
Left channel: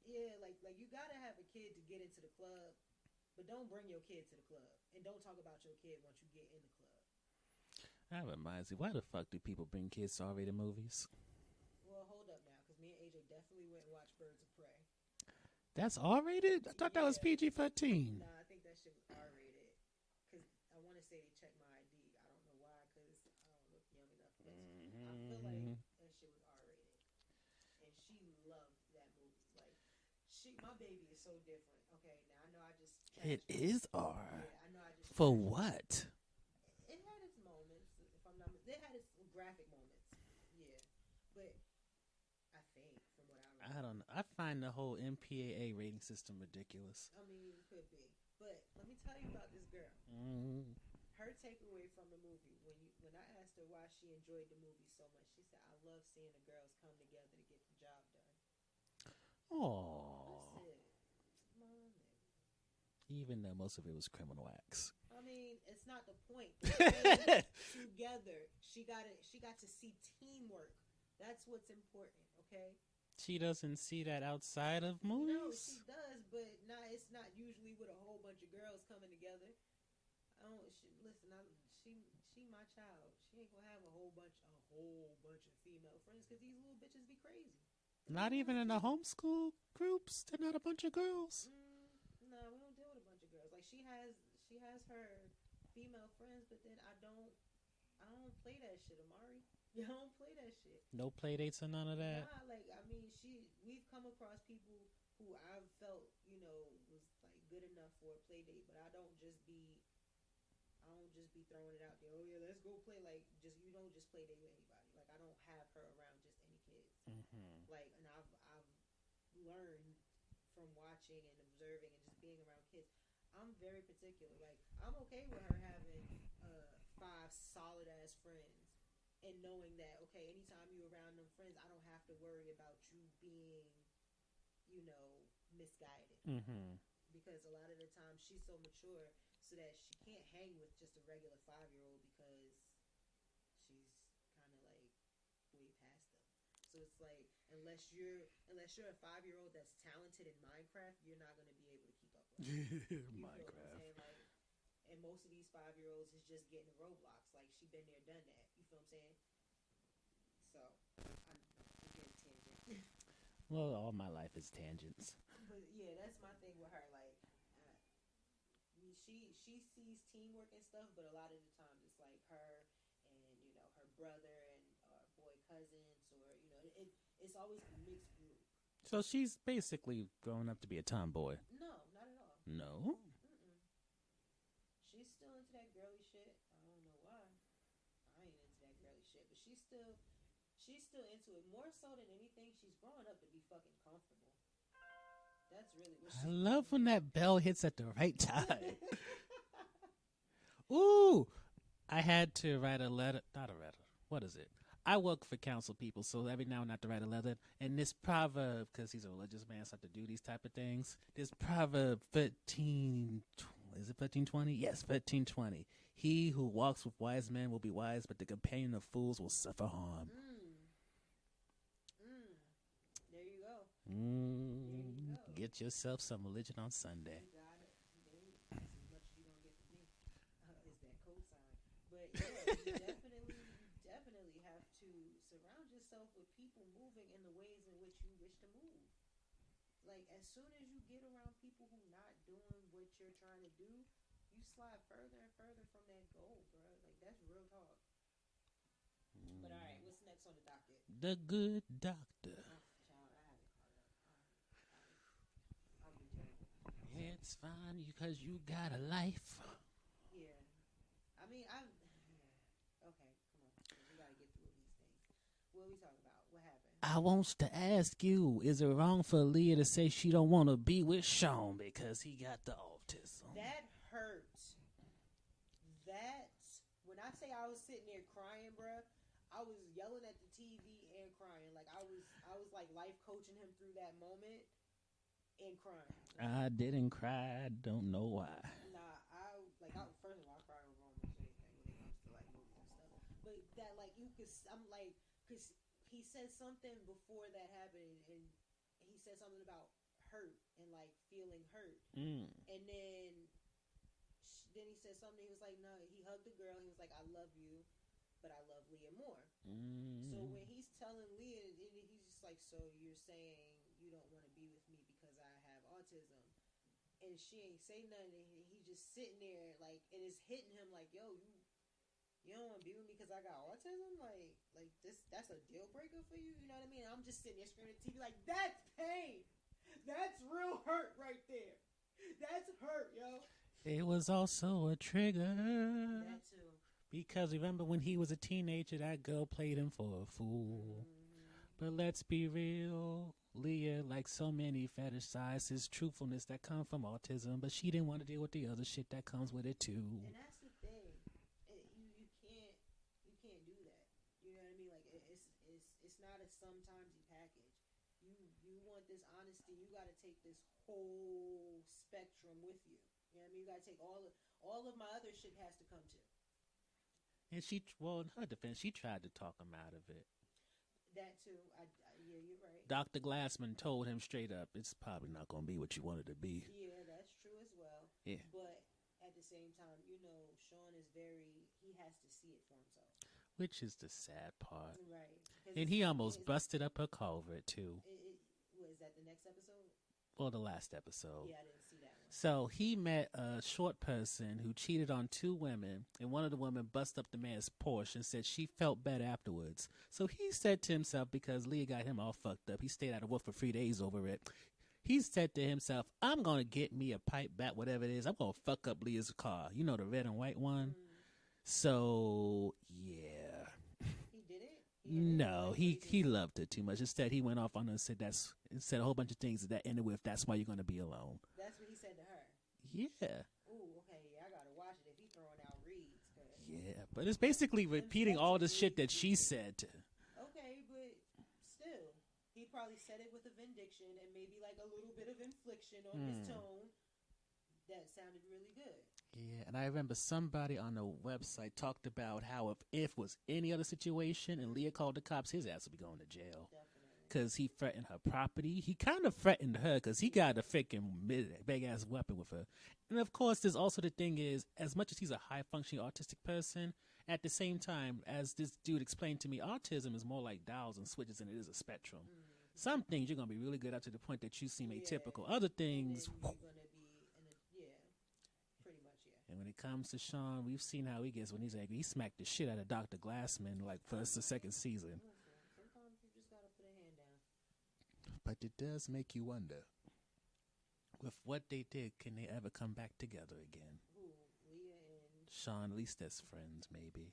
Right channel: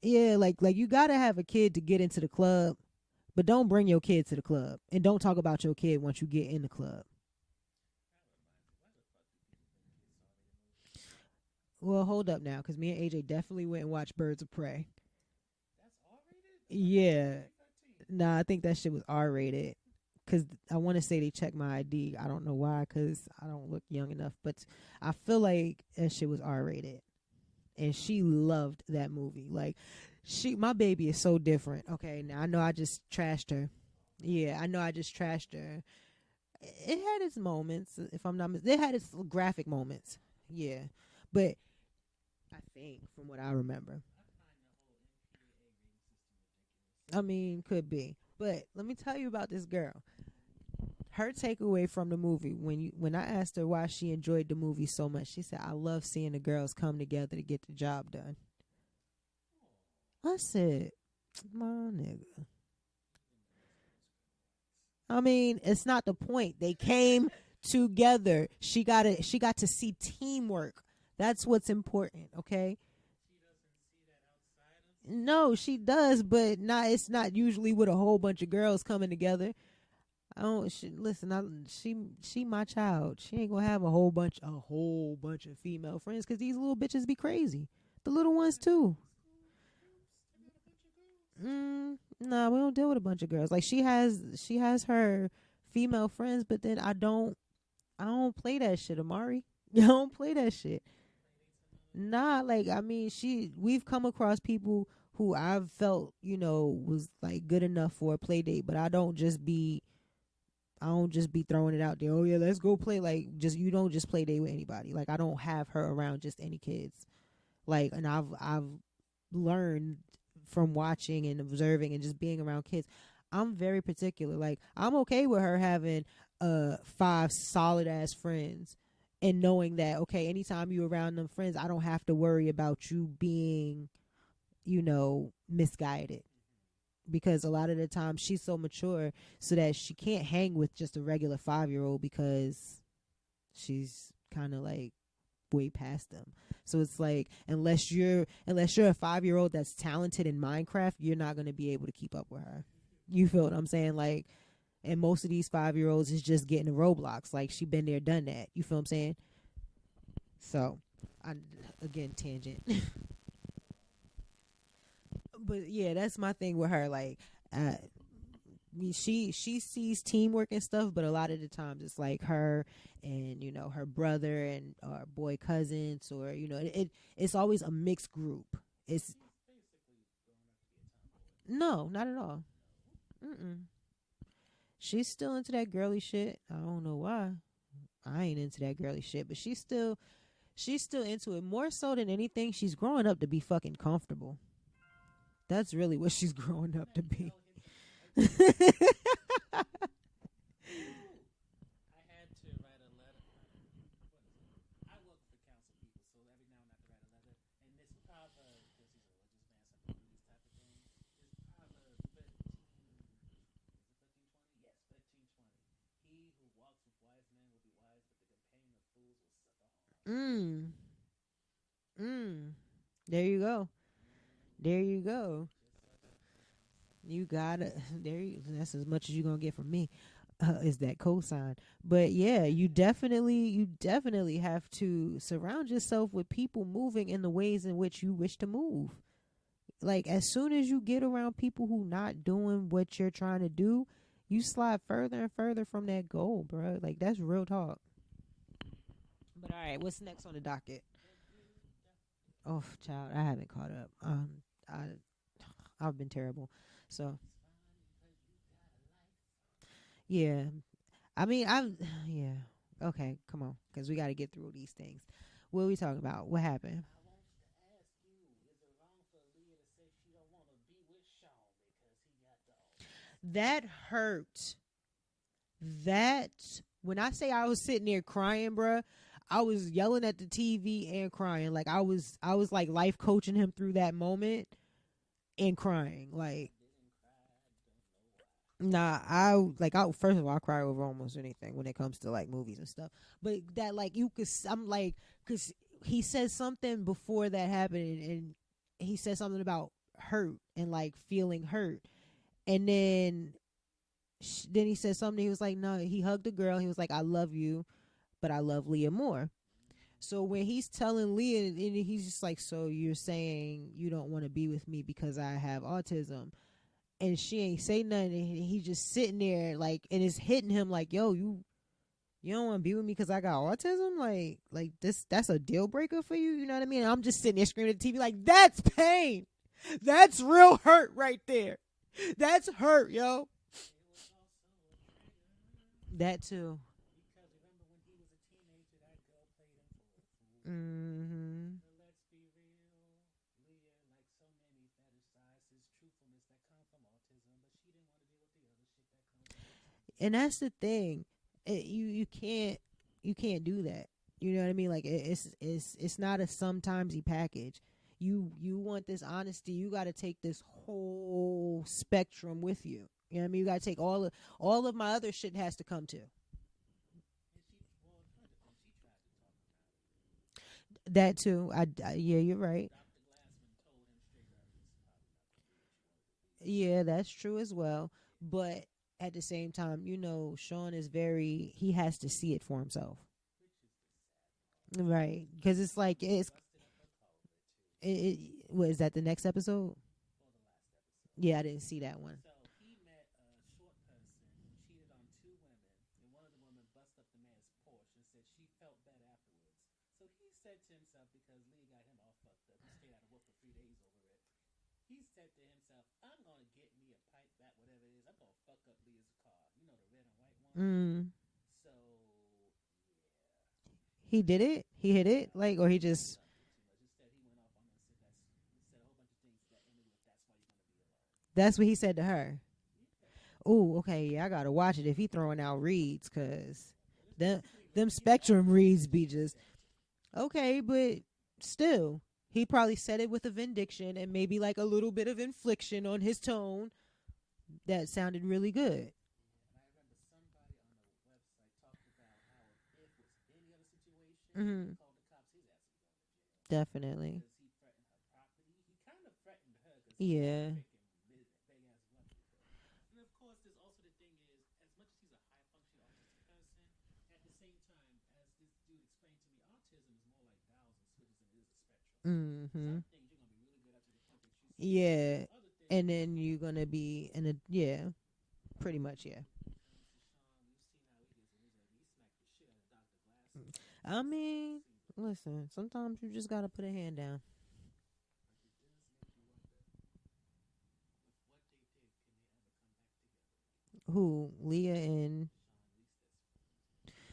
you gotta have a kid to get into the club, but don't bring your kid to the club and don't talk about your kid once you get in the club. That reminds me, why the fuck do people bring kids to R-rated movies? Well, hold up now, because me and AJ definitely went and watched Birds of Prey. That's R-rated? I thought that was PG-13. Nah, I think that shit was R-rated. Because I want to say they checked my ID. I don't know why, because I don't look young enough. But I feel like that shit was R-rated. And she loved that movie. Like, my baby is so different. Okay, now I know I just trashed her. It is R. Yeah, I know I just trashed her. For what? It had its moments, if I'm not mistaken. It had its graphic moments. Yeah. But I think, from what I remember. I find the whole MPAA rating system ridiculous. I mean, could be. But let me tell you about this girl. Her takeaway from the movie, when I asked her why she enjoyed the movie so much, she said, I love seeing the girls come together to get the job done. Oh. I said, my nigga. Even though most of it was criminal acts. I mean, it's not the point. They came together. She got to see teamwork. That's what's important, okay? She doesn't see that outside of movies? No, she does, but it's not usually with a whole bunch of girls coming together. She my child. She ain't gonna have a whole bunch of female friends because these little bitches be crazy. The little ones even too. In the homeschool groups, they're not a bunch of girls. Nah, we don't deal with a bunch of girls. Like she has her female friends, but then I don't play that shit, Amari. You don't play that shit. No play dates or none of that? Nah, like, I mean, we've come across people who I've felt, was like good enough for a play date, but I don't just be throwing it out there. Oh yeah, let's go play. Like, you don't just play date with anybody. Like, I don't have her around just any kids. Like, and I've learned from watching and observing and just being around kids. I'm very particular. Like, I'm okay with her having 5 solid ass friends. And knowing that, okay, anytime you're around them friends, I don't have to worry about you being, misguided. Because a lot of the time she's so mature so that she can't hang with just a regular 5-year-old because she's kind of like way past them. So it's like, unless you're a 5-year-old that's talented in Minecraft, you're not going to be able to keep up with her. You feel what I'm saying? Like, and most of these 5-year-olds is just getting to Roblox. Like, she been there, done that. You feel what I'm saying? So, again, tangent. Well, all my life is tangents. But, yeah, that's my thing with her. Like, she sees teamwork and stuff, but a lot of the times it's like her and, her brother and or boy cousins or, it's always a mixed group. So she's basically growing up to be a tomboy. No, not at all. No? Mm-mm. She's still into that girly shit. I don't know why. I ain't into that girly shit, but she's still into it. More so than anything, she's growing up to be fucking comfortable. That's really what she's growing up to be. Love when that bell hits at the right time. Ooh. I had to write a letter. Not a letter. What is it? I work for council people, so every now and then I have to write a letter. And this proverb, because he's a religious man, so I have to do these type of things. This proverb 13... Is it 13:20? Yes, 13:20. He who walks with wise men will be wise, but the companion of fools will suffer harm. There you go. There you go. Get yourself some religion on Sunday. You gotta. That's as much as you're gonna get from me. Is that cosign? But yeah, you definitely have to surround yourself with people moving in the ways in which you wish to move. Like, as soon as you get around people who not doing what you're trying to do, you slide further and further from that goal, bro. Like, that's real talk. But all right, what's next on the docket? The Good Doctor. Oh, child, I haven't caught up. I've been terrible. So it's fine because you got a life. yeah, I mean, yeah. Okay, come on, because we got to get through these things. What are we talking about? What happened? I wants to ask you, is it wrong for Leah to say she don't want to be with Sean because he got the autism? That hurt. That, when I say I was sitting there crying, bruh, I was yelling at the TV and crying. Like I was like life coaching him through that moment and crying. Like I didn't cry. I don't know why. nah, first of all, I cry over almost anything when it comes to like movies and stuff. But that like I'm like, because he said something before that happened, and he said something about hurt and like feeling hurt, and then he said something. He was like, no, he hugged the girl. He was like, I love you, but I love Leah more. So when he's telling Leah, and he's just like, so you're saying you don't want to be with me because I have autism, and she ain't say nothing, and he's just sitting there like, and it's hitting him like, yo, you don't want to be with me because I got autism, like that's a deal breaker for you, you know what I mean? And I'm just sitting there screaming at the TV like, that's pain, that's real hurt right there, that's hurt, yo. It was also a trigger. That too. Because remember when he was a teenager, that girl played him for a fool. But let's be real. Leah, like so many, fetishizes truthfulness that come from autism, but she didn't want to deal with the other shit that comes with it too. And that's the thing. You can't do that. You know what I mean? Like it's not a sometimesy package. You want this honesty, you got to take this whole spectrum with you. You know what I mean? You got to take all of my other shit has to come too. And in her defense, she tried to talk him out of it. That too. Yeah, you're right. Dr. Glassman told him straight up, it's probably not going to be what you wanted to be. Yeah, that's true as well. Yeah. But at the same time, Sean is he has to see it for himself. Which is the sad part. Right. Because it's he like almost busted up her culvert too. Is that the next episode? Well, the last episode. Yeah, I didn't see that one. So he met a short person who cheated on 2 women, and one of the women busted up the man's Porsche and said she felt bad afterwards. So he said to himself, because Leah got him all fucked up, he stayed out of work for 3 days over it. He said to himself, I'm going to get me a pipe bat, whatever it is. I'm going to fuck up Leah's car. You know, the red and white one? So, yeah. He did it? He hit it? No, or he loved it too much. Instead, he went off on her and said a whole bunch of things that ended with, that's why you're going to be alone. That's what he said to her? Yeah. Oh, okay. Yeah, I got to watch it if he throwing out reads, because... Yeah, but it's basically repeating all the shit that she said. Okay, but still, he probably said it with a vindication and maybe like a little bit of infliction on his tone that sounded really good. Yeah, and I remember somebody on the website talked about how if was any other situation and Leah called the cops, his ass would be going to jail. Definitely. Because he threatened her property. He kind of threatened her because he got a freaking big-ass weapon with her. And, of course, there's also the thing is, as much as he's a high-functioning autistic person, at the same time, as this dude explained to me, autism is more like dials and switches than it is a spectrum. Some things you're going to be really good up to the point that you see typical. Other things... And then you're going to be in a... Yeah. Pretty much, yeah. And when it comes to Sean, we've seen how he gets when he's angry. He smacked the shit out of Dr. Glassman the second season. Listen, sometimes you just got to put a hand down. But it does make you wonder, with what they did, can they ever come back together again? Who? Leah and... Sean, at least as friends, maybe.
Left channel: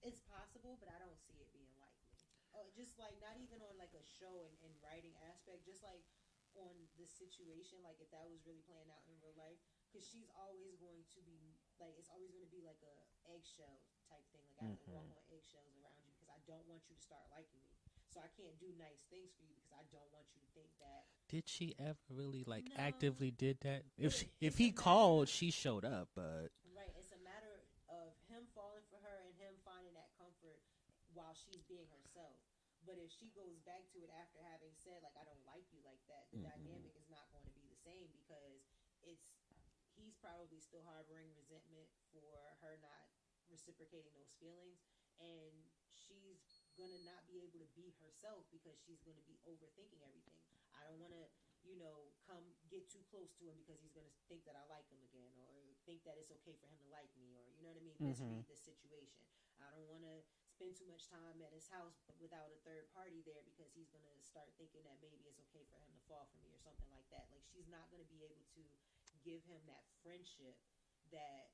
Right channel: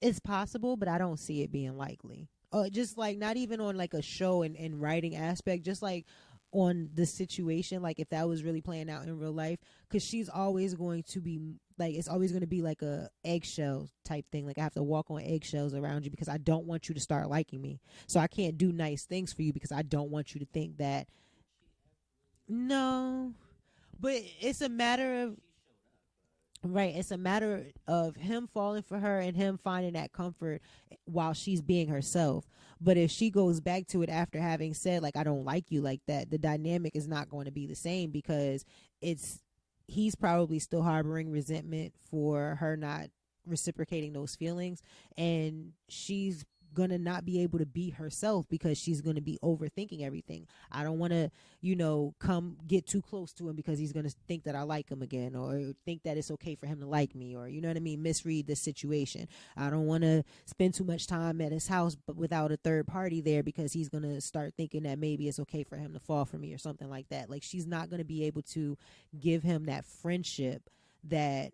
It's possible, but I don't see it being likely. Just like, not even on like a show and writing aspect, just like on the situation, like if that was really playing out in real life, because she's always going to be like, it's always going to be like a eggshell type thing. Like I have to walk on eggshells around you because I don't want you to start liking me. So I can't do nice things for you because I don't want you to think that. Did she ever really actively did that? But if he called, she showed up. But right, it's a matter of him falling for her and him finding that comfort while she's being herself. But if she goes back to it after having said, like, I don't like you like that, the dynamic is not going to be the same, because he's probably still harboring resentment for her not reciprocating those feelings. And she's gonna not be able to be herself because she's gonna be overthinking everything. I don't want to, come get too close to him because he's gonna think that I like him again, or think that it's okay for him to like me, or you know what I mean, misread the situation. I don't want to spend too much time at his house but without a third party there because he's gonna start thinking that maybe it's okay for him to fall for me or something like that. Like, she's not gonna be able to give him that friendship that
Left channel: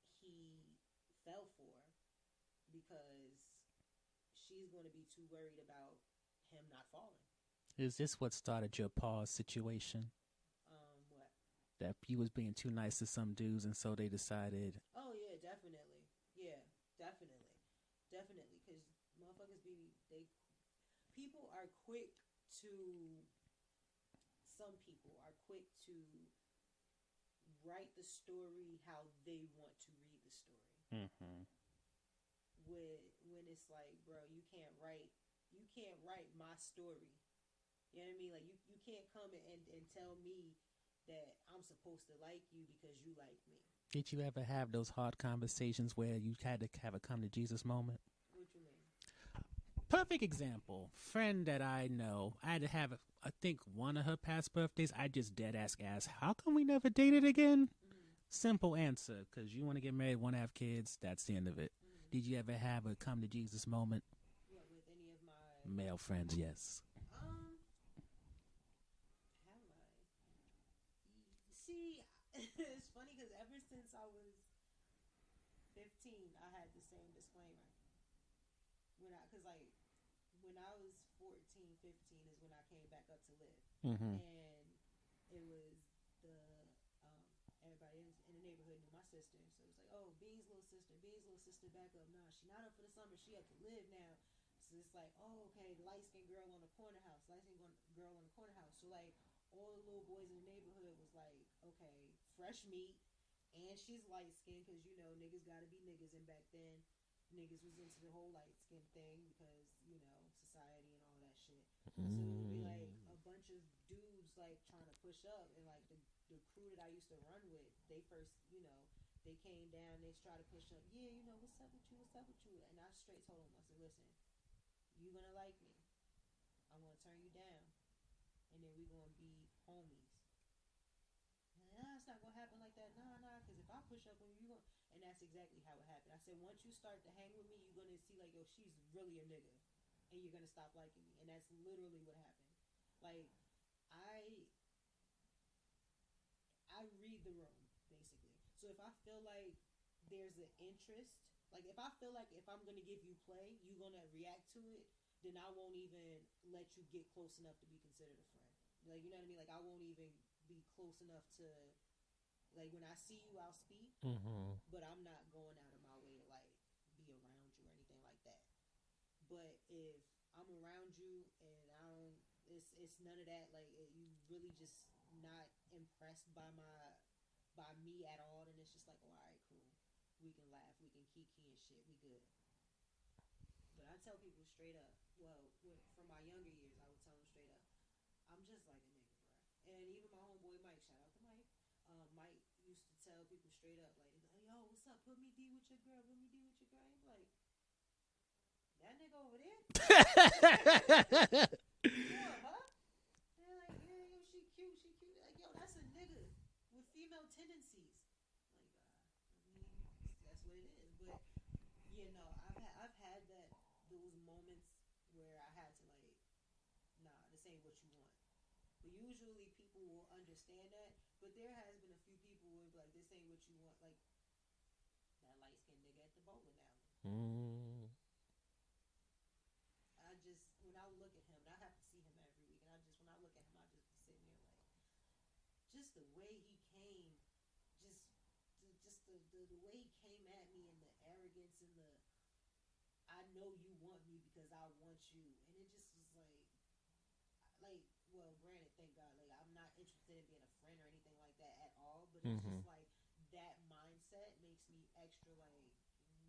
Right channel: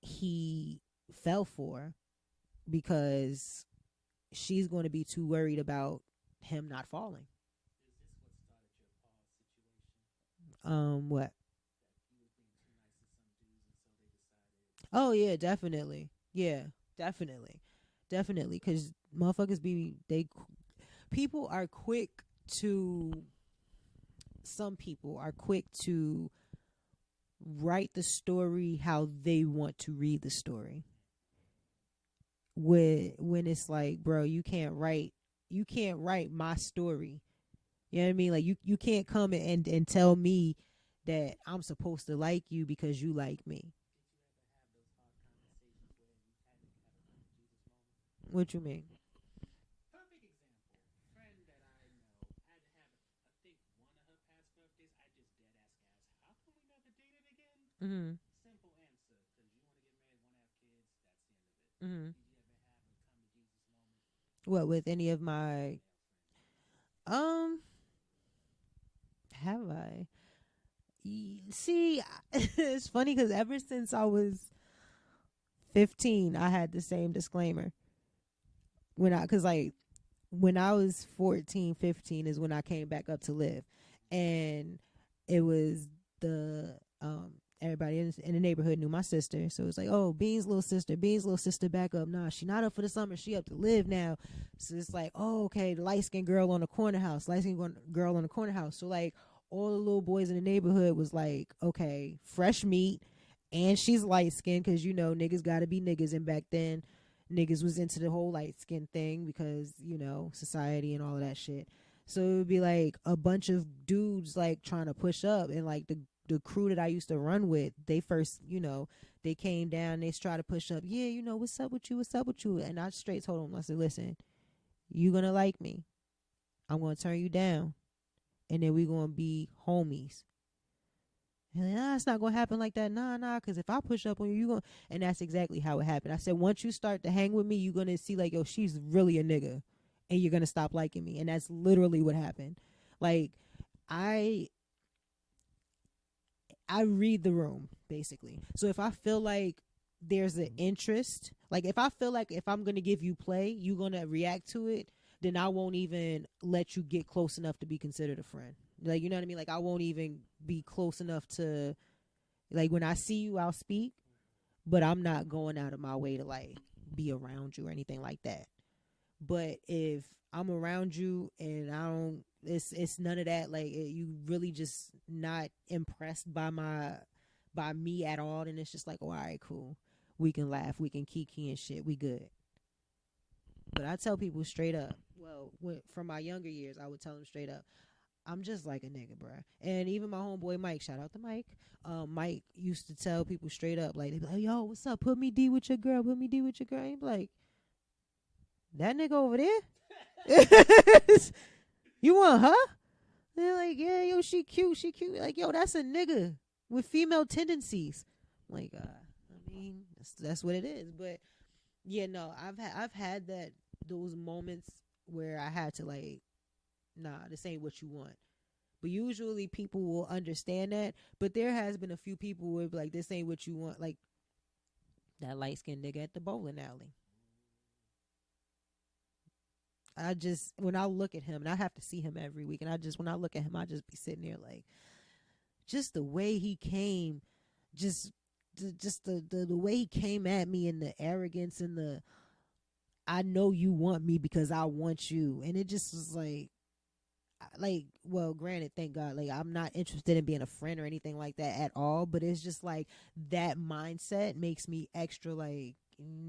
he fell for because she's going to be too worried about him not falling. Is this what started your pause situation? What? That you was being too nice to some dudes, and so they decided. Oh yeah, definitely. Yeah, definitely. Because motherfuckers people are quick to. Some people are quick to write the story how they want to read the story. When it's like, bro, you can't write my story. You know what I mean? Like, you can't come and tell me that I'm supposed to like you because you like me. Did you ever have those hard conversations where you had to have a come to Jesus moment? What you mean? Perfect example. Friend that I know, I had to have, I think, one of her past birthdays. I just dead ask, how come we never dated again? Simple answer, because you want to get married, want to have kids. That's the end of it. Did you ever have a come to Jesus moment? What, with any of my male friends? Yes. Have I? See, it's funny because ever since I was 15, I had the same disclaimer. When I was 14, 15 is when I came back up to live. And it was everybody in the neighborhood knew my sister. So it's like, oh, Bean's little sister back up. Nah, she not up for the summer. She up to live now. So it's like, oh, okay, the light-skinned girl on the corner house. So like all the little boys in the neighborhood was like, okay, fresh meat. And she's light-skinned because, niggas got to be niggas. And back then, niggas was into the whole light skin thing because, society and all of that shit. So it would be like a bunch of dudes like trying to push up, and like the crew that I used to run with, they first, they came down, they tried to push up. Yeah, what's up with you? And I straight told them, I said, listen, you gonna like me. I'm gonna turn you down. And then we gonna be homies. And it's not gonna happen like that. Nah, because if I push up on you, and that's exactly how it happened. I said, once you start to hang with me, you're gonna see like, yo, she's really a nigga, and you're gonna stop liking me. And that's literally what happened. Like, I read the room, basically. So if I feel like there's an interest, like if I feel like if I'm gonna give you play, you're gonna react to it, then I won't even let you get close enough to be considered a friend. Like, you know what I mean? Like, I won't even be close enough to, like, when I see you, I'll speak, but I'm not going out of my way to, like, be around you or anything like that. But if I'm around you and I don't, it's none of that, like, you really just not impressed by me at all, then it's just like, oh, all right, cool. We can laugh, we can kiki and shit, we good. But I tell people straight up, from my younger years, I would tell them straight up, I'm just like a nigga, bruh. And even my homeboy Mike, shout out to Mike. Mike used to tell people straight up, like, they be like, yo, what's up? Put me D with your girl. And he be like, that nigga over there? You want her? They're like, yeah, yo, she cute. Like, yo, that's a nigga with female tendencies. I'm like, I mean, that's what it is. But yeah, no, I've had those moments where I had to, like, nah, this ain't what you want. But usually people will understand that. But there has been a few people who be like, this ain't what you want. Like that light-skinned nigga at the bowling alley. When I look at him, and I have to see him every week, and when I look at him, I just be sitting there like, just the way he came, just the way he came at me, and the arrogance and the, I know you want me because I want you. And it just was like, well, granted, thank God, like, I'm not interested in being a friend or anything like that at all, but it's just like that mindset makes me extra like,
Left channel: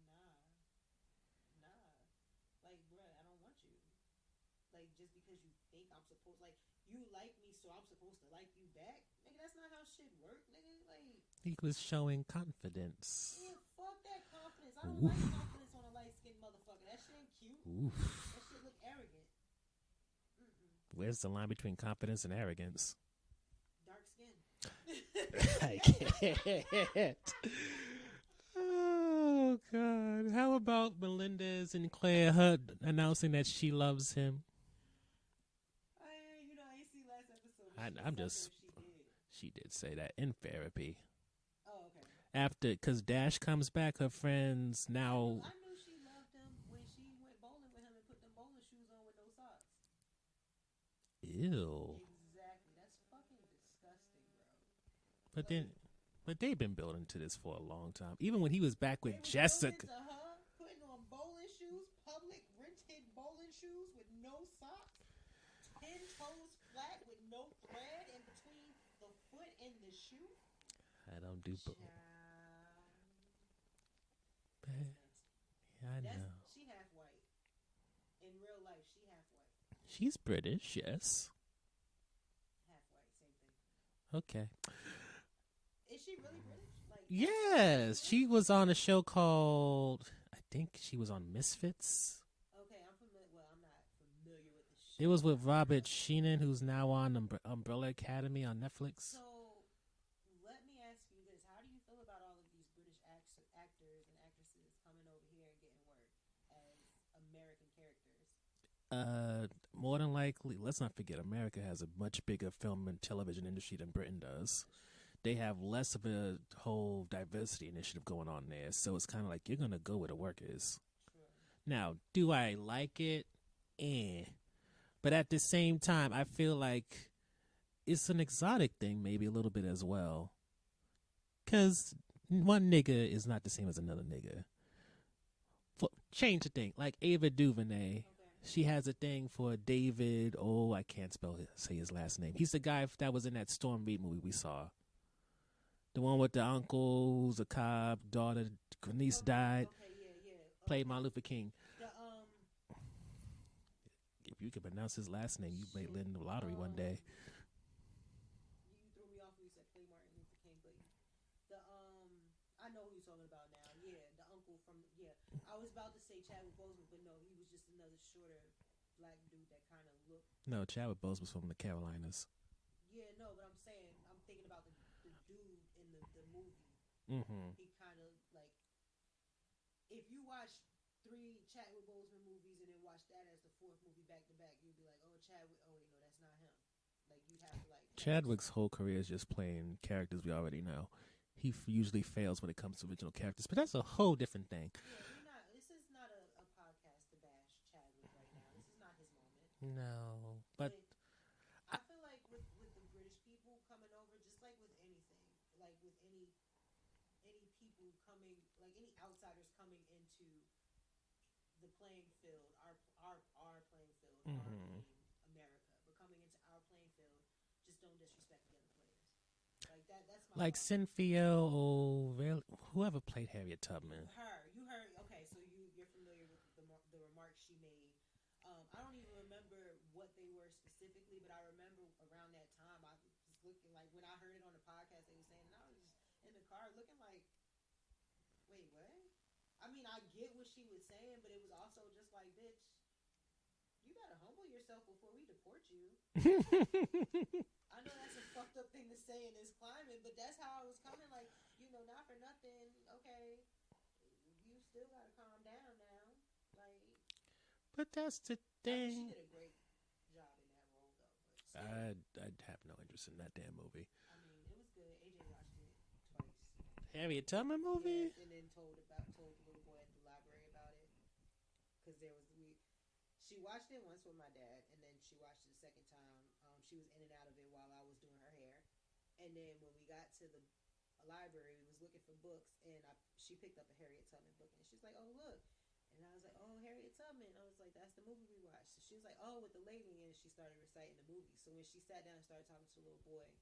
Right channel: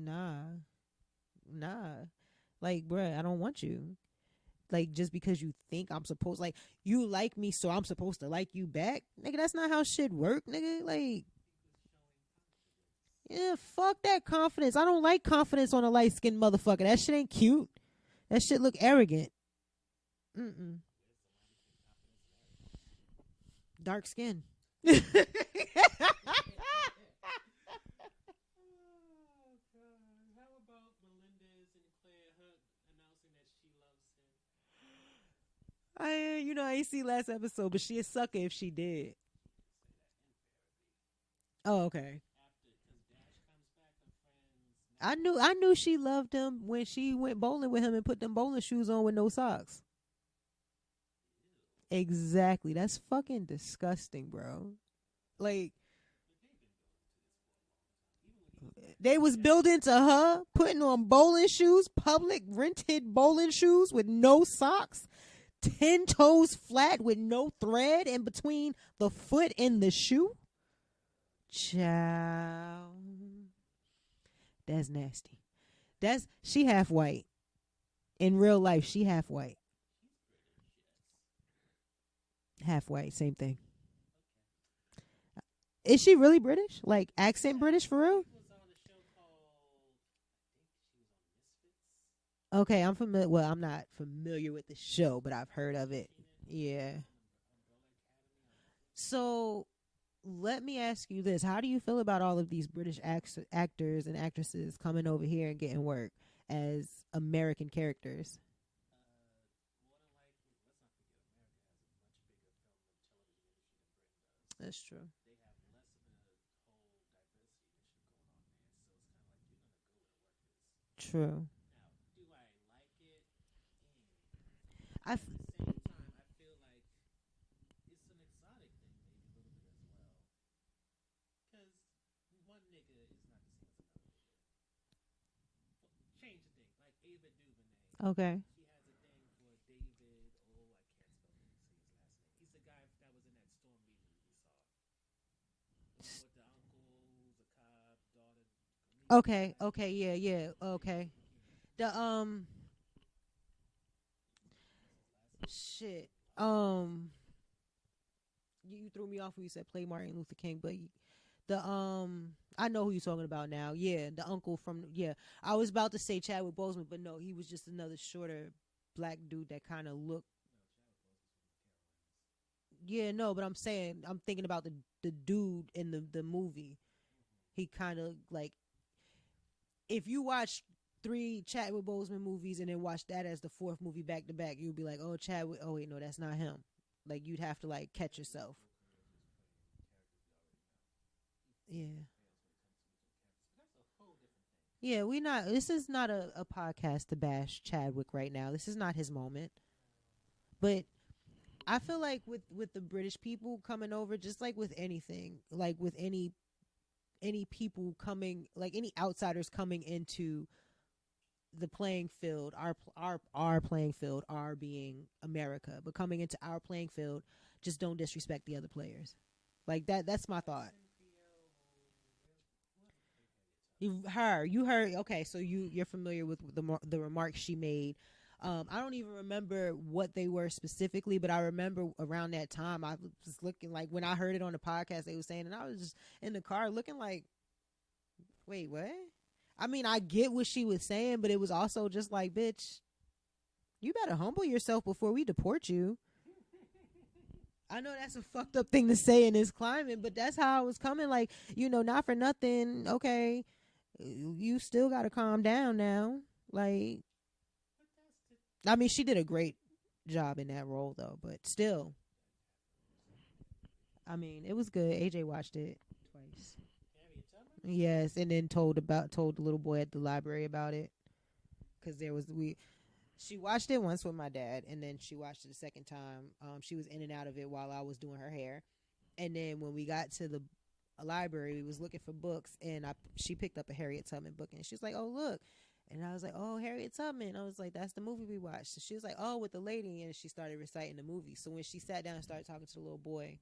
nah, like, bruh, I don't want you. like just because you think I'm supposed, like you like me, so I'm supposed to like you back, nigga. That's not how shit work, nigga. Like He was showing confidence. yeah, fuck that confidence. I don't like confidence on a light skinned motherfucker. That shit ain't cute. Oof. That shit look arrogant. Where's the line between confidence and arrogance? Dark skin. Oh God! How about Melendez and Claire Hutt announcing that she loves him? I ain't see last episode, but she a I'm sucker just- if she did. She did say that in therapy. Oh, okay. After, because Dash comes back, her friends now. I knew she loved him when she went bowling with him and put them bowling shoes on with no socks. Ew. Exactly. That's fucking disgusting, bro. But like but they've been building to this for a long time. Even when he was back, they with was Jessica. building to her putting on bowling shoes, public rented bowling shoes with no socks, 10 toes flat with no thread in between the foot and the shoe. I don't do. Child, that's nasty. I know. She half white. In real life, she half white. She's British, yes. Half white, same thing. Okay. Is she really British? Like accent British for real? She was on a show called, I think she was on Misfits. Okay, I'm familiar. Well, I'm not familiar with the show. She was with but I've heard Robert of it. Sheenan, who's Yeah. now on Umbrella Academy on Netflix. So, let me ask you this: how do you feel about all of these British actors and actresses coming over here and getting work as American characters? More than likely, let's not forget, America has a much bigger film and television industry than Britain does. That's true. They have less of a whole diversity initiative going on there, so it's kind of like you're gonna go where the work is. True. Now, do I like it? But at the same time, I feel like it's an exotic thing, maybe a little bit as well. Because one nigga is not the same as another nigga. Change the thing. Like Ava DuVernay. Okay. She has a thing for David. Oh, I can't say his last name. He's the guy that was in that Storm Reed movie we saw. The one with the uncle who's a cop, daughter, niece died. Okay. Yeah. Played Okay. Martin Luther King. The If you could pronounce his last name, you may shit. win the lottery one day. You threw me off when you said play Martin Luther King, but I know who you're talking about now. Yeah, the uncle from I was about to say Chadwick Boseman, but no, he was just another shorter black dude that kind of looked. No, Chadwick Boseman was from the Carolinas. Yeah, no, but I'm thinking about the dude in the movie. Mm-hmm. He kind of like, if you watch 3 Chadwick Boseman movies and then watch that as the 4th movie back to back, you'd be like, oh, Chadwick. Oh wait, no, that's not him. Like you'd have to like catch Chadwick's yourself. whole career is just playing characters we already know. He usually fails when it comes to original characters, but that's a whole different thing. Yeah, this is not a podcast to bash Chadwick right now. This is not his moment. No, But I feel like with the British people coming over, just like with anything, like with any people coming, like any outsiders coming into the playing field, our playing field, our being America, but coming into our playing field, just don't disrespect the other players. Like that's my like thought. Cynthia or whoever played Harriet Tubman. You heard. Okay, so you're familiar with the remarks she made. I don't even remember what they were specifically, but I remember around that time I was looking like when I heard it on the podcast they were saying, and I was just in the car looking like, wait, what? I mean, I get what she was saying, but it was also just like, bitch, you better humble yourself before we deport you. I know that's a fucked up thing to say in this climate, but that's how I was coming. Like, not for nothing. Okay, you still got to calm down now. Like, but that's the thing. I mean, she did a great job in that role, though. But still, I'd have no interest in that damn movie. I mean, it was good. AJ watched it twice. Harriet Tubman movie? Yes, and then told the little boy at the library about it, because she watched it once with my dad, and then she watched it a second time. She was in and out of it while I was doing her hair, and then when we got to the library, we was looking for books, and she picked up a Harriet Tubman book, and she was like, "Oh, look." And I was like, "Oh, Harriet Tubman." I was like, "That's the movie we watched." So she was like, "Oh, with the lady," and she started reciting the movie. So when she sat down and started talking to the little boy,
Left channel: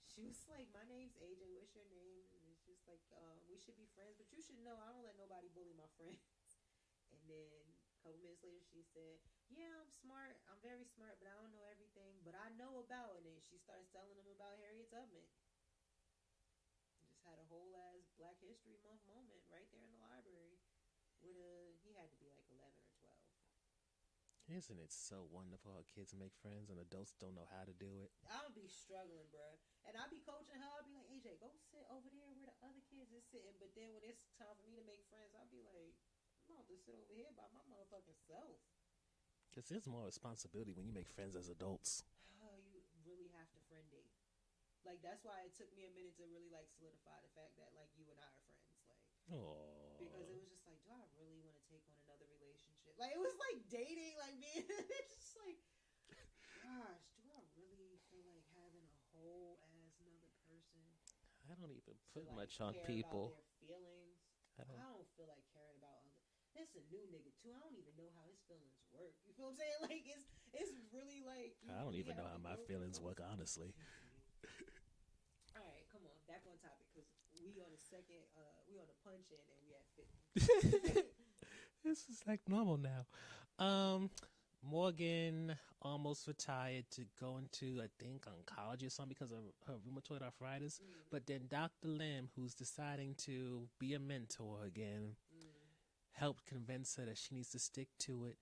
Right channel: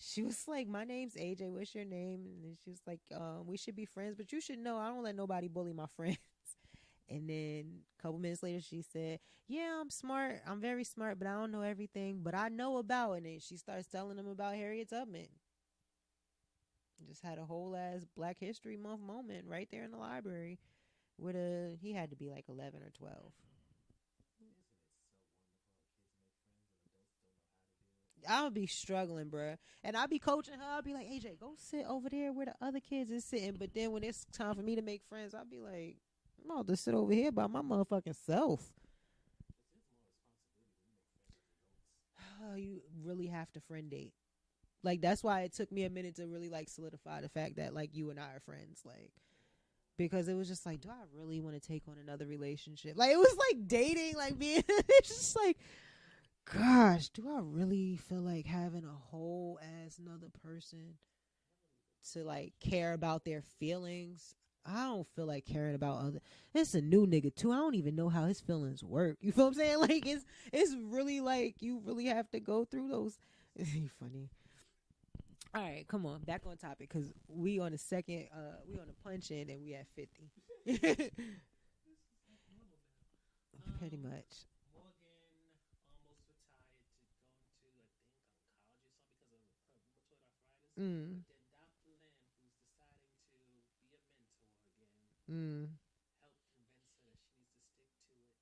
she was like, "My name's AJ. What's your name?" And she was like, "We should be friends, but you should know I don't let nobody bully my friends." And then a couple minutes later, she said, "Yeah, I'm smart. I'm very smart, but I don't know everything. But I know about." And then she starts telling him about Harriet Tubman. Just had a whole ass Black History Month moment right there in the library. He had to be like 11 or 12. Isn't it so wonderful how kids make friends and adults don't know how to do it? I would be struggling, bruh. And I'd be coaching her. I'd be like, AJ, go sit over there where the other kids is sitting. But then when it's time for me to make friends, I'd be like, I'm about to sit over here by my motherfucking self. Because there's more responsibility when you make friends as adults. You really have to friend date. Like, that's why it took me a minute to really, like, solidify the fact that, like, you and I are friends. Like, because it was just like, do I really want to take on another relationship? Like, it was like dating, like being, it's just like, gosh, do I really feel like having a whole ass another person I don't even to like much on care people. about their feelings? I don't feel like caring about other. It's a new nigga too. I don't even know how his feelings work. You feel what I'm saying? Like it's really like you really have to go through those. Work, honestly. Funny. All right, come on, back on topic because we on the second, we on the punch in and we at 50. This is like normal now. Pretty much. Morgan almost retired to go into, I think, oncology or something because of her rheumatoid arthritis. But then Dr. Lim, who's deciding to be a mentor again, helped convince her that she needs to stick to it.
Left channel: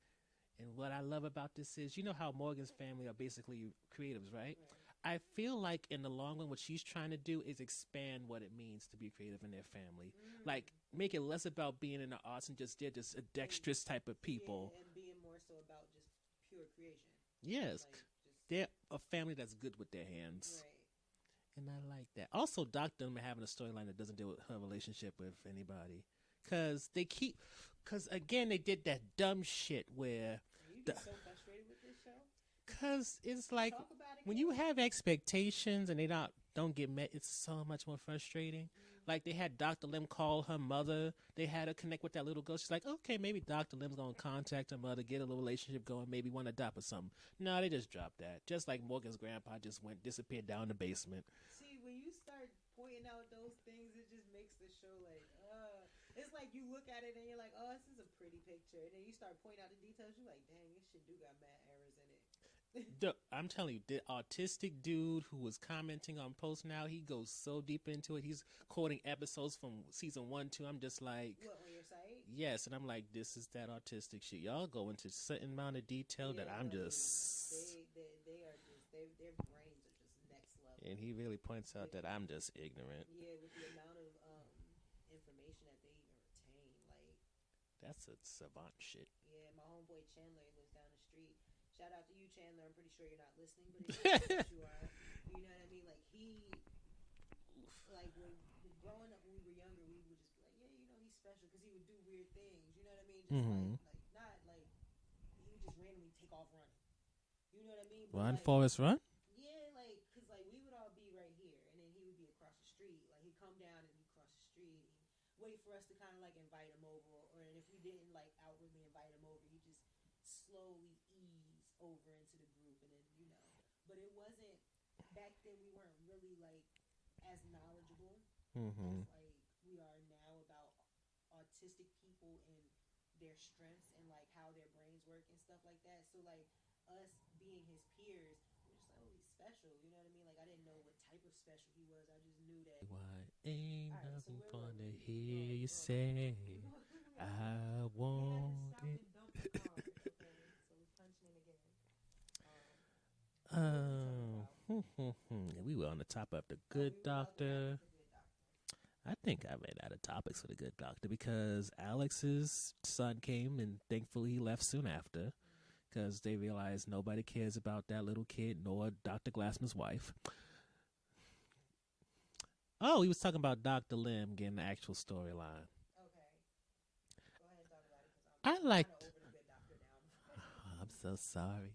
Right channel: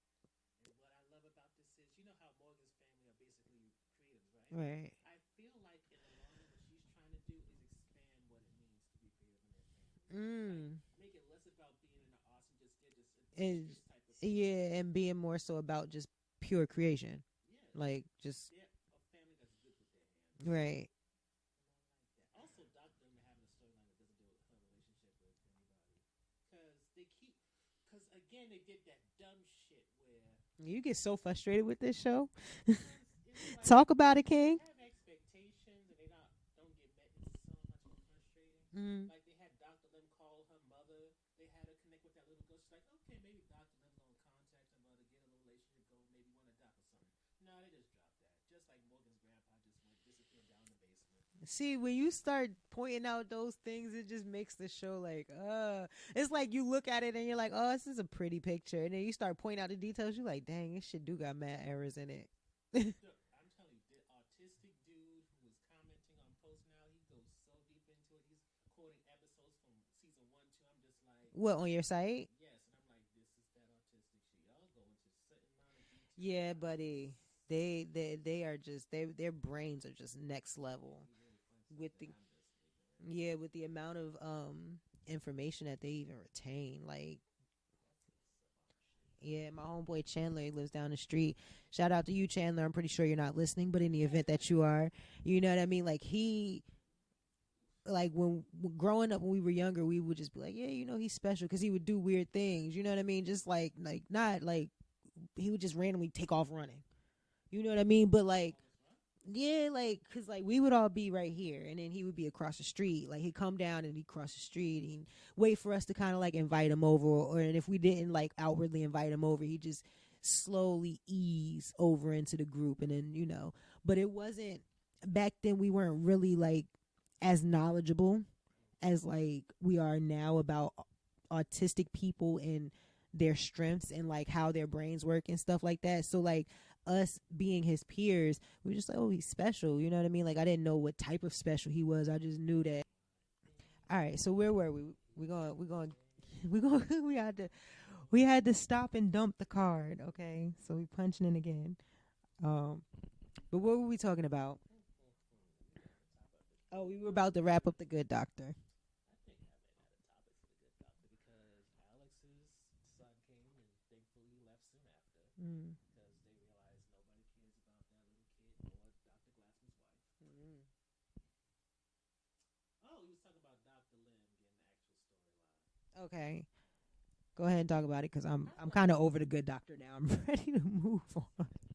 And what I love about this is, you know how Morgan's family are basically creatives, right? Right. I feel like in the long run, what she's trying to do is expand what it means to be creative in their family. Like, make it less about being in the arts and just they're just a dexterous type of people. Yeah, and being more so about just pure creation. Yes. Like, just. They're a family that's good with their hands. Right. And I like that. Also, Dr. Lim having a storyline that doesn't deal with her relationship with anybody. Because, again, they did that dumb shit where... You get so frustrated with this show. Because it's like... Talk about it, when King. you have expectations and they don't get met, it's so much more frustrating. Like, they had Dr. Lim call her mother. They had her connect with that little girl. She's like, okay, maybe Dr. Lim's going to contact her mother, get a little relationship going, maybe want to adopt or something. No, they just dropped that. Just like Morgan's grandpa just disappeared down the basement. See, when you start pointing out those things, it just makes the show like, it's like you look at it and you're like, oh, this is a pretty picture. And then you start pointing out the details. You're like, dang, this shit do got mad errors in it. I'm telling you, the autistic dude who was commenting on posts now, he goes so deep into it. He's quoting episodes from season 1, 2. I'm just like, what, on your site? Yes, and I'm like, this is that autistic shit. Y'all go into certain amount of detail. Yeah, that I'm buddy. just... They are just their brains are just next level. And he really points out that I'm just ignorant. Yeah, with the amount of information that they even retain, like. That's a savant shit. Yeah, my homeboy Chandler, he lives down the street. Shout out to you, Chandler. I'm pretty sure you're not listening, but in the event that you are, you know what I mean? Like, when growing up, when we were younger, we would just be like, yeah, you know, he's special because he would do weird things. You know what I mean? Just not like he would just randomly take off running. You know what I mean? But like, Forrest Run? Yeah, like, cause like we would all be right here, and then he would be across the street. Like, he'd come down and he'd cross the street and wait for us to kind of like invite him over, and if we didn't like outwardly invite him over, he'd just slowly ease over into the group, and then But it wasn't back then. We weren't really like as knowledgeable as like we are now about autistic people and their strengths and like how their brains work and stuff like that. So like, us being his peers, we were just like, oh, he's special. You know what I mean? Like, I didn't know what type of special he was. I just knew that. All right, so where were we? We had to stop and dump the card. Okay, so we punching in again. But what were we talking about? We were on the top of the good. We were about to wrap up the Good Doctor. I think I ran out of topics for the Good Doctor because Alex's son came and thankfully he left soon after because they realized nobody cares about that little kid nor Dr. Glassman's wife. Oh, he was talking about Dr. Lim getting the actual storyline. Okay. Go ahead and talk about it because I'm kind of over the Good Doctor now. I'm ready to move I'm so sorry.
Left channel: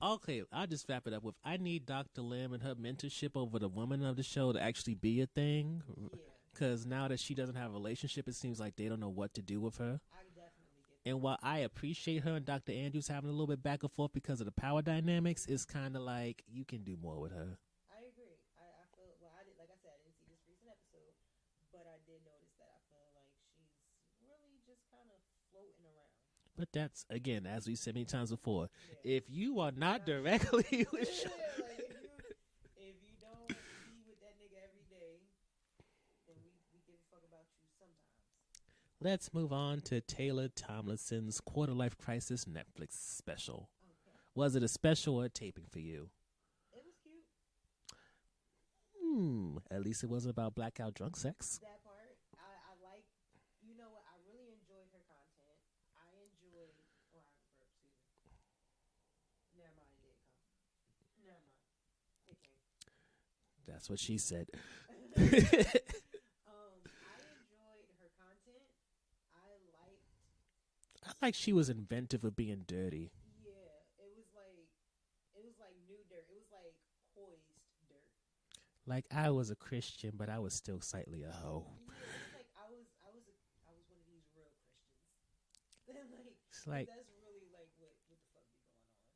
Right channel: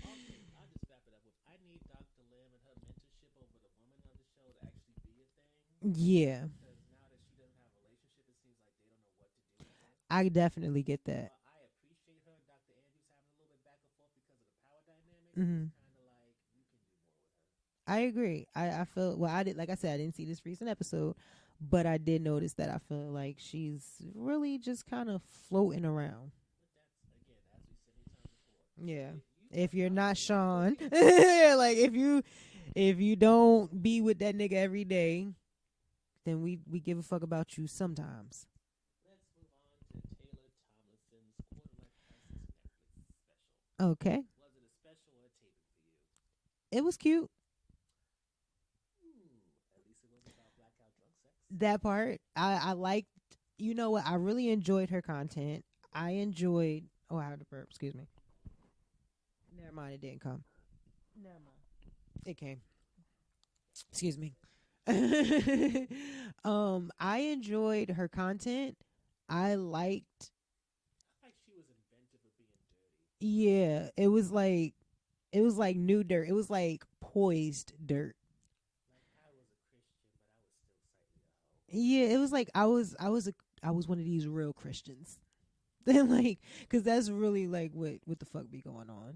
Okay, I'll just wrap it up with I need Dr. Lim and her mentorship over the woman of the show to actually be a thing. Yeah. Because now that she doesn't have a relationship, it seems like they don't know what to do with her. I definitely get that. And while I appreciate her and Dr. Andrews having a little bit back and forth because of the power dynamics, it's kind of like you can do more with her. I agree. I feel, well, I did, like I said, I didn't see this recent episode, But I did notice that I feel like she's really just kind of floating around. But that's, again, as we said many times before, Yeah. if you If are you're not directly Sean, yeah, like if you don't be with that nigga every day, then we give a fuck about you sometimes. Let's move on to Taylor Tomlinson's Quarter Life Crisis Netflix special. Okay. Was it a special or a taping for you? It was cute. At least it wasn't about blackout drunk sex. That part. I liked, you know what? I really enjoyed her content. I enjoyed, I had a burp, excuse me. Never mind, it didn't come. Never mind. It came. That's what Excuse she me. said. I enjoyed her content. I like she was inventive of being dirty. Yeah, it was like new dirt. It was like poised dirt. Like, I was a Christian, but I was still slightly a hoe. Yeah, it was like I was one of these real Christians. Then because that's really like what the fuck be going on.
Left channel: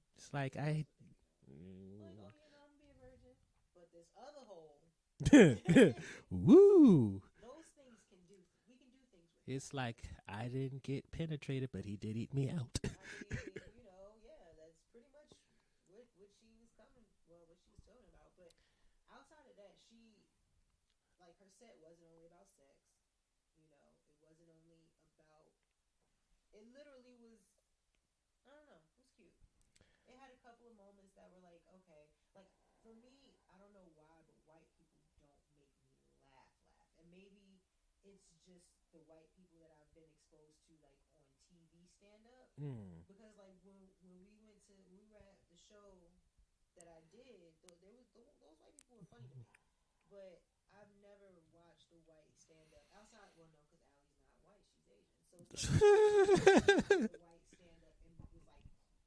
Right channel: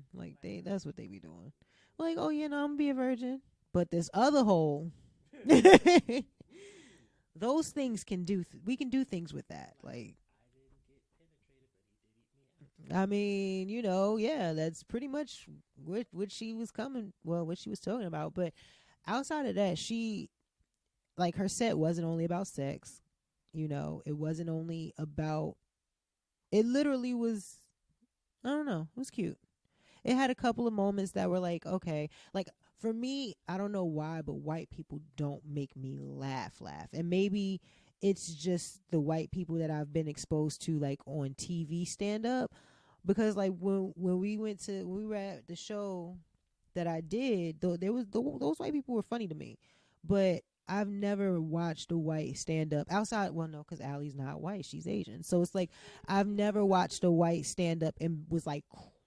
That's what they be doing. Like, oh yeah, no, I'm gonna be a virgin, but this other hole. Woo! Those things we can do things with that. It's like I didn't get penetrated, but he did eat me out. I mean, yeah, that's pretty much what she was what she was talking about. But outside of that, she, like, her set wasn't only about sex. It wasn't only about. It literally was. I don't know. It was cute. It had a couple of moments that were like, okay, like. For me, I don't know why, but white people don't make me laugh. And maybe it's just the white people that I've been exposed to, like, on TV stand up. Because like when we were at the show that I did, those white people were funny to me. But I've never watched a white stand up outside. Well, no, because Allie's not white; she's Asian. So it's like I've never watched a white stand up and was like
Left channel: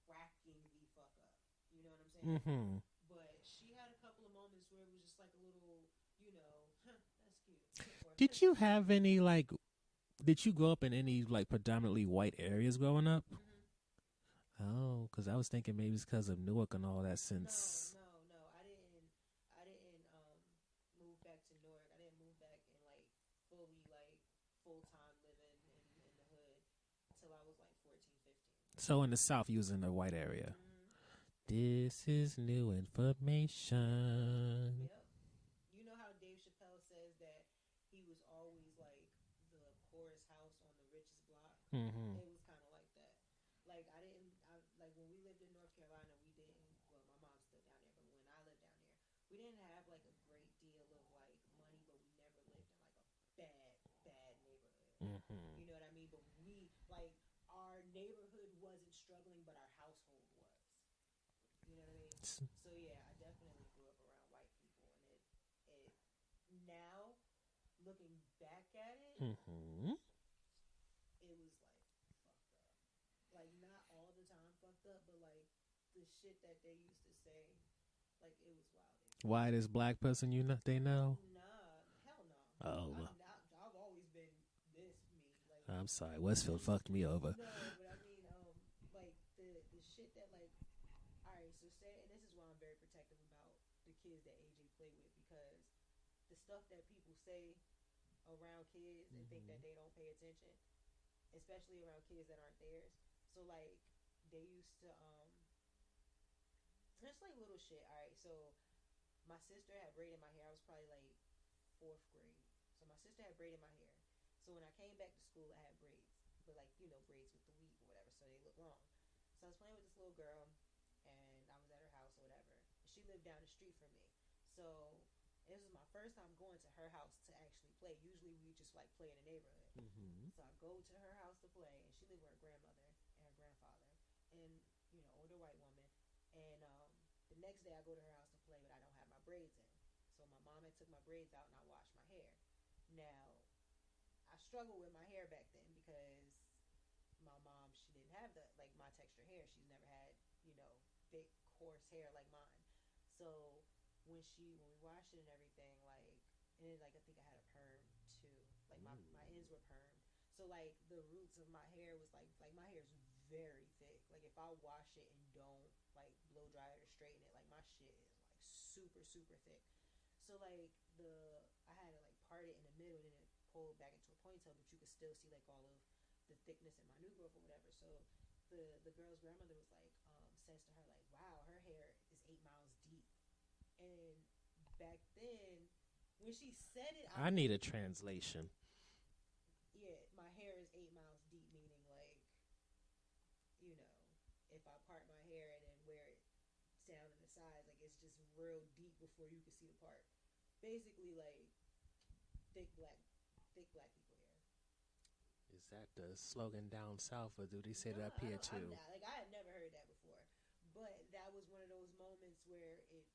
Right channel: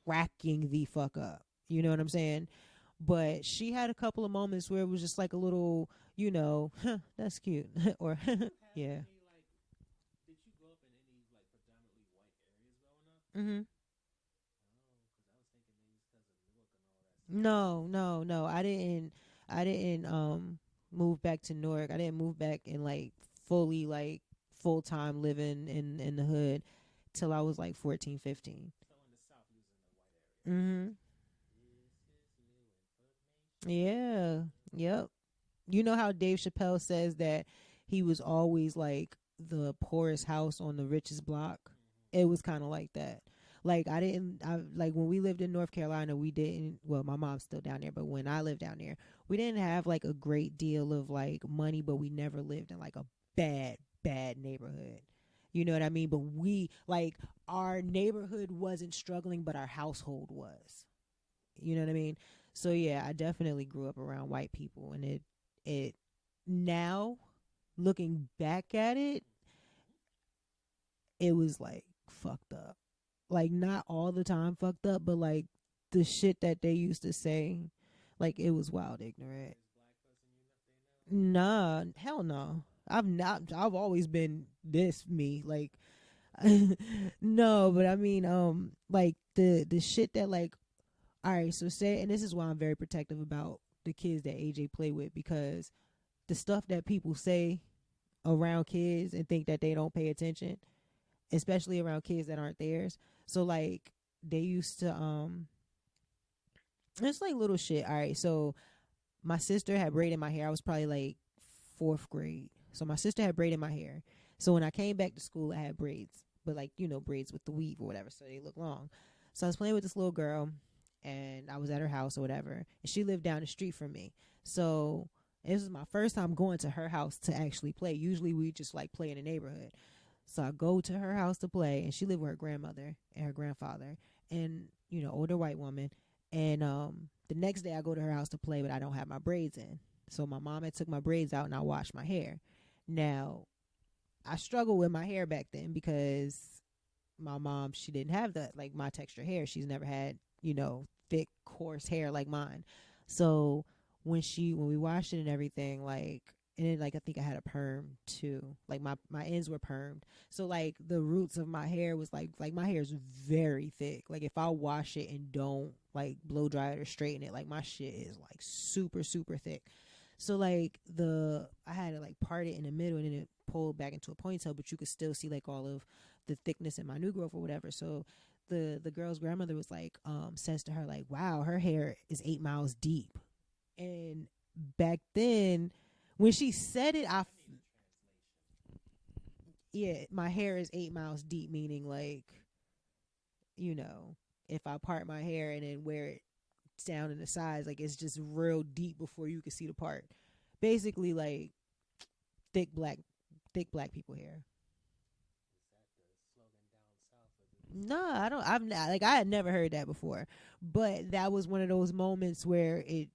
cracking the fuck up. You know what I'm saying? Mm-hmm. But she had a couple of moments where it was just like a little, that's cute. Or did you have any did you grow up in any like predominantly white areas growing up? Mm-hmm. Oh, because I was thinking maybe it's because of Newark and all that. No. I didn't move back to Newark. I didn't move back and like fully like full time living in the hood till I was like 14, 15. So in the South, you was in a white area. Mm-hmm. This is new information. Yeah. Yep. You know how Dave Chappelle says that he was always like the poorest house on the richest block? Mm-hmm. It was kind of like that. Like when we lived in North Carolina, we didn't, well, my mom's still down there, but when I lived down there, we didn't have like a great deal of like money, but we never lived in like a bad neighborhood. Mm-hmm. You know what I mean? But we, like, our neighborhood wasn't struggling, but our household was. You know what I mean? So yeah, I definitely grew up around white people, and it now looking back at it, mm-hmm. it was like fucked up. Like, not all the time fucked up, but like the shit that they used to say, like, it was wild ignorant. Why this black person they know? Nah, hell no. Oh. I've always been this me. Like, I'm sorry, Westfield fucked me over. No, but I mean, like the shit that, like, all right, so say, and this is why I'm very protective about the kids that AJ play with, because the stuff that people say around kids and think that they don't pay attention, especially around kids that aren't theirs. So like they used to it's like little shit. All right, so my sister had braid in my hair. I was probably like 4th grade. So my sister had braid in my hair. So when I came back to school, I had braids, but like, braids with the weave or whatever, so they look long. So I was playing with this little girl, and I was at her house or whatever, and she lived down the street from me. So this was my first time going to her house to actually play. Usually we just like play in the neighborhood. Mm-hmm. So I go to her house to play, and she lived with her grandmother and her grandfather, and older white woman. And the next day I go to her house to play, but I don't have my braids in. So my mom had took my braids out, and I washed my hair. Now I struggled with my hair back then because my mom, she didn't have that, like, my texture hair. She's never had thick, coarse hair like mine. So when we washed it and everything, like, and then, like, I think I had a perm too. Like my ends were permed. So like the roots of my hair was like my hair is very thick. Like if I wash it and don't like blow dry it or straighten it, like my shit is like super, super thick. So like I had to like part it in the middle and then it pulled back into a ponytail, but you could still see like all of the thickness in my new growth or whatever. So the girl's grandmother was like, says to her like, wow, her hair is 8 miles deep. And back then, when she said it, I need a translation. Yeah, my hair is 8 miles deep, meaning like, you know, if I part my hair and then wear it down in the sides, like it's just real deep before you can see the part. Basically, like thick black people hair. Is that the slogan down south, or do they say No, that I here don't. too? I've not, like I had never heard that before, but that was one of those moments where it,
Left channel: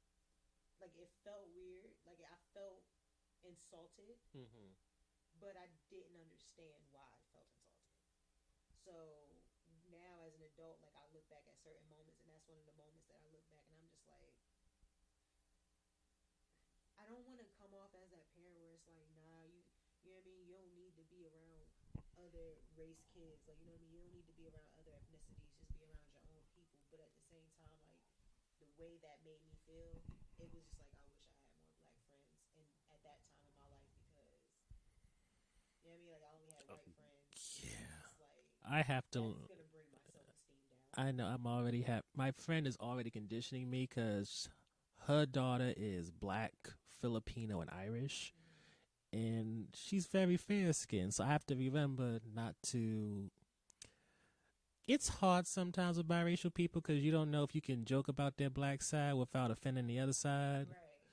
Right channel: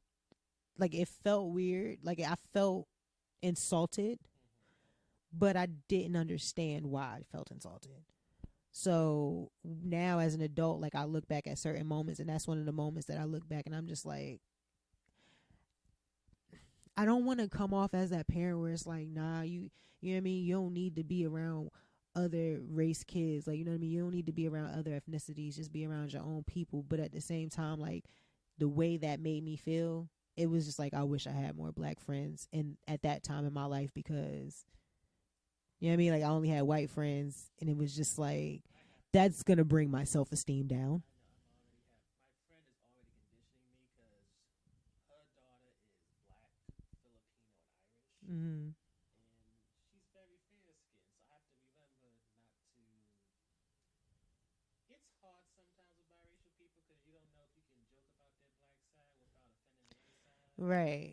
like, it felt weird. Like I felt insulted, but I didn't understand why I felt insulted. So now as an adult, like I look back at certain moments, and that's one of the moments that I look back and I'm just like, I don't want to come off as that parent where it's like, nah, you know what I mean? You don't need to be around other race kids. Like, you know what I mean? You don't need to be around other ethnicities. Just be around your own people. But at the same time, like the way that made me feel, it was just like, I wish I had more black friends and at that time in my life, because you know what I mean? Like I only had white friends, and it was just like, I have to, that's gonna bring my self-esteem down. I know my friend is already conditioning me because her daughter is black, Filipino, and Irish, and she's very fair skinned. So I have to remember not to. It's hard sometimes with biracial people because you don't know if you can joke about their black side without offending the other side. Right.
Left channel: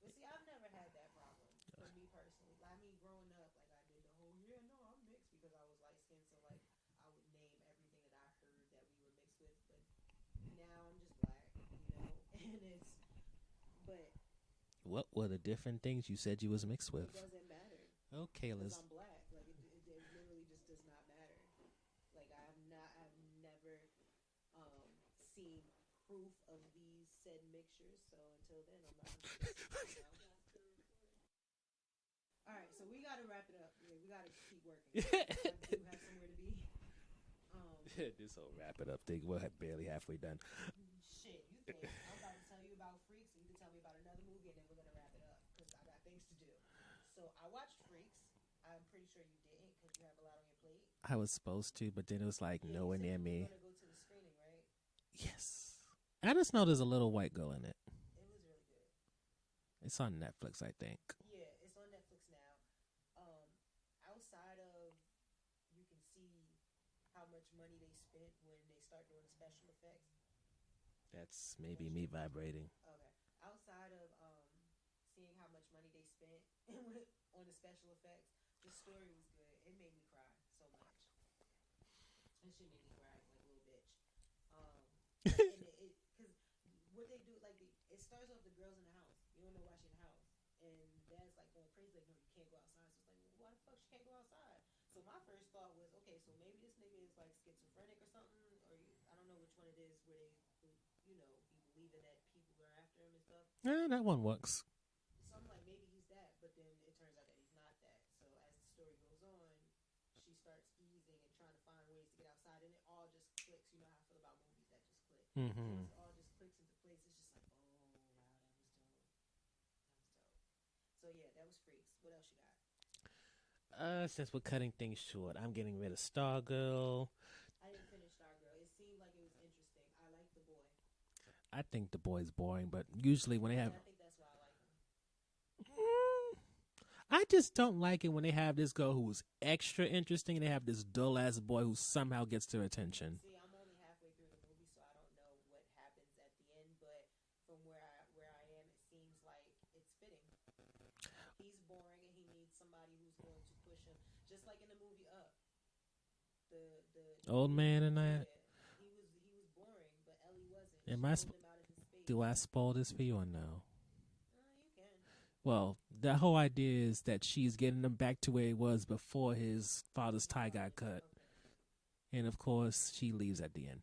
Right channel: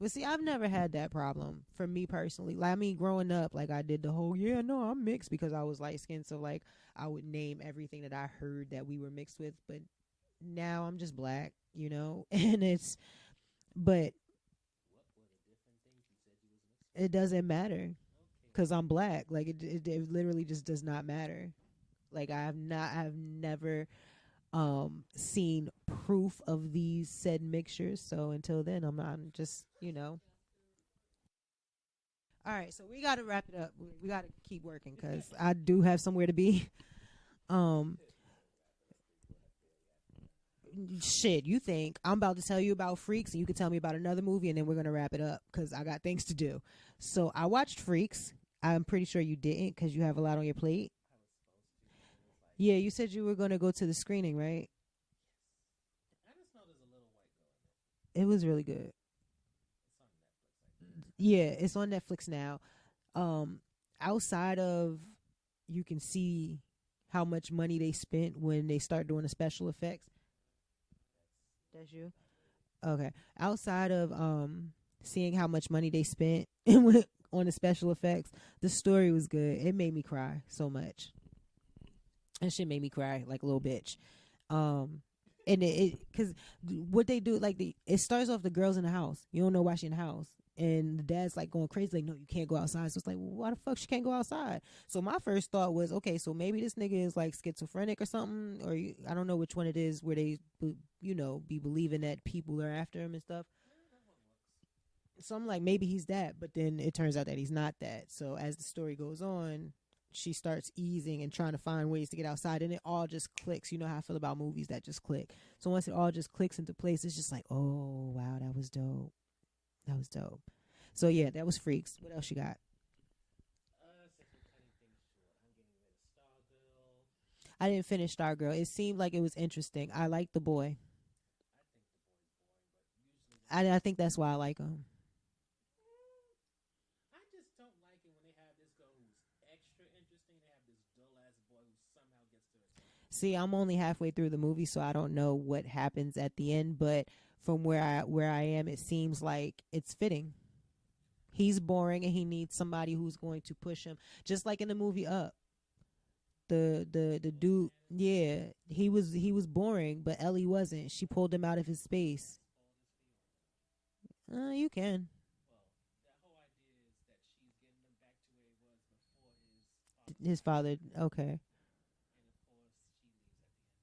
But see, I've never had that problem for me personally. Like, I mean, growing up, like I did the whole, yeah, no, I'm mixed because I was light skinned. So like I would name everything that I heard that we were mixed with. But now I'm just black, you know, and but What were the different things you said you was mixed with? it doesn't matter Okay, because I'm black. Like it literally just does not matter. Like I've never seen proof of these said mixtures. So until then, I'm just, you know. All right, so we got to wrap it up. We got to keep working because I do have somewhere to be. This whole wrap it up thing, we're barely halfway done. Shit, you think I'm about to tell you about Freaks and you can tell me about another movie and then we're gonna wrap it up because I got things to do. So I watched Freaks. I'm pretty sure you didn't because you have a lot on your plate. I was supposed to, but then it was like, yeah, you said you were going to go to the screening, right? Yes. I just know there's a little white girl in it. It was really good. It's on Netflix, I think. Yeah, it's on Netflix now. Outside of, you can see how much money they spent when they start doing the special effects. That's maybe me vibrating. Okay. Outside of seeing how much money they spent on the special effects, the story was good. It made me cry so much. And shit made me cry like a little bitch. And it because what they do, like it starts off the girl's in the house. You don't know why she in the house. And the dad's like going crazy, like, no, you can't go outside. So it's like, well, why the fuck she can't go outside? So my first thought was, okay, so maybe this nigga is like schizophrenic or something, or I don't know which one it is where they, you know, be believing that people are after him and stuff. Yeah, that one works. So I'm like, maybe he's that, but then it turns out that he's not that. So as the story goes on, she starts easing and trying to find ways to get outside, and it all just clicks. You know how I feel about movies that just click. So once it all just clicks into place, it's just like, oh wow, that was dope. That was dope. So yeah, that was Freaks. What else you got? Since we're cutting things short, I'm getting rid of Stargirl. I didn't finish Stargirl. It seemed like it was interesting. I like the boy. I think the boy's boring, but usually when I think that's why I like him. I just don't like it when they have this girl who's extra interesting and they have this dull ass boy who somehow gets their attention. See, I'm only halfway through the movie, so I don't know what happens at the end, but from where I am, it seems like it's fitting. He's boring and he needs somebody who's going to push him, just like in the movie Up. The old dude, man and he was boring, but Ellie wasn't. She pulled him out of his space. Do I spoil this for you or no? You can. Well, the whole idea is that she's getting him back to where he was before his father's tie got cut. Okay. And of course, she leaves at the end.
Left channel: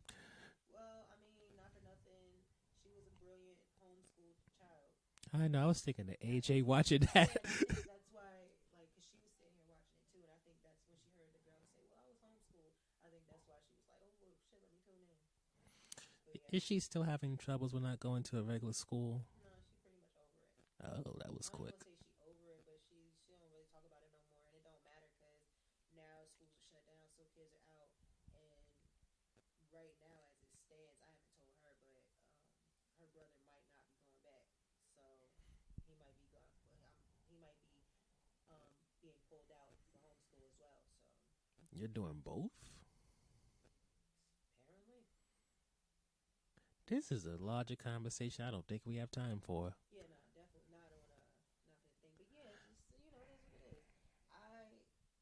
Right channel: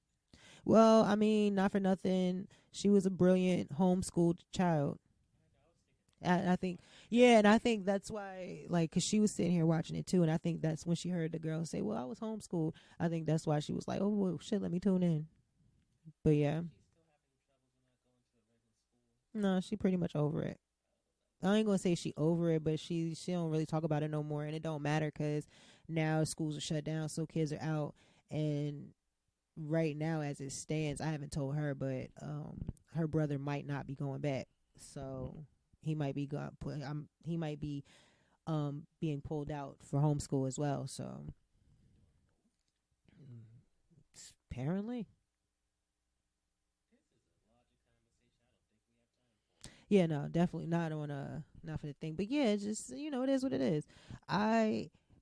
Well, I mean, not for nothing. She was a brilliant homeschooled child. I know. I was thinking that AJ watching that. Yeah, and I think that's why, like, because she was sitting here watching it too, and I think that's when she heard the girl say, well, I was homeschooled. I think that's why she was like, oh, well, shit, let me tune in. But yeah, Is she still having troubles with not going to a regular school? no, she pretty much over it. Oh, that was. I ain't quick. gonna say she over it, but she don't really talk about it no more, and it don't matter because now schools are shut down, so kids are out. And right now, as it stands, I haven't told her, but her brother might not be going back, so he might be he might be being pulled out for homeschool as well. So You're doing both? apparently, This is a larger conversation I don't think we have time for. yeah, no, definitely not on not for the thing. But yeah, it's just it is what it is.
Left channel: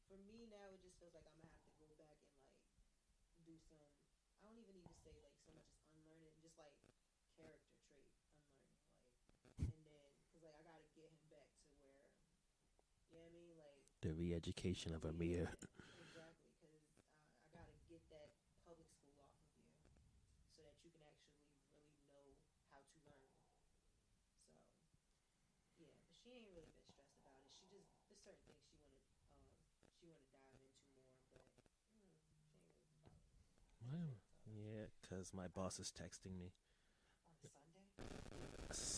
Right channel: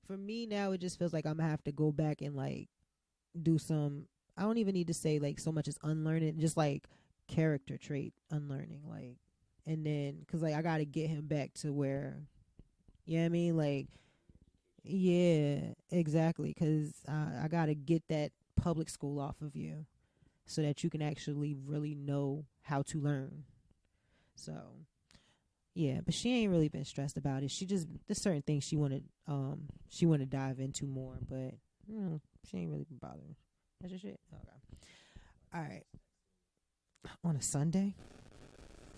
For me now, it just feels like I'm gonna have to go back and like do some. I don't even need to say like so much as unlearning, just like character trait unlearning, like, and then because like I got to get him back to where, you know what I mean, like The re-education of yeah, Amir. exactly, because I got to get that public school off of you so that you can actually really know how to learn. So yeah, but she ain't really been stressed about it. She just there's certain things she wanted to dive into more, but she ain't really been bothering. That's just it. Okay. Yeah, because my All boss right. is texting me. On a Sunday?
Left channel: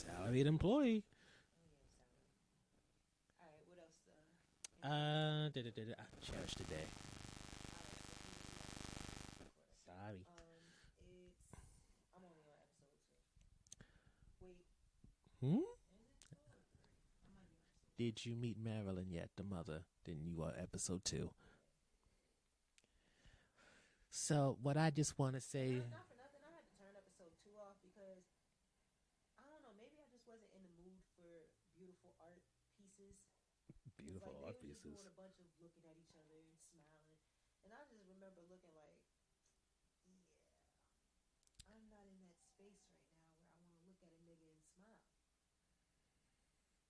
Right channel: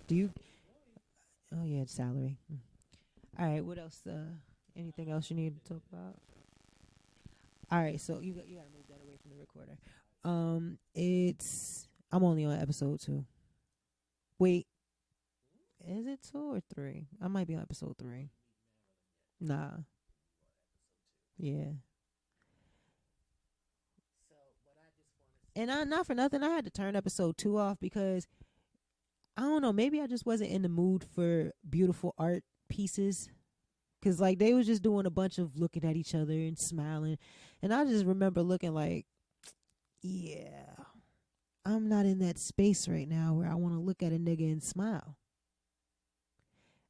Do you- Salaried employee. Oh yeah, it's salary. All right, what else? Anything else you need to talk about? Cherish today. All right, so you got to move that away from the recorder. Sorry. I'm only on episode 2. Wait, Hmm? is it 2 or 3? I might be on episode 3. Did you meet Marilyn yet? The Nah. mother? Then you are episode 2. Yeah. So what I just want to say, And not for nothing, I had to turn episode 2 off because I don't know, maybe I just wasn't in the mood for beautiful art pieces. Cause like they was just doing a bunch of looking at each other and smiling, and I just remember looking like, yeah, I'm not in that space right now where I want to look at a nigga and smile.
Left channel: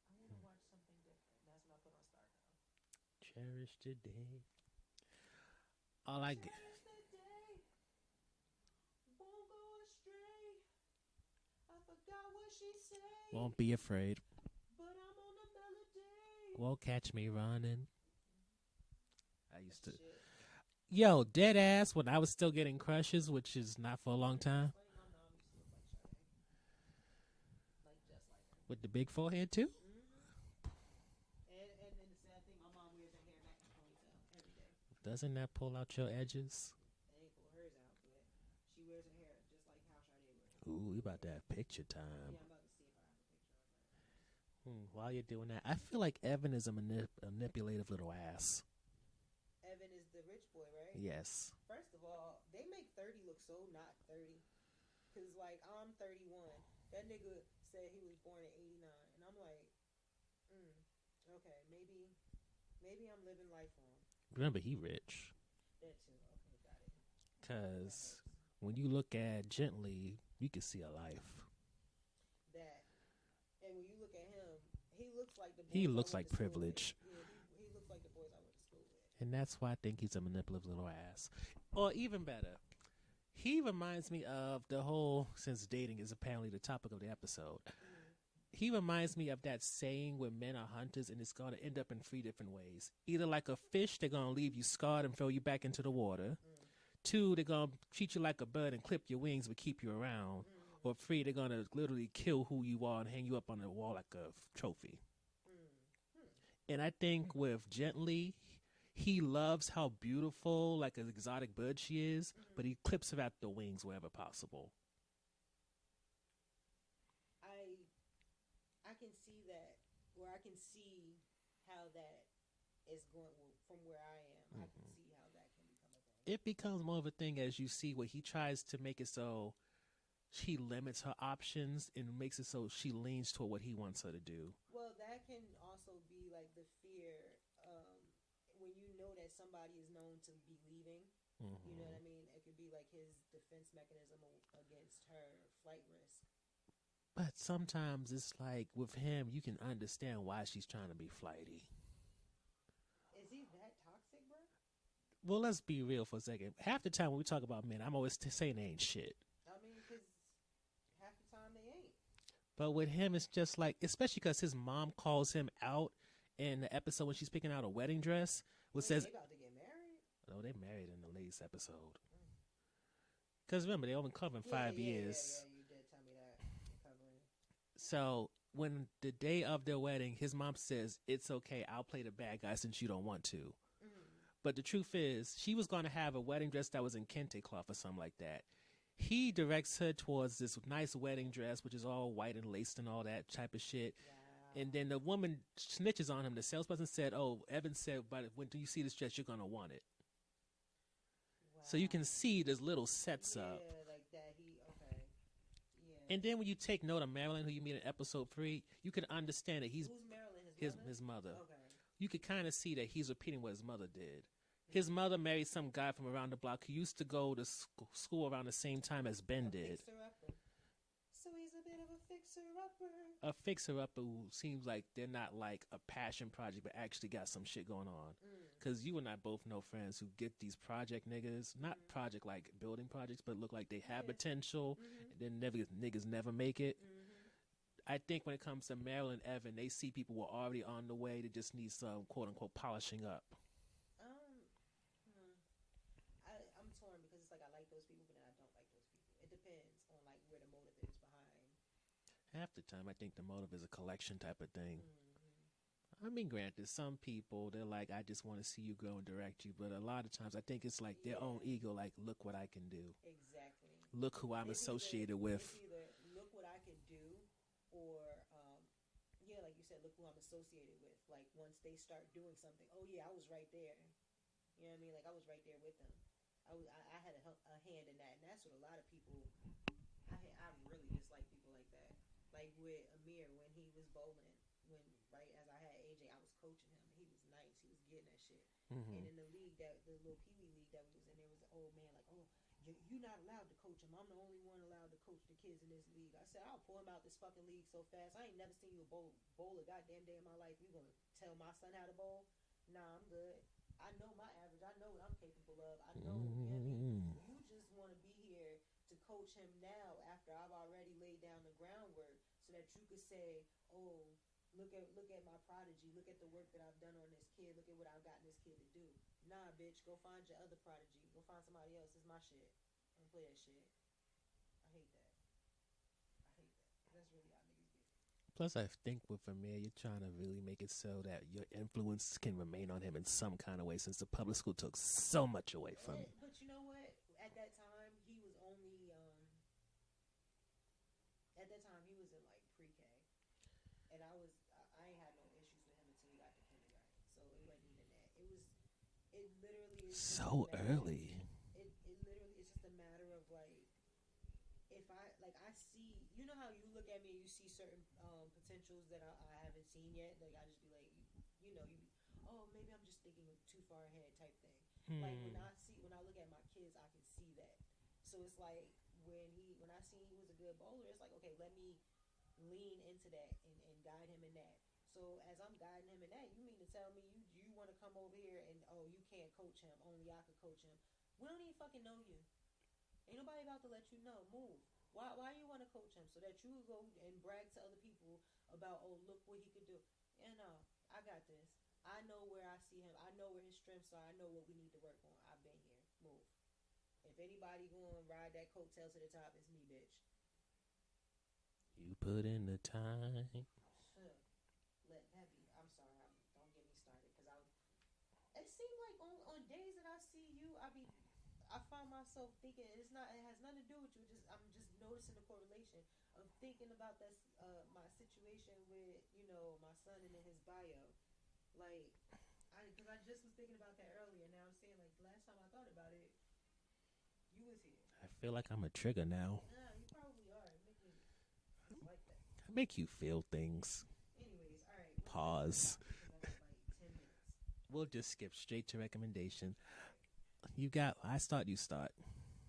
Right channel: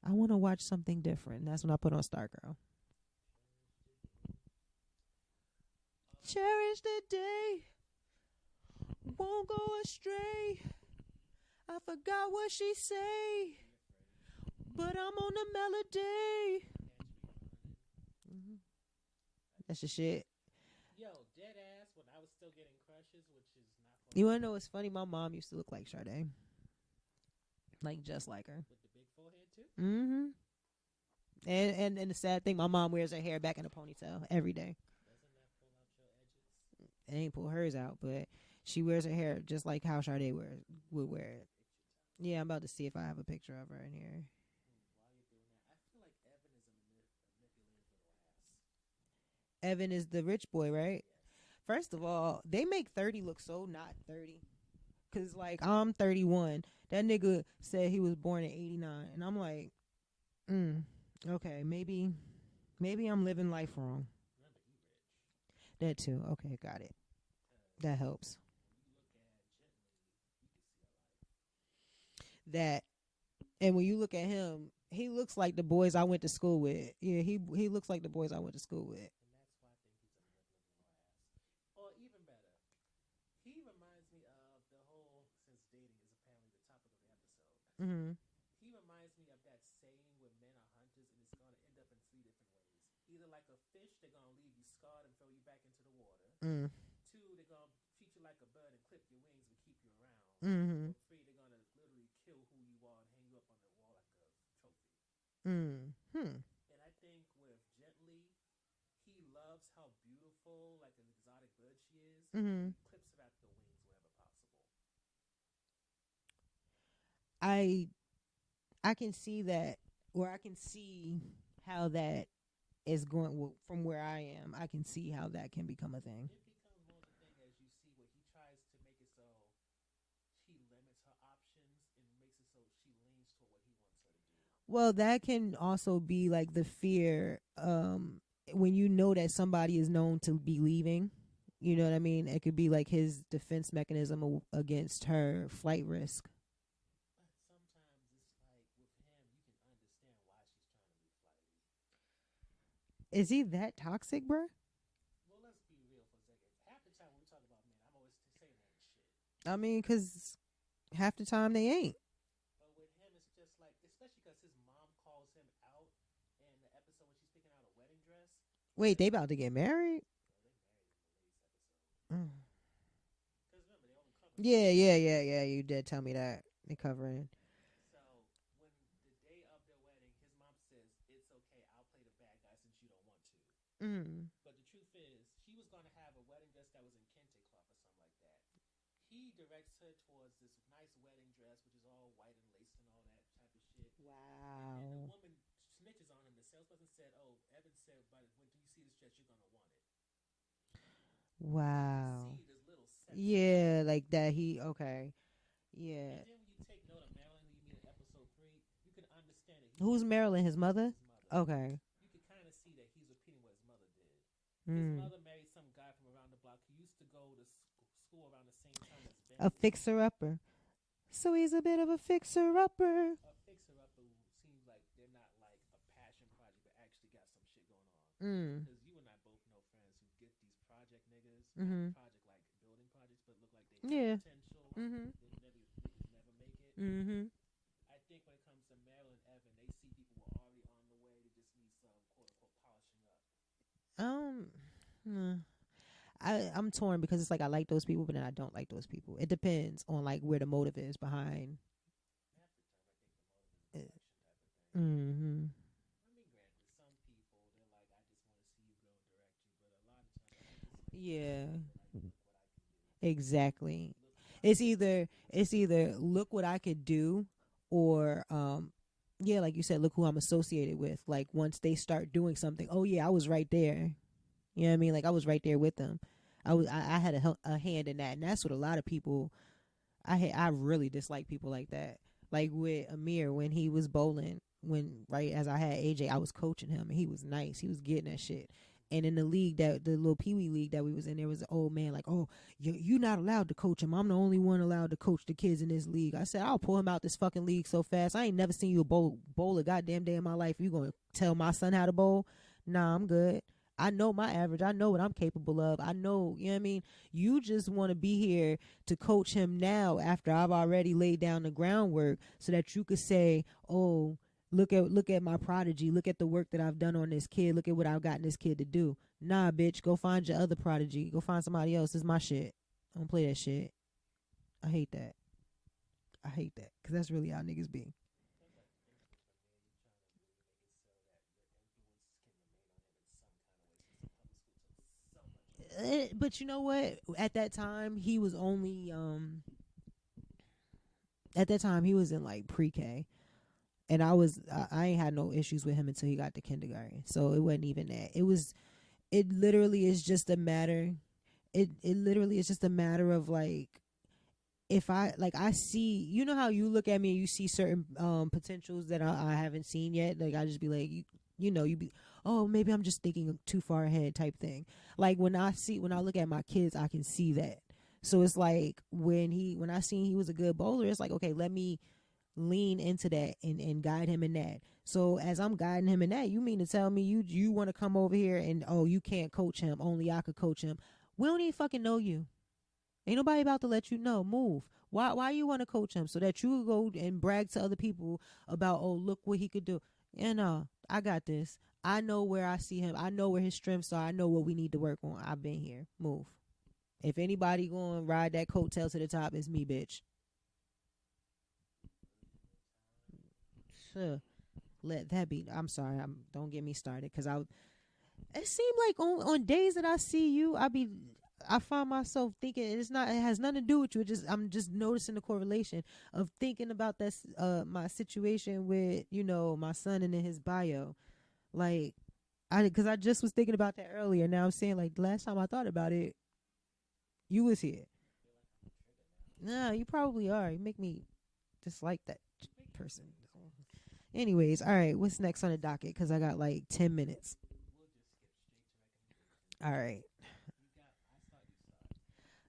I want to watch something different. And that's when I put on Stargirl. cherish today. Cherish the day, won't go astray. I forgot what she say, Won't be afraid. but I'm on the melody. Won't catch me running. That's the shit. Yo, dead ass. When I was still getting crushes, which is not for a You long wanna know what's time. funny? My mom used to look like Sade, like just like her. With the big forehead too. Mm-hmm. And the sad thing, my mom wears her hair back in a ponytail every day. Doesn't that pull out your edges? It ain't pull hers out, but she wears her hair just like how Sade wears. Ooh, would about wear to it. have picture time. Yeah, I'm about to see if I have a picture of her in here. While you're doing that, I feel like Evan is a manipulative little ass. Evan is the rich boy, right? Yes. First of all, they make 30 look so not 30. Cause like I'm 31. That nigga said he was born in 89, and I'm like, okay, maybe I'm living life wrong. Remember, he rich. That too. Okay, got it. 'Cause That helps. when you look at Gently, you can see a life. That, and when you look at him, he looks like the boys I looks went like to school privilege. with. Yeah, he looks like the boys I went to school with. And that's why I think he's a manipulative little ass. Or even better, he reminds me of the whole, since dating is apparently the topic of the episode, Mm-hmm. he reminds me of that saying where men are hunters and it's going to end up in 3 different ways. Either like a fish, they're going to leave you scarred and throw you back into the water. 2, they're going to treat you like a bird and clip your wings but keep you around. Mm-hmm. Or 3, they're going to literally kill who you are and hang you up on the wall like a trophy. And I think with Gently, he loves how beautiful, like an exotic bird she is, but he clips her at the wings wherever possible. I can see that, or I can see how that is going from where I am. I can see how that can become a thing. It becomes more of a thing as you see where he tries to make it so she limits her options and makes it so she leans toward what he wants her to do. Well, that can also be like the fear when you know that somebody is known to be leaving. You know what I mean? It could be like his defense mechanism against her flight risk. But sometimes it's like with him, you can understand why she's trying to be flighty. Is he that toxic, bruh? Well, let's be real for a second. Half the time when we talk about men, I'm always saying they ain't shit. I mean, because half the time they ain't. But with him, it's just like, especially because his mom calls him out in the episode when she's picking out a wedding dress. Wait, they about to get married? No, they married in the latest episode. Because remember, they only cover 5 Yeah, years. you did tell me that. They covering. So when the day of their wedding, his mom says, "It's okay, I'll play the bad guy since you don't want to." But the truth is, she was going to have a wedding dress that was in kente cloth or something like that. He directs her towards this nice wedding dress, which is all white and laced and all that type of shit. Wow. And then the woman snitches on him. The salesperson said, "Oh, Evan said, but when you see this dress, you're going to want it." Wow. So you can see there's little sets up. Like that okay. Yeah. And then when you take note of Marilyn, who you meet in episode 3, you can understand that Who's Marilyn? His mother? His mother. Okay. You could kind of see that he's repeating what his mother did. His mother married some guy from around the block who used to go to school around the same time as Ben did. A fixer-upper. So he's a bit of a fixer-upper. A fixer-upper who seems like they're not like a passion project, but actually got some shit going on. Because you and I both know friends who get these project niggas, not project like building projects, but look like they have potential. Then niggas never make it. I think when it comes to Marilyn and Evan, they see people who are already on the way. They just need some quote-unquote polishing up. I'm torn because it's like I like those people, but then I don't like those people. It depends on like where the motive is behind. Half the time, I think the motive is a collection type of thing. I mean, granted, some people, they're like, I just want to see you grow and direct you. But a lot of times, I think it's like their own ego, like, look what I can do. Exactly. Look who I'm associated with. It's either look what I could do or, like you said, look who I'm associated with. Like, once they start doing something, oh, yeah, I was right there. You know what I mean? Like, I was right there with them. I had a hand in that. And that's what a lot of people, I really dislike people like that. Like with Amir, when he was bowling, right as I had AJ, I was coaching him and he was nice. He was getting that shit. And in the league, the little Pee Wee league that we was in, there was an old man like, oh, you're not allowed to coach him. I'm the only one allowed to coach the kids in this league. I said, I'll pull him out this fucking league so fast. I ain't never seen you bowl a goddamn day in my life. You gonna tell my son how to bowl? Nah, I'm good. I know my average. I know what I'm capable of. I know, you know what I mean? You just want to be here to coach him now after I've already laid down the groundwork so that you could say, oh, look at my prodigy. Look at the work that I've done on this kid. Look at what I've gotten this kid to do. Nah, bitch, go find your other prodigy. Go find somebody else. This is my shit. I don't play that shit. I hate that. Because that's really how niggas be. Plus, I think with Amir, you're trying to really make it so that your influence can remain on him in some kind of way, since the public school took so much away from him. But you know what? At that time, he was only he was in like pre-K, and I ain't had no issues with him until he got to kindergarten. So it wasn't even that. It literally is just so a matter. Early. It literally is just a matter of like, if I see, you know how you look at me and you see certain potentials that I haven't seen yet. Like I just be like, you be, oh, maybe I'm just thinking too far ahead type thing. Like when I look at my kids, I can see that. So it's like when I seen he was a good bowler, it's like, okay, let me lean into that and guide him in that. So as I'm guiding him in that, you mean to tell me you want to come over here and, oh, you can't coach him, only I could coach him. We don't even fucking know you. Ain't nobody about to let you know. Move. Why you want to coach him? So that you go and brag to other people about, oh, look what he could do. And I got this. I know where I see him. I know where his strengths are. I know what we need to work on. I've been here. Move. If anybody going to ride that coattail to the top, it's me, bitch. You put in the time. Sure. Let that be. I'm sorry. Don't get me started. Because it seemed like on days that I see you, I find myself thinking it has nothing to do with you. I'm just noticing the correlation of thinking about that my situation with, my son and in his bio. Like because I just was thinking about that earlier. Now I'm saying, like, the last time I thought about it, you was here. I feel like I'm a trigger now. Nah, you probably are. You make me dislike that. To make you feel things. Anyways, all right, what's Pause. next on the docket? Because I got like 10 minutes. We'll just skip straight to recommendation. All right. I start, you start.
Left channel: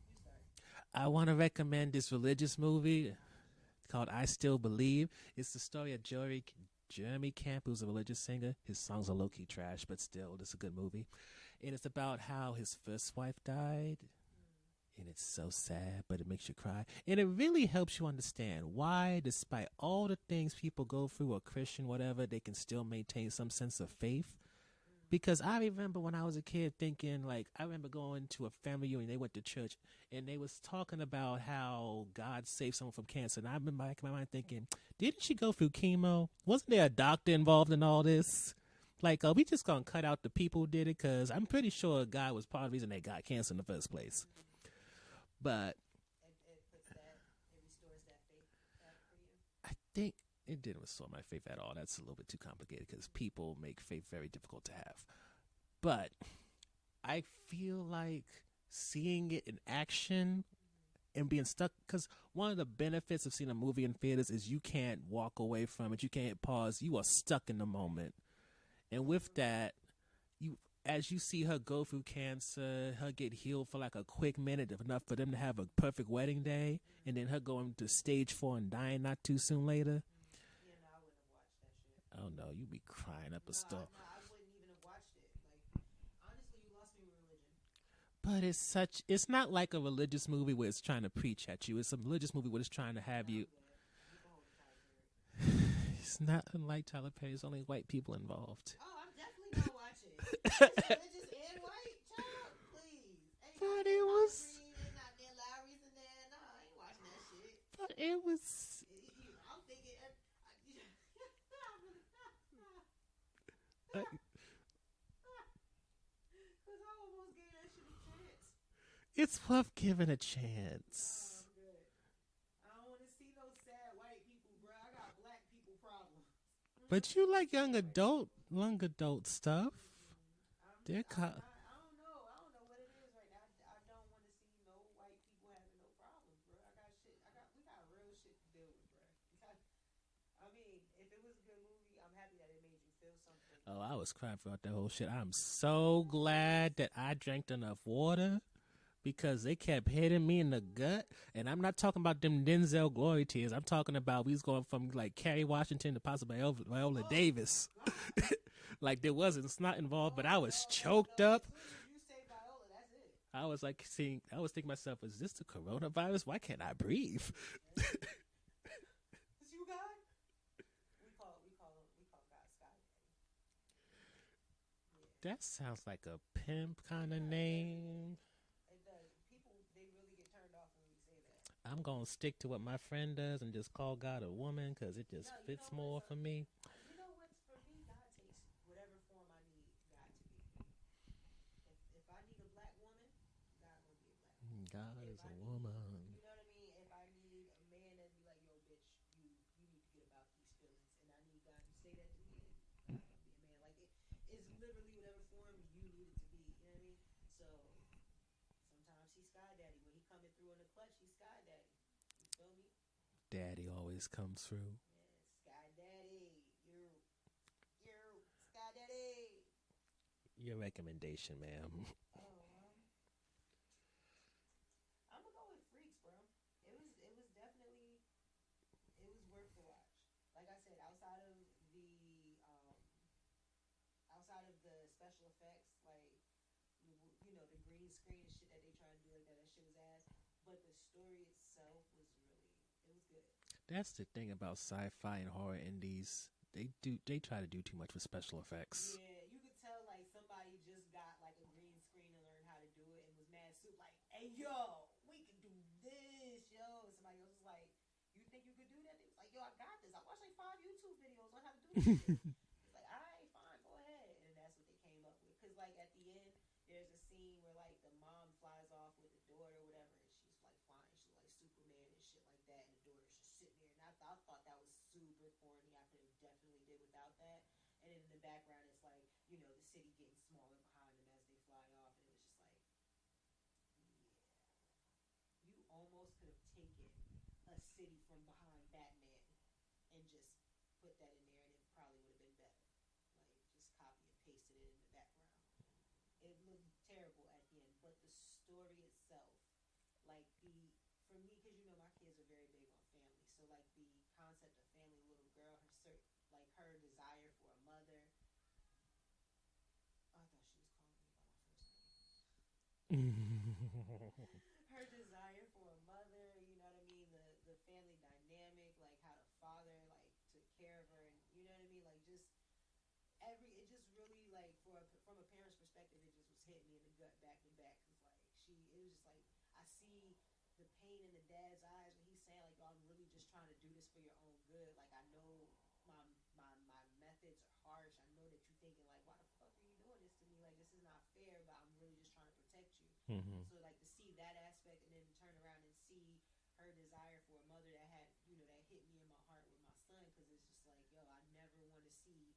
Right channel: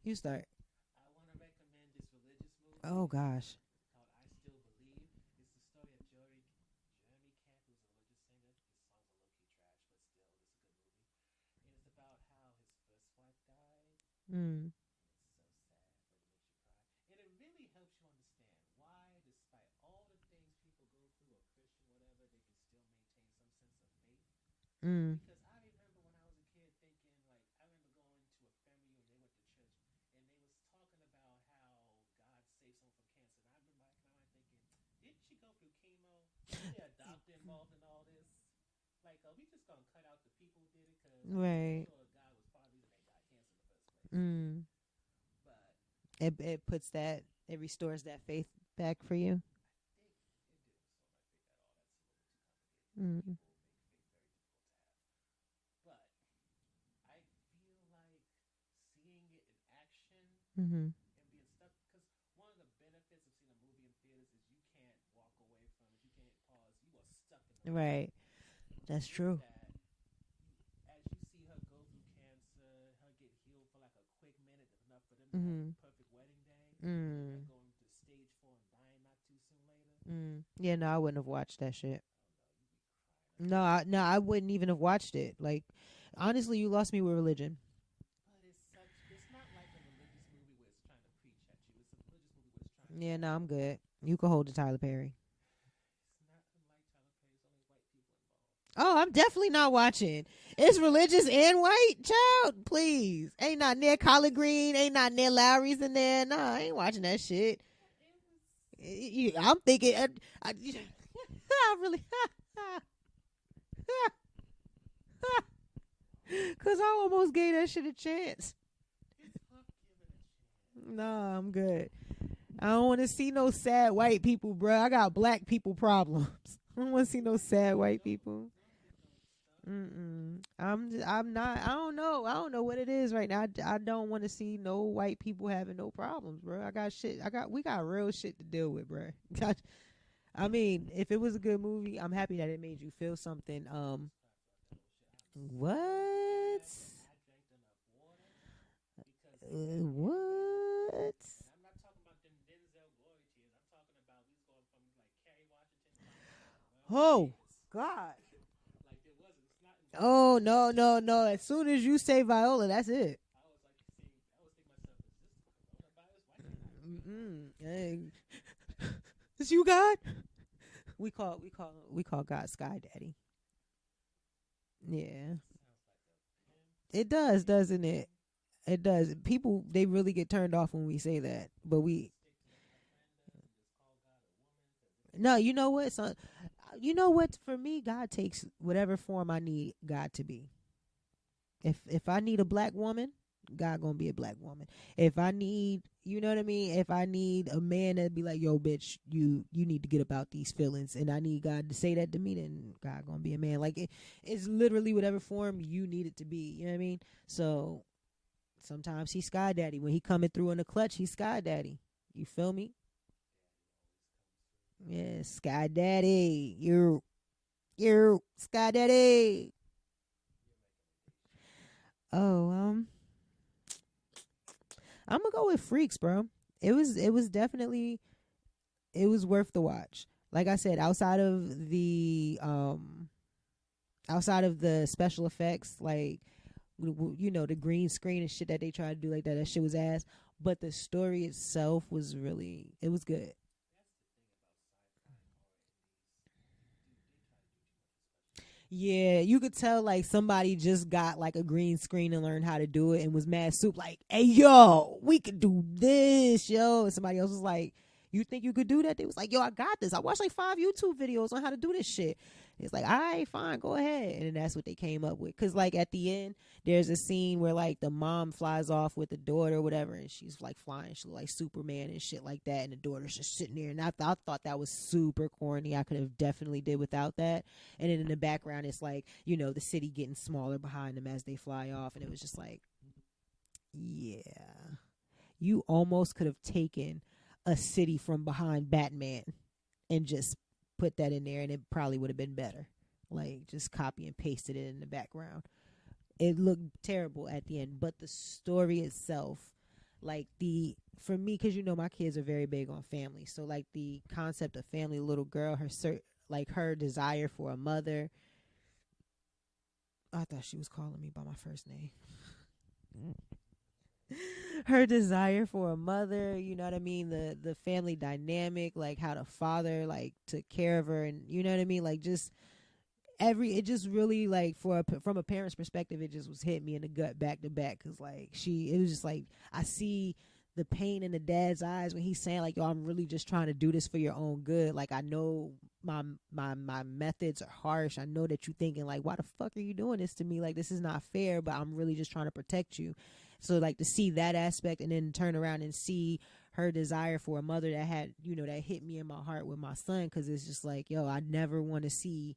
You start. I want to recommend this religious movie. Oh, gosh. Called I Still Believe. It's the story of Jeremy Camp, who's a religious singer. His songs are low-key trash, but still, it's a good movie. And it's about how his first wife died. And it's so sad, but it makes you cry. And it really helps you understand why, despite all the things people go through, or Christian, whatever, they can still maintain some sense of faith. Because I remember when I was a kid thinking, like, I remember going to a family reunion. They went to church, and they was talking about how God saved someone from cancer. And I remember back in my mind thinking, didn't she go through chemo? Wasn't there a doctor involved in all this? Like, are we just going to cut out the people who did it? Because I'm pretty sure God was part of the reason they got cancer in the first place. But it restores that faith back for you. I think it didn't restore my faith at all. That's a little bit too complicated because people make faith very difficult to have. But I feel like seeing it in action and being stuck, because one of the benefits of seeing a movie in theaters is you can't walk away from it. You can't pause. You are stuck in the moment. That's and with true. that, as you see her go through cancer, her get healed for like a quick minute, enough for them to have a perfect wedding day, and then her going to stage 4 and dying not too soon later. Yeah, no, I wouldn't have watched that shit. Oh no, you'd be crying up. No, I wouldn't even have watched it. Like, honestly, you lost me with religion. But it's not like a religious movie where it's trying to preach at you. It's a religious movie where it's trying to have you. Yeah, no, I'm good. You can hold to Tyler Perry. It's not unlike Tyler Perry. There's only white people involved. Oh, I'm definitely not watching. It's religious and white, child. Please, ain't not near Collard Green. Ain't not near Lowry's in there. No, I ain't watching that shit. But it was. I'm thinking. I really. Cause I almost gave that shit a chance. It's worth giving a chance. No, I'm good. I don't want to see no sad white people, bro. I got black people problems. I don't want to see no sad white people. Young adult stuff. I'm not. I don't know. I don't know what it is right now. I don't want to see no white people having no problems, bro. We got real shit to deal with, bro. I mean, if it was a good movie, I'm happy that it made you feel something. I was crying throughout that whole shit. I'm so glad that I drank enough water because they kept hitting me in the gut. And I'm not talking about them Denzel glory tears. I'm talking about we was going from like Kerry Washington to possibly Viola Davis. God. Like there wasn't. It's not involved. But I was choked up. As soon as you say Viola, that's it. I was thinking to myself, is this the coronavirus? Why can't I breathe? Is you God? We call God Sky Daddy. Yeah. That sounds like a pimp. It does, doesn't it? It does. People, they really get turned off when we say that. But I'm gonna stick to what my friend does and just call God a woman because it just no. You know what? Me. You know what? For me, God takes whatever form I need God to be. If I need a black woman, God gonna be a black woman. If I need, you know what I mean? If I need a man to be like, yo, bitch, you need to get about these feelings, and I need God to say that to me, then God gonna be a man. Like it's literally whatever form you need it to be. You know what I mean? So sometimes he's Sky Daddy. When he coming through in the clutch, he's Sky Daddy. You feel me? Daddy always comes through. Yeah, Sky Daddy. You're Sky Daddy. Your recommendation, ma'am. Oh, I'm gonna go with Freaks, bro. It was definitely, it was worth the watch. Like I said, outside of the special effects, like you know, the green screen and shit that they tried to do like that shit was ass. But the story itself was it was good. That's the thing about sci-fi and horror indies. They try to do too much with special effects. Yeah, you could tell like somebody just got like a green screen and learned how to do it and was mad soup like, hey yo, we could do this, yo. And somebody else was like, you think you could do that? They was like, yo, I got this. I watched like 5 YouTube videos on how to do this shit. It's like, all right, fine, go ahead. And then that's what they came up with. Because like at the end, there's a scene where like the mom flies off with the daughter or whatever, and she's like flying. She like Superman and shit like that. And the daughter's just sitting there. And I thought that was super corny. I could have definitely did without that. And then in the background, it's like, you know, the city getting smaller behind them as they fly off. And it was just like, yeah, you almost could have taken a city from behind Batman and just put that in there, and it probably would have been better. Like just copy and pasted it in the background. It looked terrible at the end, but the story itself, like for me, because you know my kids are very big on family, so like the concept of family, little girl, her desire for a mother. I thought she was calling me by my first name. Her desire for a mother, you know what I mean, the family dynamic, like how the father like took care of her, and you know what I mean, like just it just really like from a parent's perspective, it just was hitting me in the gut back to back, because like it was just like I see the pain in the dad's eyes when he's saying like, yo, I'm really just trying to do this for your own good. Like, I know my methods are harsh. I know that you thinking like, why the fuck are you doing this to me? Like, this is not fair, but I'm really just trying to protect you. So like to see that aspect and then turn around and see her desire for a mother that had, that hit me in my heart with my son. Cause it's just like, yo, I never want to see,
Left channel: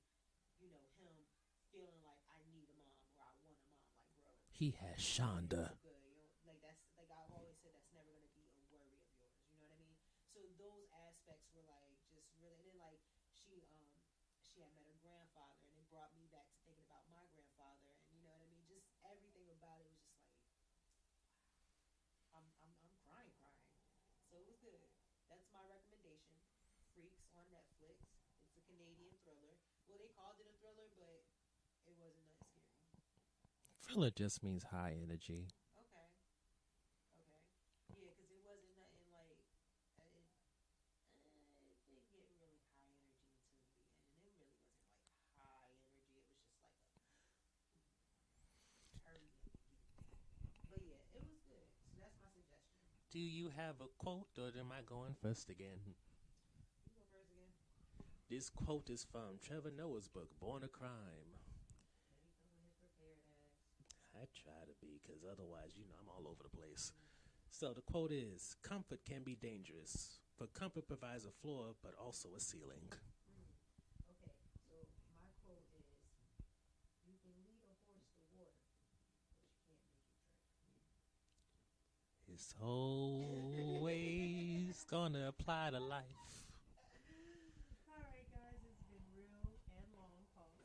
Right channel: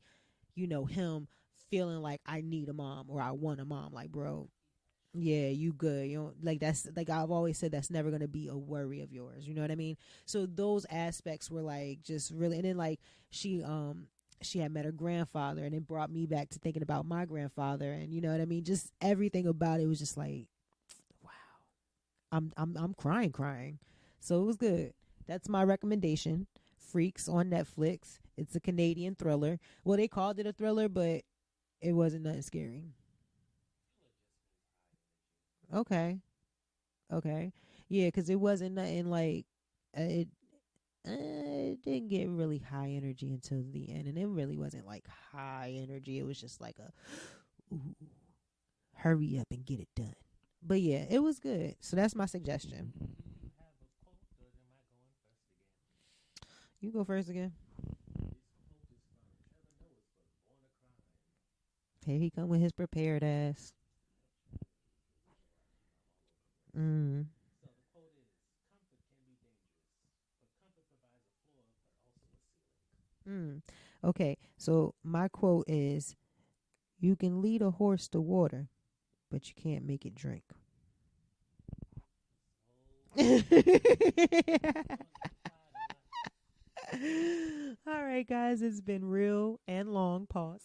him feeling like I need a mom or I want a mom. Like, bro, he has Shonda. Yeah, you good. You don't, like, that's like I've always said, that's never gonna be a worry of yours. You know what I mean? So those aspects were like just really, and then like she had met her grandfather, and it brought me back to thinking about my grandfather, and you know what I mean? Just everything about it was just like, wow, I'm crying. So it was good. That's my recommendation. Freaks on Netflix. It's a Canadian thriller. Well, they called it a thriller, but it wasn't nothing scary. Thriller just means high energy. Okay. Yeah, because it wasn't nothing like it didn't get really high energy until the end, and it really wasn't like high energy. It was just like a hurry up and get it done. But yeah, it was good. So that's my suggestion. Do you have a quote, or am I going first again? You go first again. This quote is from Trevor Noah's book, Born a Crime. Here he come with his prepared ass. I try to be, because otherwise, I'm all over the place. So the quote is, comfort can be dangerous, for comfort provides a floor, but also a ceiling. Okay, so my quote is, you can lead a horse to water, but you can't make it drink. It's always gonna apply to life. All right, guys, it's been real and long. Pause.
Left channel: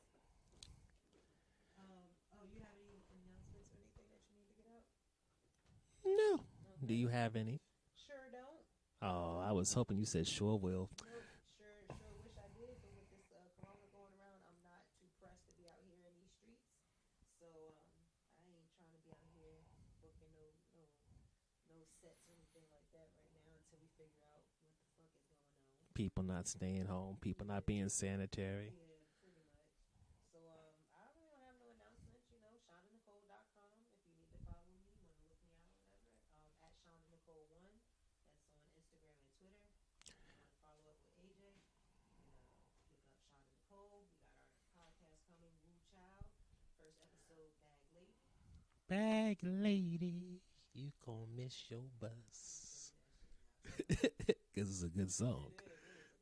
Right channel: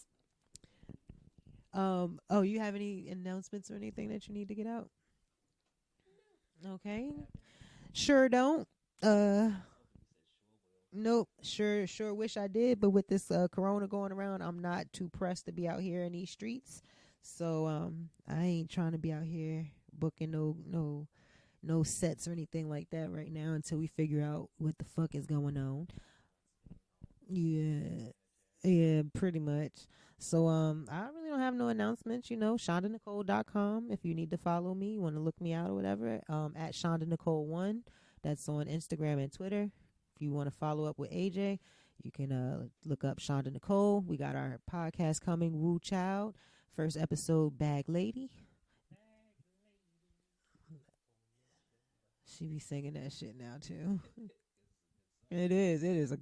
Oh, you have any announcements or anything that you need to get out? No. Okay. Do you have any? Sure don't. I was hoping you said sure will. Nope. Sure wish I did, but with this corona going around, I'm not too pressed to be out here in these streets. So I ain't trying to be out here booking no sets or anything like that right now until we figure out what the fuck is going on. People not staying home, people not being sanitary. Yeah, pretty much. So I really don't have no announcements, ShondaNicole.com if you need to follow me, you want to look me out or whatever, at ShondaNicole1. That's on Instagram and Twitter. If you want to follow up with AJ, you can look up Shonda Nicole. We got our podcast coming, Woo Child. First episode, Bag Lady. Bag Lady, you gonna miss your bus. She be singing that shit now, too. Because it's a good song. It is a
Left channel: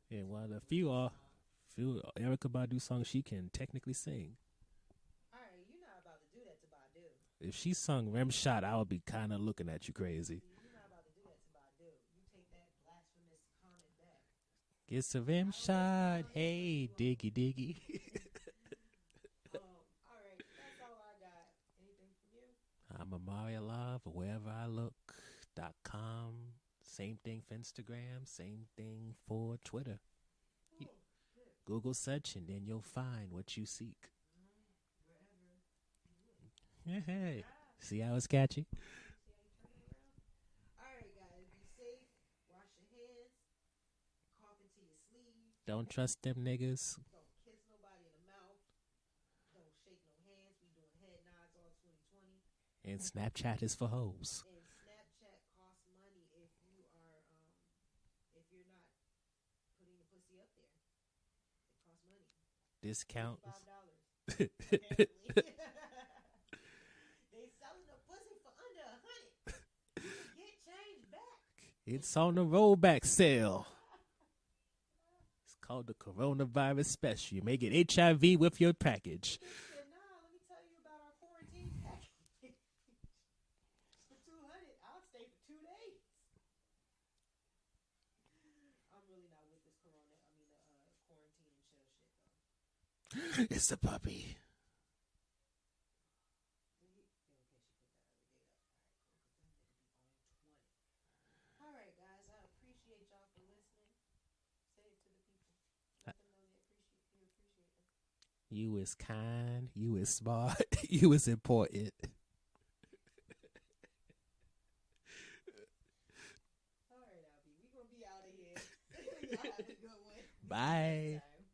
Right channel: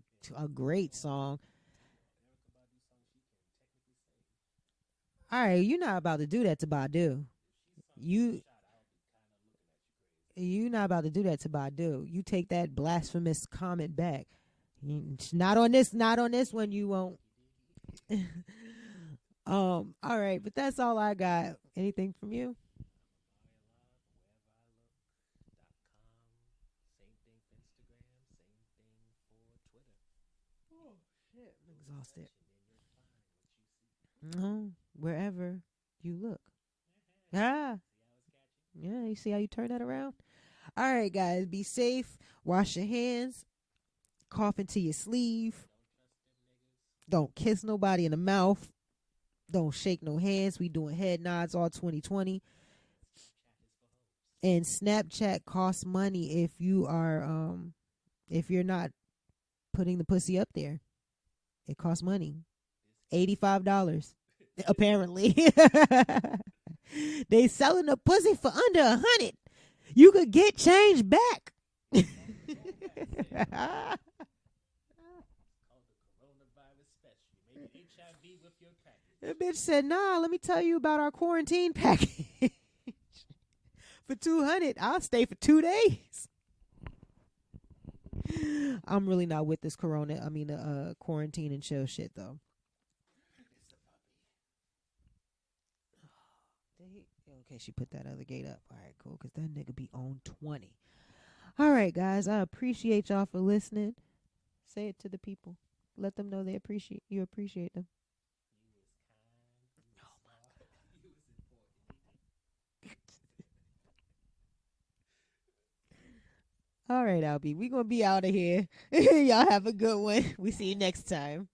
great song. Erykah Badu song she can technically sing. All right, you're not about to do that to Badu. If she sung Rim Shot, I would be kind of looking at you crazy. You're not about to do that to Badu. You take that blasphemous comment back. It's not on this one. You won't. Diggy. All right, but that's all I got. Anything from you? I'm Amari Alive, wherever I look.com. Same thing for Instagram. Same thing for Twitter. Google search and then you'll find what you seek. Wherever you look. See how it's catchy? Yeah, you see how you turn that around? All right, guys, be safe. Wash your hands. Cough into your sleeve. Don't trust them niggas. Don't kiss nobody in the mouth. Don't shake no hands. We doing head nods all 2020. And Snapchat is for hoes. And Snapchat costs money if you are if you're not putting the pussy up there. It costs money. Discount. $85 apparently. They selling the pussy for under $100. You could get change back. It's on the rollback sale. It's called the coronavirus special. You may get HIV with your package. The bitch said, nah, let me tell you about our quarantine package. For $200, I'll stay for 2 days. I'm really not with this quarantine and chill shit though. It's a puppy. Okay, she put that other gate up. All right, cool, because that nigga be on 20. All right, guys, I appreciate y'all for listening. Say it to the people. Let them know you appreciate them. You is kind. You is smart. You is important. All right, Albie, we going to be out of here. Y'all have a good one. We see you next time.